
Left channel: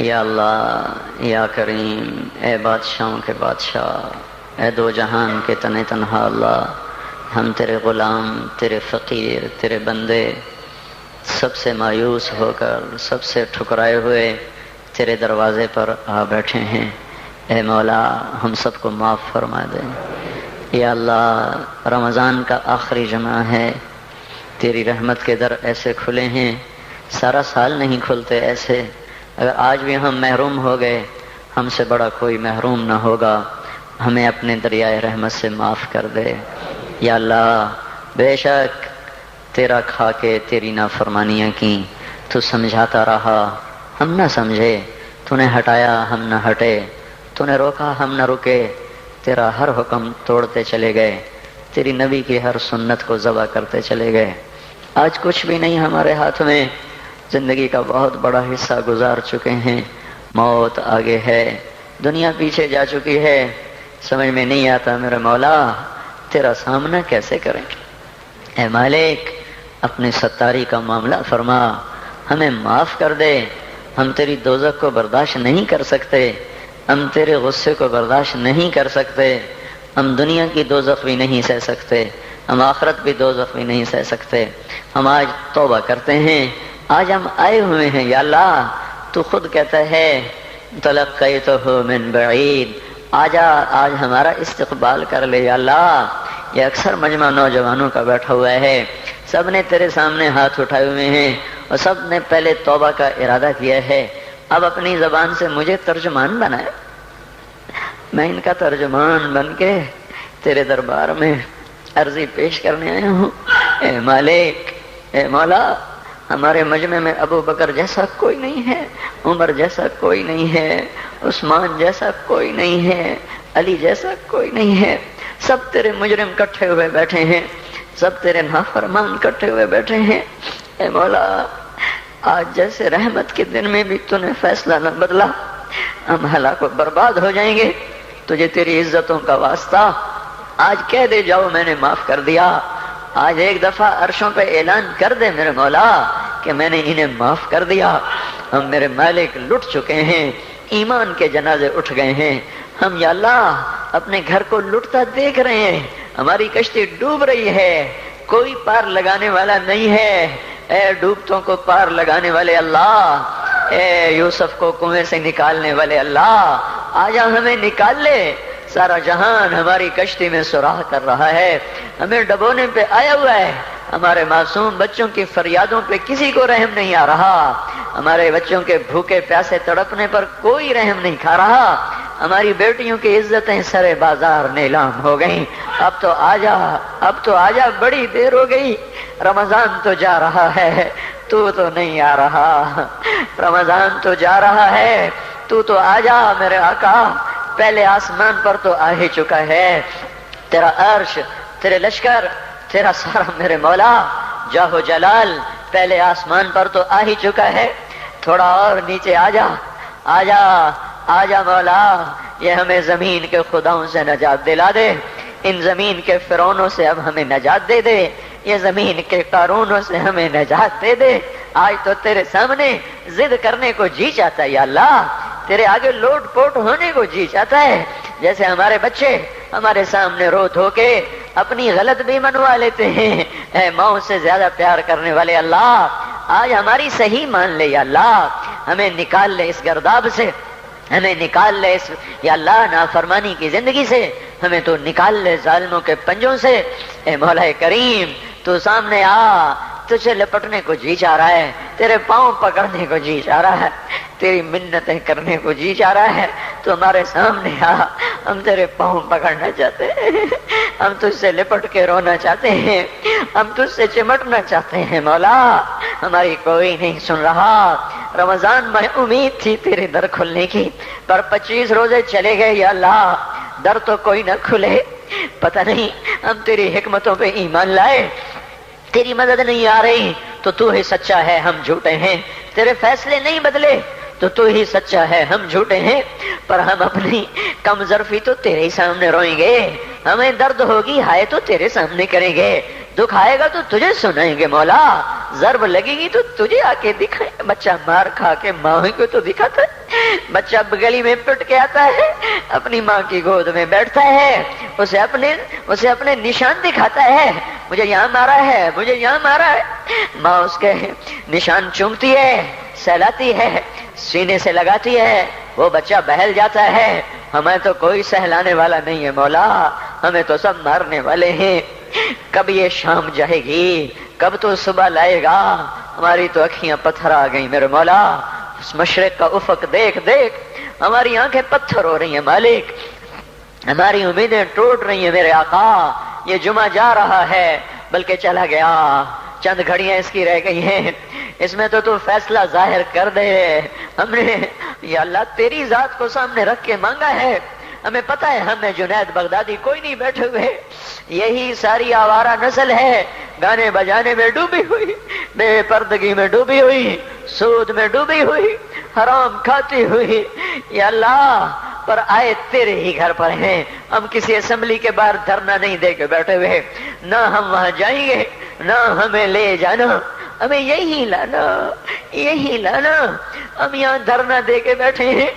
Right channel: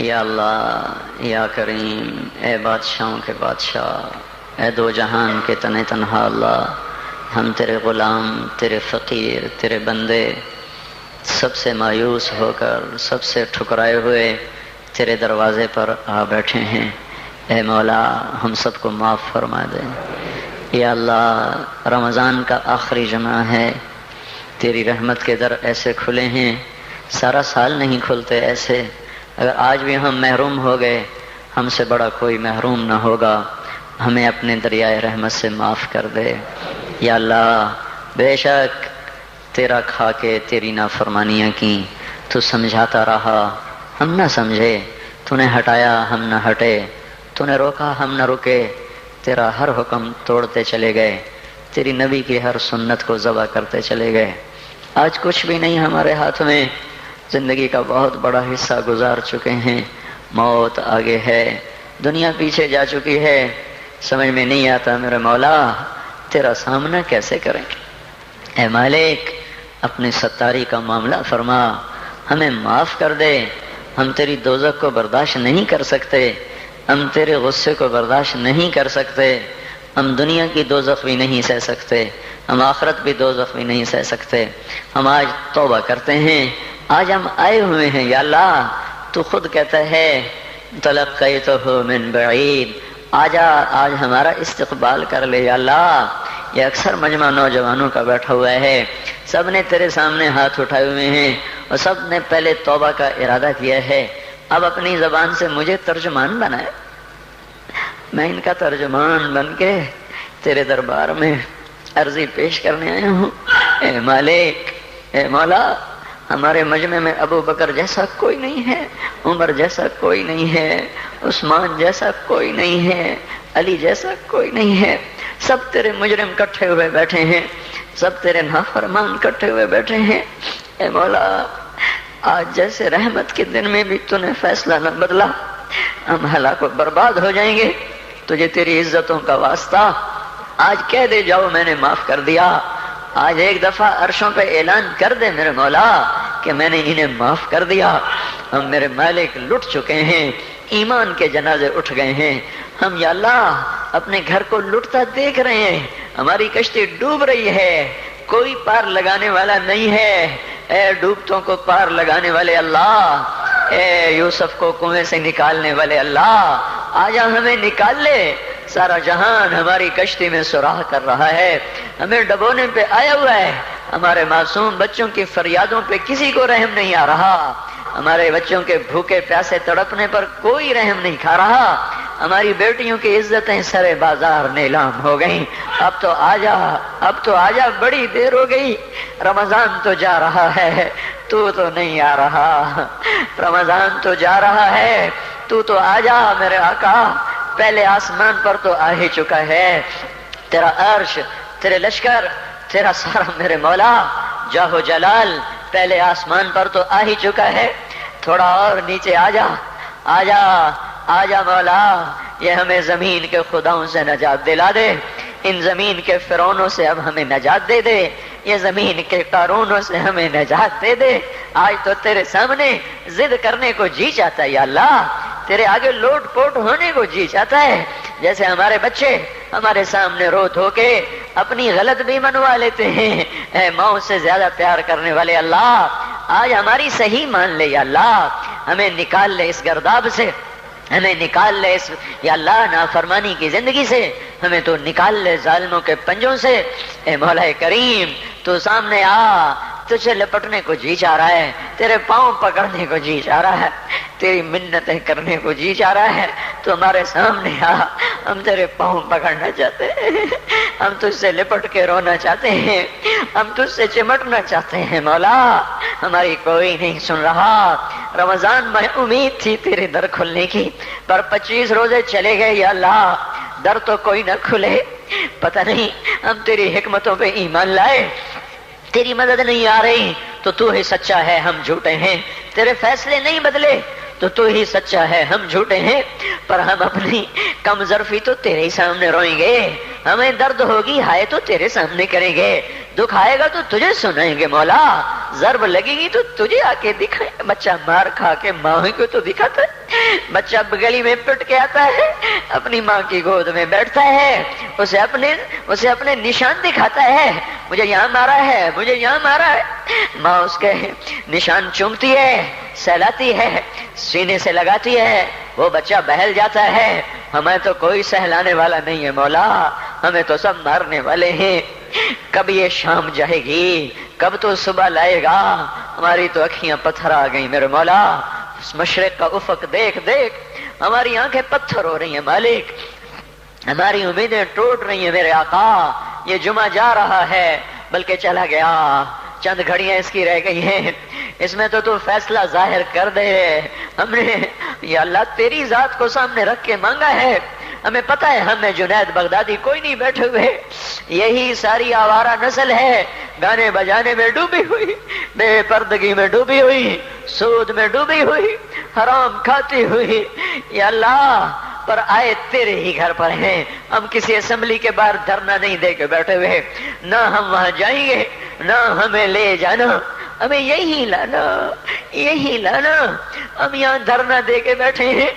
یا اللہ یا کریم، اے بادشاہوں کے بادشاہ، اے دو جہان کے تن تنہا اللہ، ہم تیرے غلام، تیرے فقیر، تیرے بندے، سب سے مایوس ہو کر، سب سے ٹھکرائے ہوئے تیرے دروازے پر آ بیٹھے ہیں۔ اے مولا ہم سب کو معاف فرما دے۔ یا اللہ رمضان کا آخری جمعہ ہے، تیری رحمت کے در ایسے کھلے ہیں، سارا سال نہیں کھلتے ایسے۔ اگر آج بھی ہم محروم ہو گئے، ہم سے بڑا کوئی محروم نہ ہوگا، ہمیں اپنے دریائے رحمت سے معاف کر دے۔ یا اللہ بے شک تیرا کھا کے تیری نافرمانیاں کی، تو سمجھاتا رہا ہم نہ سمجھے، تو نے ہٹایا ہم نہ ہٹے، تو نے روکا ہم نہ رکے، تیرا ہر حکم توڑتے چلے گئے، تیری نبی کی ہر سنت کو ذبح کرتے چلے گئے۔ آج کچھ بھی نہیں ہمارے ہاتھ میں، زندگی کا بہت بڑا حصہ گزار چکے ہیں، موت آگے ہے، دنیا پیچھے جا چکی ہے، سمجھ میں نہیں آتا میرے مولا تیرا سامنا کیسے کریں گے۔ اے مالک اپنے ستاری کا معاملہ فرما، ہمیں معاف کر دے، ہم تیری دوزخ کو برداشت نہیں کر سکتے۔ ہم تیرے غصے کو برداشت نہیں کر سکتے، ہم دنیا کی دوزخ بھی نہیں سہ سکتے، ہم آخرت بھی دوزخ بھی نہیں سہ سکتے۔ ہم آج توبہ کرتے ہیں، آج ہم آئے ہوئے ہیں یا اللہ، تو خود کہتا ہے تلقیتہ من بعید، آجا آج ہمارا استقبال کر لے یا اللہ۔ یہ اکثر مجمع نوجوانوں کا بیٹھا ہوا ہے، سب نے تیرے سامنے ہاتھ اٹھائے ہوئے ہیں اور سب نے پہلے توبہ کا ارادہ کیا ہے۔ اب اپنی زبان سے مجھے ترجمان بنائے، میں ان کا ترجمان بن کے تیرے دربار میں عرضی پیش کرنے آیا ہوں۔ اے مالک، اے مولا، ہمارے مجمع میں ابو بکر جیسا کوئی نہیں ہے، عمر جیسا کوئی نہیں ہے، عثمان جیسا کوئی نہیں ہے، علی جیسا کوئی نہیں ہے، سب تیرے مجرم کٹھے ہوئے بیٹھے ہیں، سب تیرے نافرمان کٹھے ہوئے بیٹھے ہیں۔ اے مولا، آج جیسے رحمت کے دن میں بھی تو نے فیصلہ نہ بدلا، ہم ہلاک و برباد ہو جائیں گے۔ تجھے تیری عزتوں کا واسطہ آج کہہ دے جاؤ میں نے معاف کر دیا، آج ایک دفعہ عرشوں پہ اعلان کر دے میرے مولا کہ میں نے انہیں معاف کر دیا۔ ہم میرے مالک لٹ چکے ہیں، ایمان کے جنازے اٹھ گئے ہیں، ہم یا اللہ اپنے گھر کو لٹتا دیکھ رہے ہیں، ہماری کشتی ڈوب رہی ہے، کوئی پار لگانے والا نہیں ہے۔ اے ڈوبتوں کو پار لگانے والے اللہ، اے یوسف کو کنویں سے نکالنے والے اللہ، آجا ہمیں نکال لے۔ سارا جہان ہماری کشتی میں سراغ کر رہا ہے، ہمیں ڈبونے پہ آیا ہوا ہے، ہمارے معصوم بچوں کی فریادوں پہ کسی کو رحم نہیں آ رہا، ہمارے بچوں کے بھوکے پیاسے تڑپنے پر کوئی رحم نہیں کھا رہا، ہماری بیٹیوں کی عزتیں سرے بازار نیلام ہو گئیں۔ اب تو آجا، اب تو آجا، بڑی دیر ہو گئی، رمضان تو جا رہا ہے، تو نہیں آ رہا، رمضان تو جا رہا ہے، تو آجا میرے آقا۔ پہلے آسمان پر تو آ ہی چکا ہے، تیرا عرش، تیرے لشکر، تیرا سارا میرے مولا جاہو جلال پہلے آسمان پر تو آ ہی چکا ہے، تھوڑا اور نیچے آجا، آجا آجا مولا، یہ ہمیں زمین کے خداؤں سے نجات دلا دے، ان زمین کے فرعونوں سے اب ہمیں نجات دے دے، یہ زمین کے قارونوں سے ہمیں نجات دے دے۔ آج تو تیرے سامنے ضد کرنے کو جی چاہتا ہے یا اللہ، تیرے آگے لوٹ پوٹ ہونے کو جی چاہتا ہے، جیسے ہمارے بچے ہمارے سامنے رو دھو کے اپنی غلط بھی منوا لیتے ہیں۔ اے ماں سے زیادہ پیار کرنے والے اللہ، آج ہماری صحیح مان لے یا اللہ، ہمیں نکال لے اس گرداب سے، ہمیں نکال لے اس یا اللہ نافرمانی کی زندگی سے، ہمیں تو نکال لے ظالموں کے پنجوں سے۔ اے مولا کریم، تو سامنے آ، تجھے لپٹنے کو جی چاہ رہا ہے، تیرے پاؤں پکڑنے کو جی چاہ رہا ہے، تیری منتیں کرنے کو جی چاہ رہا ہے، تو ہمارے سامنے آ، ہم تیرے پاؤں پکڑنا چاہتے ہیں، ہم تجھ سے لپٹ کے رونا چاہتے ہیں، ہم تجھ سے چمٹنا چاہتے ہیں مولا، ہماری کوئی نہیں سن رہا۔ رمضان میں امید تھی تیرے در کھلنے کی، پر 25 روزے چلے گئے یا اللہ، در تو کوئی نہ کھلے۔ پتہ نہیں ہم تیری حکمتوں پہ ایمان لائے، تیری مدد نہیں آ رہی تو ہی سچا ہے، ہم جھوٹے ہیں، تیرے فیصلے نہیں بدلے تو ہی سچا ہے، ہم جھوٹے ہیں، پر ہم اپنی کم ظرفی تو تیرے ہی سامنے روئیں گے، ہمیں درد ہوگی ہائے تو تیرے سامنے کریں گے، دکھ آئے گا تو تجھے سنائیں گے مولا، ضرب لگے گی تو تجھے آ کے دکھائے۔ بچہ مار کھا کے ماں کو تو دکھاتا ہے، بچہ گلی میں پٹ کے آتا ہے، اپنی ماں کی گود میں بیٹھتا ہے، اسے اپنے نشان دکھاتا ہے، مجھے یہاں مارا ہے، مجھے یہاں مارا ہے، ماں اس کے نشان چومتی ہے، سہلاتی ہے، سینے سے لگاتی ہے، وہ بچہ بہل جاتا ہے۔ ہمیں تو کوئی سہلانے والا نہیں ہے مولا، ہمیں تو سب مارنے والے ہیں۔ کب یہ شام جائے گی، کب تو صبح لائے گا؟ ہماری تو اکھیاں پتھر آ گئی میرے مولا، اس مشرق کا افق دیکھ دیکھ ہماری آنکھیں پتھر ہو رہی ہیں مالک، ہماری امیدیں ٹوٹ رہی ہیں میرے آقا۔ یہ جمعہ جا رہا ہے بلکہ چلا گیا، چند گھڑیاں اس کی رہ گئی ہیں، اس میں تو فیصلہ ظاہر کر دے۔ ہم نے یا اللہ تیری ذات کو سامنے رکھ کے مانگا ہے، ہمیں پتہ ہے ہمیں جنید بغدادی کوئی نہیں بیٹھے ہوئے، یہی ساری آوارہ نسل ہے، گانے بجانے میں ڈوبی ہوئی، بے پردگی میں ڈوبی ہوئی، سود میں ڈوبی ہوئی، حرام کھاتی ہوئی، یا اللہ پر آئے تیرے ہی گھر پر ہیں، ہم کسی اسمبلی کے باہر دھرنا نہیں دے کے بیٹھے ہوئے، نہ ہم وہاں جائیں گے، نہ ہمیں لے جانا، ہمیں یہی لانا، یہی لانا، ہم یہاں دھرنا دے کے بیٹھے ہیں،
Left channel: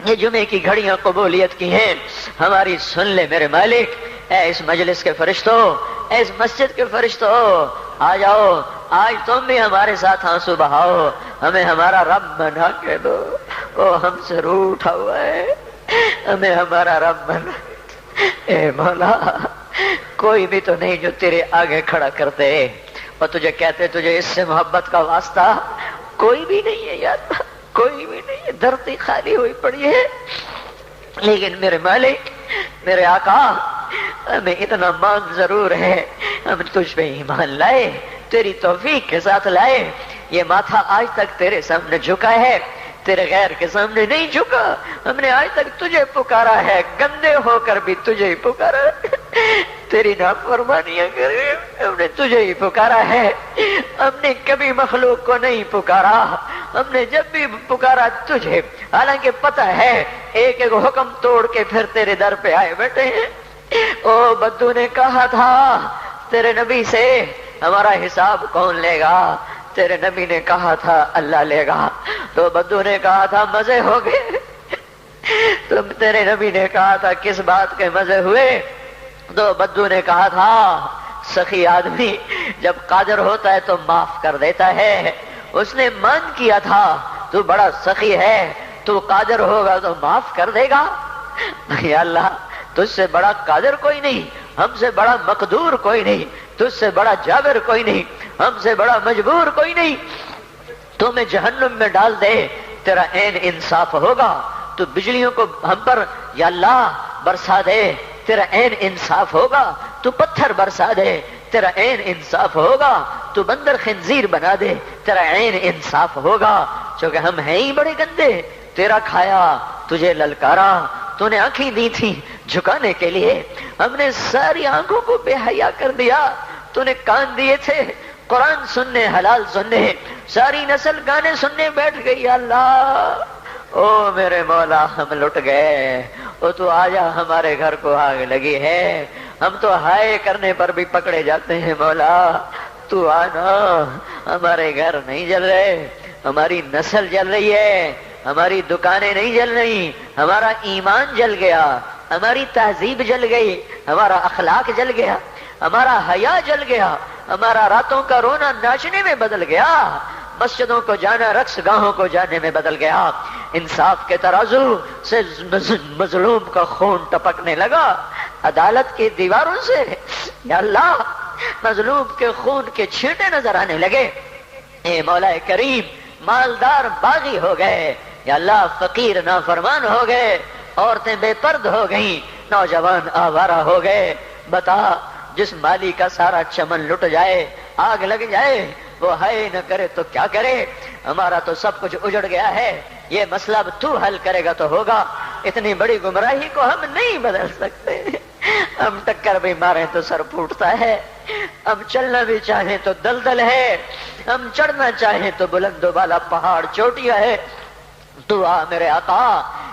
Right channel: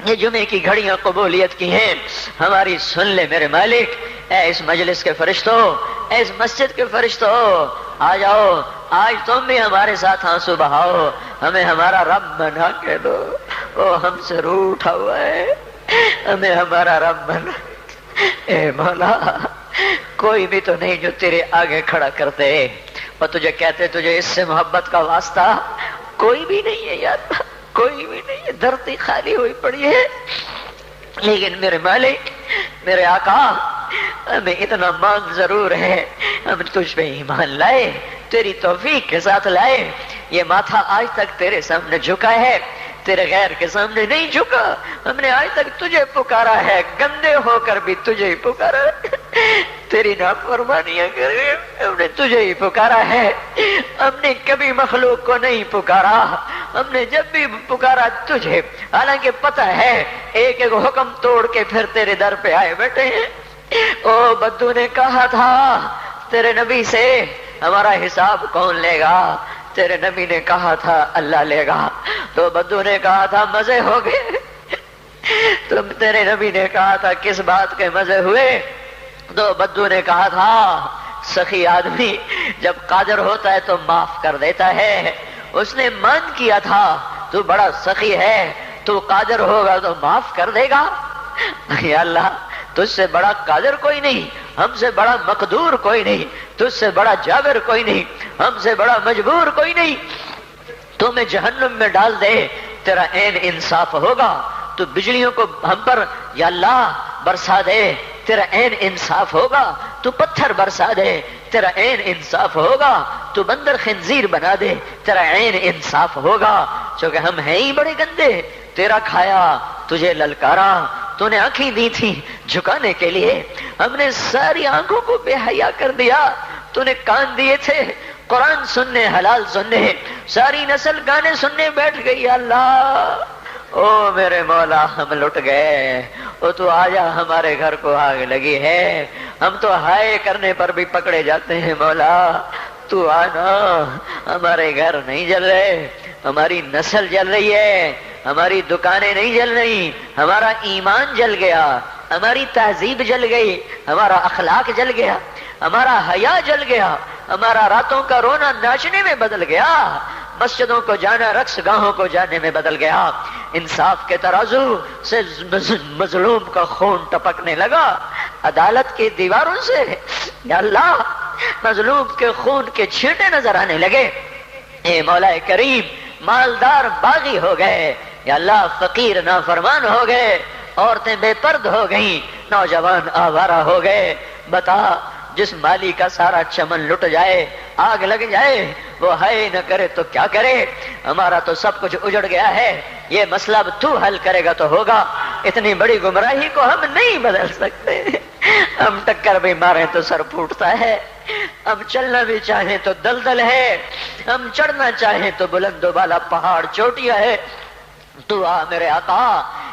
یہ جمعے کی گھڑیاں قبولیت کی ہیں، ہماری سن لے میرے مالک۔ اے اس مجلس کے فرشتوں، اے اس مسجد کے فرشتوں، آ جاؤ، آج تم بھی ہمارے ساتھ آنسو بہاؤ، ہمیں ہمارا رب بنا کے دو، وہ ہم سے روٹھا ہوا ہے، ہمیں ہمارا رب بنا۔ اے مولا، کوئی بھی تو نہیں جو تیرے آگے کھڑا کرتے اور تجھے کہتے تجھے اس سے محبت کا واسطہ، کوئی بھی نہیں ہے یار، کوئی بھی نہیں ہے، دھرتی خالی ہوئی پڑی ہے۔ لیکن میرے مالک، میرے آقا، ہمیں اتنا مانگ ضرور ہے، ہم تجھ پہ ایمان لائے، تیری توفیق کے ساتھ لائے، یہ ماتھا آج تک تیرے سامنے جھکا ہے، تیرے غیر کے سامنے نہیں جھکا، ہم نے آج تک تجھے پکارا ہے، گندے ہو کر بھی تجھے ہی پکارا ہے، تیری نافرمانیاں کرے ہم نے تجھے ہی پکارا ہے، ہم نے کبھی مخلوق کو نہیں پکارا، ہم نے جب بھی پکارا تجھے، حالانکہ پتہ ہے ایک ایک حکم توڑ کے پھر تیرے در پہ آئے بیٹھے ہیں۔ او بدو نے کہا تھا تیرے نبی سے ہمارا حساب کون لے گا، تیرے نبی نے کہا تھا اللہ لے گا، تو بدو نے کہا تھا مزے ہو گئے، تم تیرے نبی نے کہا تھا کس بات کے مزے ہوئے، تو بدو نے کہا تھا سخی آدمی جب قادر ہوتا ہے تو معاف کر دیتا ہے، اس نے مان کیا تھا تو بڑا سخی ہے، تو قادر ہوگا تو معاف کر دے گا۔ یا اللہ، تجھ سے بڑا قادر کوئی نہیں، ہم سے بڑا مقدور کوئی نہیں، تجھ سے بڑا جابر کوئی نہیں، ہم سے بڑا مجبور کوئی نہیں، تو میں جہنم میں ڈال دے تیرا عین انصاف ہوگا، تو بجلیوں کو ہم پر یا اللہ برسا دے تیرا عین انصاف ہوگا، تو پتھر برسا دے تیرا عین انصاف ہوگا، تو بندر خنزیر بنا دے تیرا عین انصاف ہوگا، چونکہ ہم ہیں ہی بڑے گندے، تیرا کھایا، تجھے للکارا، تو نے آنکھیں دی تھی جھکانے کے لیے، ہم نے ساری آنکھوں کو بے حیا کر دیا، تو نے کان دیے تھے قرآن سننے، حلال سننے، ساری نسل گانے سننے بیٹھ گئی۔ اللہ او میرے مولا، ہم لٹ گئے، او تو آجا، ہمارے گھر کو آگ لگی ہے، ہم تو ہائے کرنے پر بھی پکڑے جاتے ہیں، مولا تو آنا، ہمارے گھر نہیں جل رہے، ہماری نسل جل رہی ہے، ہماری دکانیں نہیں جل رہی، ہمارا ایمان جل گیا، ہماری تہذیب جل گئی، ہمارا اخلاق جل گیا، ہمارا حیا جل گیا، ہمارا راتوں کا رونا ناچنے میں بدل گیا، مسجدوں کو جانا رقص گاہوں کو جانے میں بدل گیا، انصاف کے ترازو سے مظلوم کا خون ٹپکنے لگا، عدالت کی دیواروں سے یا اللہ مظلوم کے خون کے چھینٹے نظر آنے لگے۔ اے مولا کریم، مالدار باغی ہو گئے، یا اللہ فقیر نافرمان ہو گئے، عورتیں بے پرد ہو گئیں، نوجوان آوارہ ہو گئے، بتا جس مالی کا سارا چمن لٹ جائے، آگ لگ جائے، وہ ہائے نہ کرے تو کیا کرے، ہمارا تو سب کچھ اجڑ گیا ہے، یہ مسئلہ اب تو حل کرے گا تو ہوگا، اتنی بڑی گمراہی کو ہم نہیں بدل سکتے، ہم ٹکر بھی ماریں تو سر پھوٹتا ہے، ہم چلنا بھی چاہیں تو دلدل ہے، ہم چڑھنا چاہیں تو بلند و بالا پہاڑ چوٹیاں ہے، تو آ میرے آقا،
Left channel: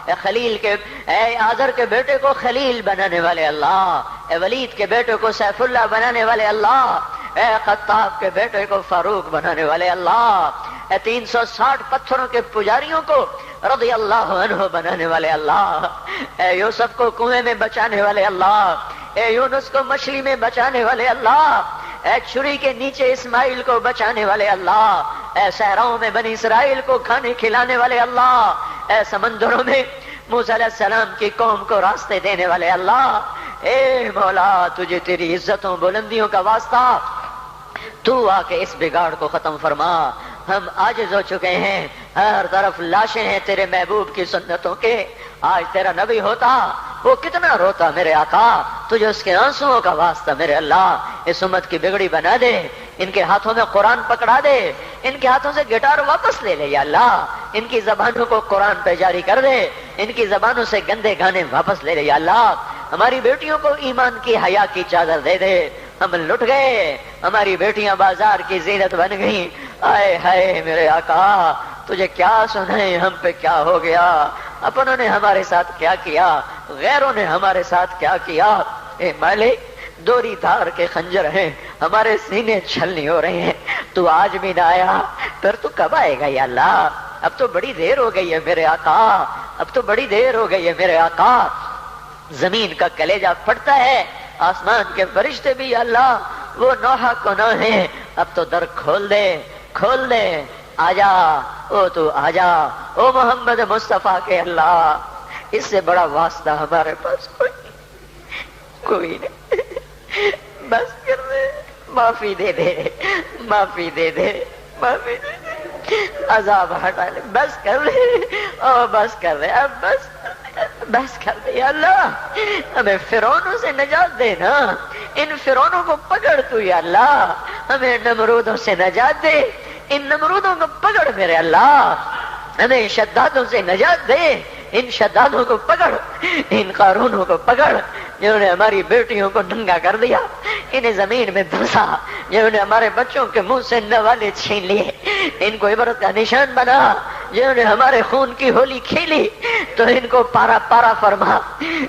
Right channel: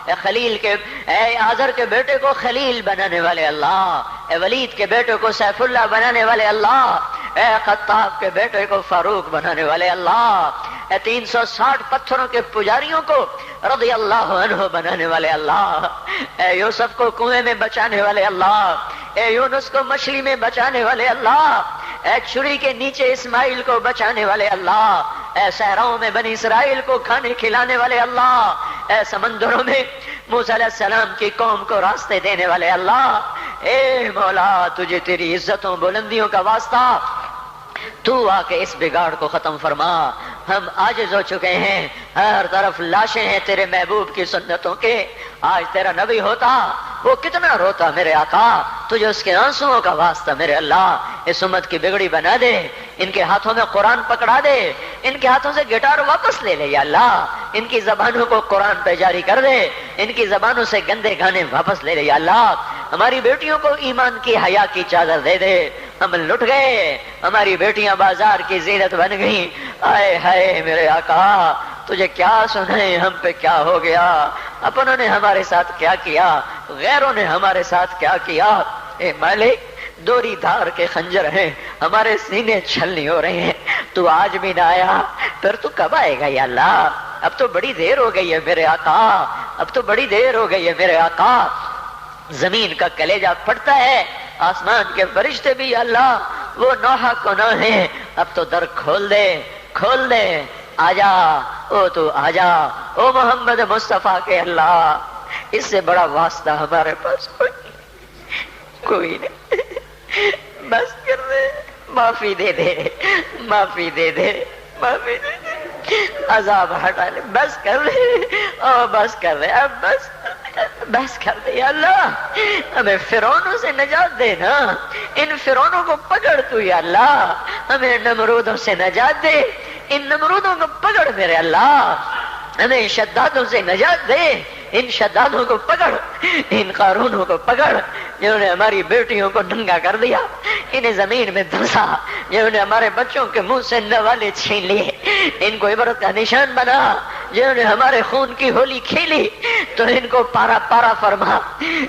اے خلیل کے، اے آزر کے بیٹے کو خلیل بنانے والے اللہ، اے ولید کے بیٹے کو سیف اللہ بنانے والے اللہ، اے خطاب کے بیٹے کو فاروق بنانے والے اللہ، اے 360 پتھروں کے پجاریوں کو رضی اللہ عنہ بنانے والے اللہ، اے یوسف کو کنویں میں بچانے والے اللہ، اے یونس کو مچھلی میں بچانے والے اللہ، اے چھری کے نیچے اسماعیل کو بچانے والے اللہ، اے صحراؤں میں بنی اسرائیل کو کھانے کھلانے والے اللہ، اے سمندروں میں موسیٰ علیہ السلام کی قوم کو راستے دینے والے اللہ، اے مولا تجھے تیری عزتوں بلندیوں کا واسطہ، تو آ کے اس بگاڑ کو ختم فرما، ہم عاجز ہو چکے ہیں، ہر طرف لاشیں ہیں تیرے محبوب کی سنتوں کے، آج تیرا نبی ہوتا وہ کتنا روتا میرے آقا، تجھے اس کے آنسوؤں کا واسطہ میرے اللہ، اس امت کی بگڑی بنا دے، ان کے ہاتھوں میں قرآن پکڑا دے، ان کے ہاتھوں سے گٹار واپس لے لے یا اللہ، ان کی زبانوں کو قرآن پہ جاری کر دے، ان کی زبانوں سے گندے گانے واپس لے لے یا اللہ، ہماری بیٹیوں کو ایمان کی حیا کی چادر دے دے، ہم لٹ گئے، ہماری بیٹیاں بازار کی زینت بن گئیں، آئے ہائے میرے آقا تجھے کیا سنائیں، ہم پہ کیا ہو گیا، اپنوں نے ہمارے ساتھ کیا کیا، غیروں نے ہمارے ساتھ کیا کیا، اے مالک دوری دھار کے خنجر ہیں، ہمارے سینے چھلنی ہو رہے ہیں، تو آج بھی نہ آیا، پھر تو کب آئے گا یا اللہ، اب تو بڑی دیر ہو گئی ہے میرے آقا، اب تو بڑی دیر ہو گئی ہے میرے آقا، زمین کا کلیجہ پھٹتا ہے، آسمان کے فرشتے بھی اللہ وہ نوحہ کو نہ ہے، اب تو در کھول دے کھول دے، آجا او تو آجا او محمد مصطفیٰ کے اللہ، اس سے بڑا واسطہ ہمارے پاس کوئی نہیں، بس کر دے، معافی دے دے، معافی دے دے، معافی دے دے، عذاب ہٹا لے، بس کر دے، او بس کر دے، اب بس کر دے یا اللہ، ہمیں فرعونوں سے نجات دے نا، ان فرعونوں کو پکڑ تو یا اللہ، ہمیں نمرودوں سے نجات دے، ان نمرودوں کو پکڑ میرے اللہ، ہمیں شدادوں سے نجات دے، ان شدادوں کو پکڑ، ان قارونوں کو پکڑ جنہوں نے ہماری بیٹیوں کو ننگا کر دیا، انہیں زمین میں دھنسا، جنہوں نے ہمارے بچوں کے منہ سے نوالے چھین لیے، ان کو عبرت کا نشان بنا، جنہوں نے ہمارے خون کی ہولی کھیلی تو ان کو پارا پارا فرما،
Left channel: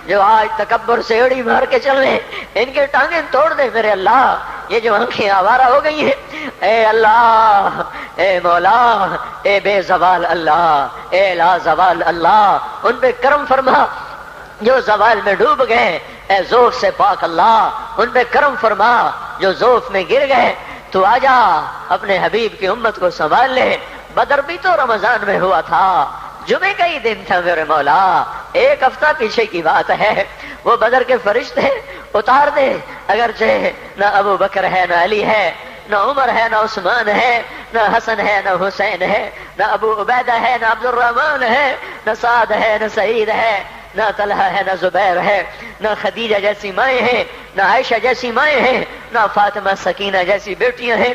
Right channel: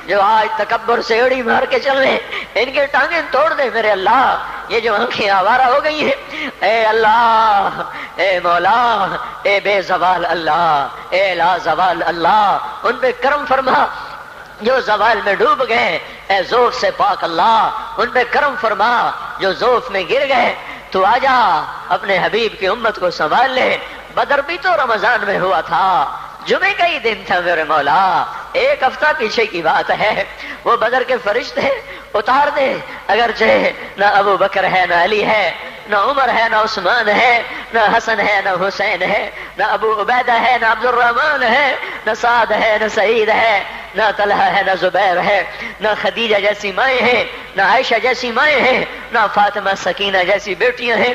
جو آج تکبر سے اڑی مار کے چل رہے ان کے ٹانگیں توڑ دے میرے اللہ، یہ جو آنکھیں آوارہ ہو گئی ہیں، اے اللہ، اے مولا، اے بے زوال اللہ، اے لا زوال اللہ، ان پہ کرم فرما، جو زوال میں ڈوب گئے اے ذوف سے پاک اللہ، ان پہ کرم فرما، جو ذوف میں گر گئے تو آجا اپنے حبیب کی امت کو سنبھال لے، بدر بھی تو رمضان میں ہوا تھا، جمعے کا ہی دن تھا میرے مولا، ایک ہفتہ پیچھے کی بات ہے، وہ بدر کے فرشتے اتار دے، اگرچہ نہ ابو بکر ہے نہ علی ہے نہ عمر ہے نہ عثمان ہے نہ حسن ہے نہ حسین ہے نہ ابو عبیدہ ہے نہ عبد الرحمن ہے نہ سعد ہے نہ سعید ہے نہ طلحہ ہے نہ زبیر ہے نہ خدیجہ جیسی مائیں ہیں نہ عائشہ جیسی مائیں ہیں نہ فاطمہ سکینہ جیسی بیٹیاں ہیں،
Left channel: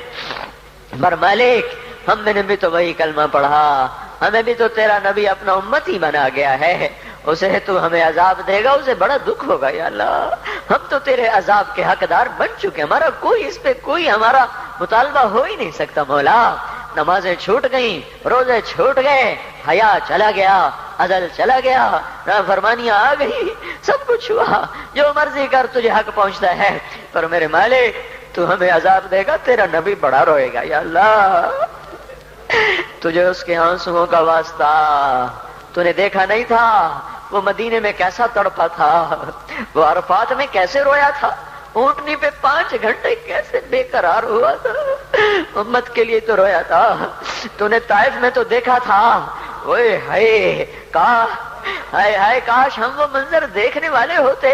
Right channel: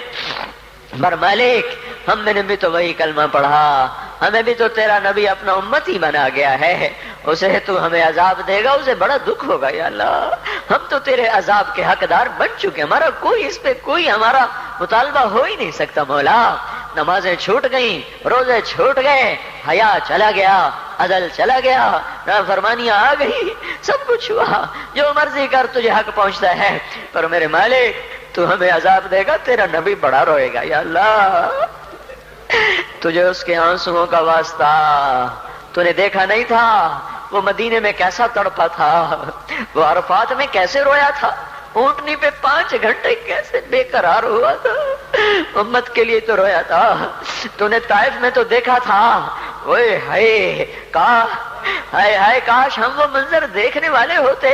پر مالک ہم نے بھی تو وہی کلمہ پڑھا، ہمیں بھی تو تیرا نبی اپنا امتی بنا گیا ہے، اسے تو ہمیں عذاب دے گا، اسے بڑا دکھ ہوگا یا اللہ، ہم تو تیرے عذاب کے حقدار بن چکے، ہمارا کوئی اس پہ کوئی ہمارا مطالبہ ہو ہی نہیں سکتا مولا، نمازیں چھوٹ گئیں، روزے چھوٹ گئے، حیا چلا گیا، عدل چلا گیا، نافرمانیاں آ گئی، سب کچھ ہوا، جو مرضی کر تجھے حق پہنچتا ہے، پر میرے مالک تو ہمیں عذاب دے گا، تیرا نبی بڑا روئے گا یا اللہ، تجھے اس کے آنسوؤں کا واسطہ، تو نے دیکھا نہیں تھا وہ مدینے میں کیسا تڑپا تھا، وہ عرفات میں کیسے رویا تھا، اونٹنی پہ 5 گھنٹے کیسے بے قرار ہوا تھا، امت کے لیے تو رویا تھا، تو نے طائف میں تو دیکھا تھا، اوئے ہائے ہائے کاش ہم وہ منظر دیکھنے والے ہوتے،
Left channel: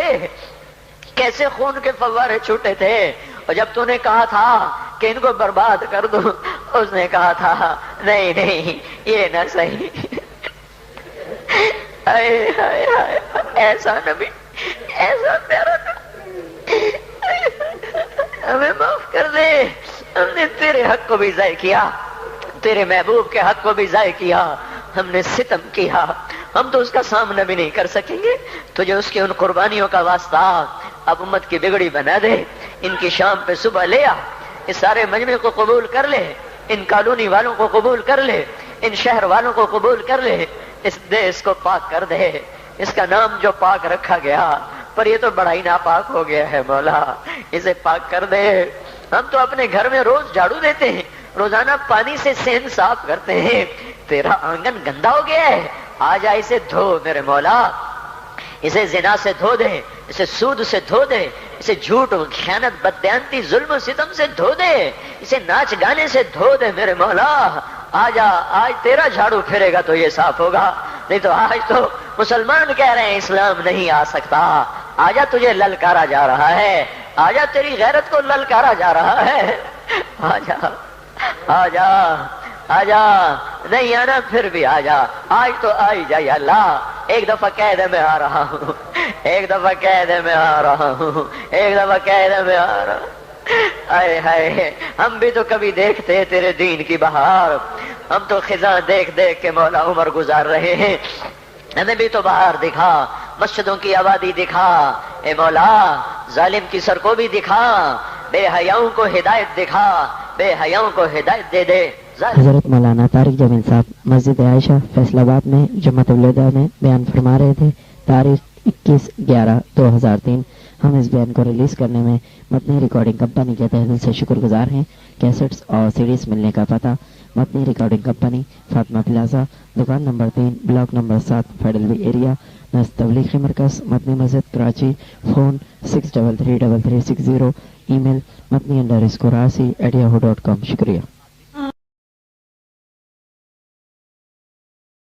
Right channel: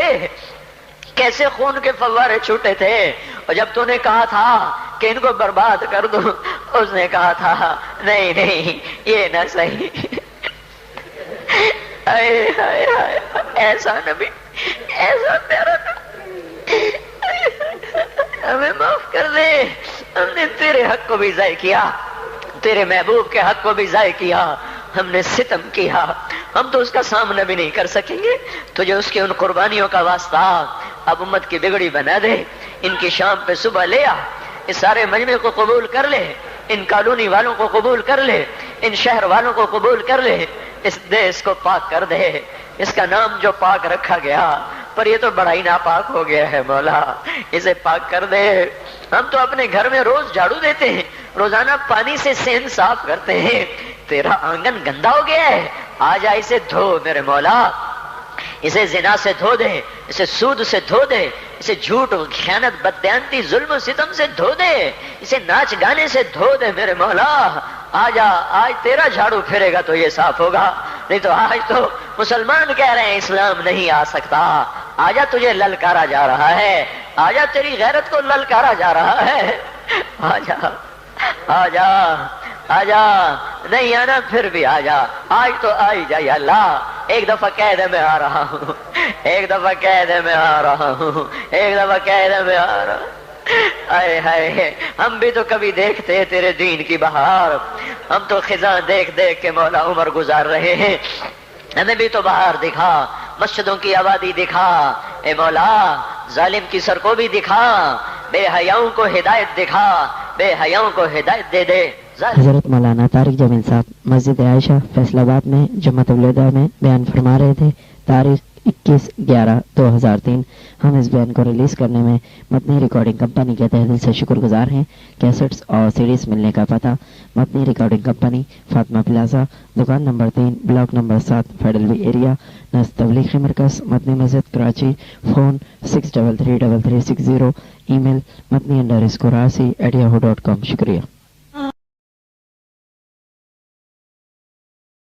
کیسے خون کے فوارے چھوٹے تھے، اور جب تو نے کہا تھا کہ ان کو برباد کر دو، اس نے کہا تھا نہیں نہیں یہ نہ صحیح، ایسا نبی، ایسا پیارا نبی، ہمیں معاف کر دے، ہم نے تیرے حق کو بھی ضائع کیا، تیرے محبوب کے حق کو بھی ضائع کیا، ہم نے ستم کیا، ہم تو اس کا سامنا بھی نہیں کر سکیں گے، تجھے اس کے ان قربانیوں کا واسطہ اب امت کی بگڑی بنا دے، ان کی شام پہ صبح لے آ، اس سارے مجمع کو قبول کر لے، ان کالونی والوں کو قبول کر لے، ان شہر والوں کو قبول کر لے، اس دیش کو پاک کر دے، اس کا نام جو پاک رکھا گیا پر یہ تو بڑا ہی ناپاک ہو گیا ہے مولا، اسے پاک کر دے، ہم تو اپنے گھر میں روز جھاڑو دیتے ہیں، روزانہ پانی سے سین صاف کرتے ہیں، تیرا آنگن گندا ہو گیا ہے، آ جا اسے دھو میرے مولا، اسے زنا سے دھو دے، اسے سود سے دھو دے، اسے جھوٹ خیانت بددیانتی ظلم و ستم سے دھو دے، اسے ناچ گانے سے دھو دے میرے مولا، آجا، آج تیرا جھاڑو پھرے گا تو یہ صاف ہوگا، نہیں تو آج تو مسلمان کہہ رہے ہیں اسلام نہیں آ سکتا، آجا تجھے للکارا جا رہا ہے، آجا تیری غیرت کو للکارا جا رہا ہے، آجا آجا آجا، نہیں آنا پھر بھی آجا، آج تو آئی جائے اللہ، ایک دفعہ کہہ دے میں آ رہا ہوں، ایک دفعہ کہہ دے میں آ رہا ہوں، ایک دفعہ کہہ دے میں آ رہا ہوں، آئے ہائے ہم بھی تو کبھی دیکھتے تیرے دین کی بہار، ہم تو خزاں دیکھ دیکھ کے مولا عمر گزار رہے ہیں، ہمیں بھی تو بہار دکھا، مسجدوں کی آبادی دکھا، اے مولا ظالم کی سر کو بھی دکھا، بے حیاؤں کو ہدایت دکھا، بے حیاؤں کو ہدایت دے دے۔ حضرت مولانا طارق جمیل صاحب مسجد عائشہ فیصل آباد میں جمعۃ الوداع میں بیان فرما رہے تھے، تاریخ 21/11/2003۔ ہم اس بیان کو ریلیز کرنے میں متنی ریکارڈنگ کمپنی کے تہہ دل سے شکر گزار ہیں۔ کیسٹس اور سیڈیز ملنے کا پتہ: متنی ریکارڈنگ کمپنی، فاطمہ پلازا، دکان نمبر 3، بلاک نمبر 7، فیڈرل وی ایریا، نزد تبلیغی مرکز، متنی مسجد، کراچی۔ فون 633360، ای میل متنی_80@yahoo.com۔ شکریہ۔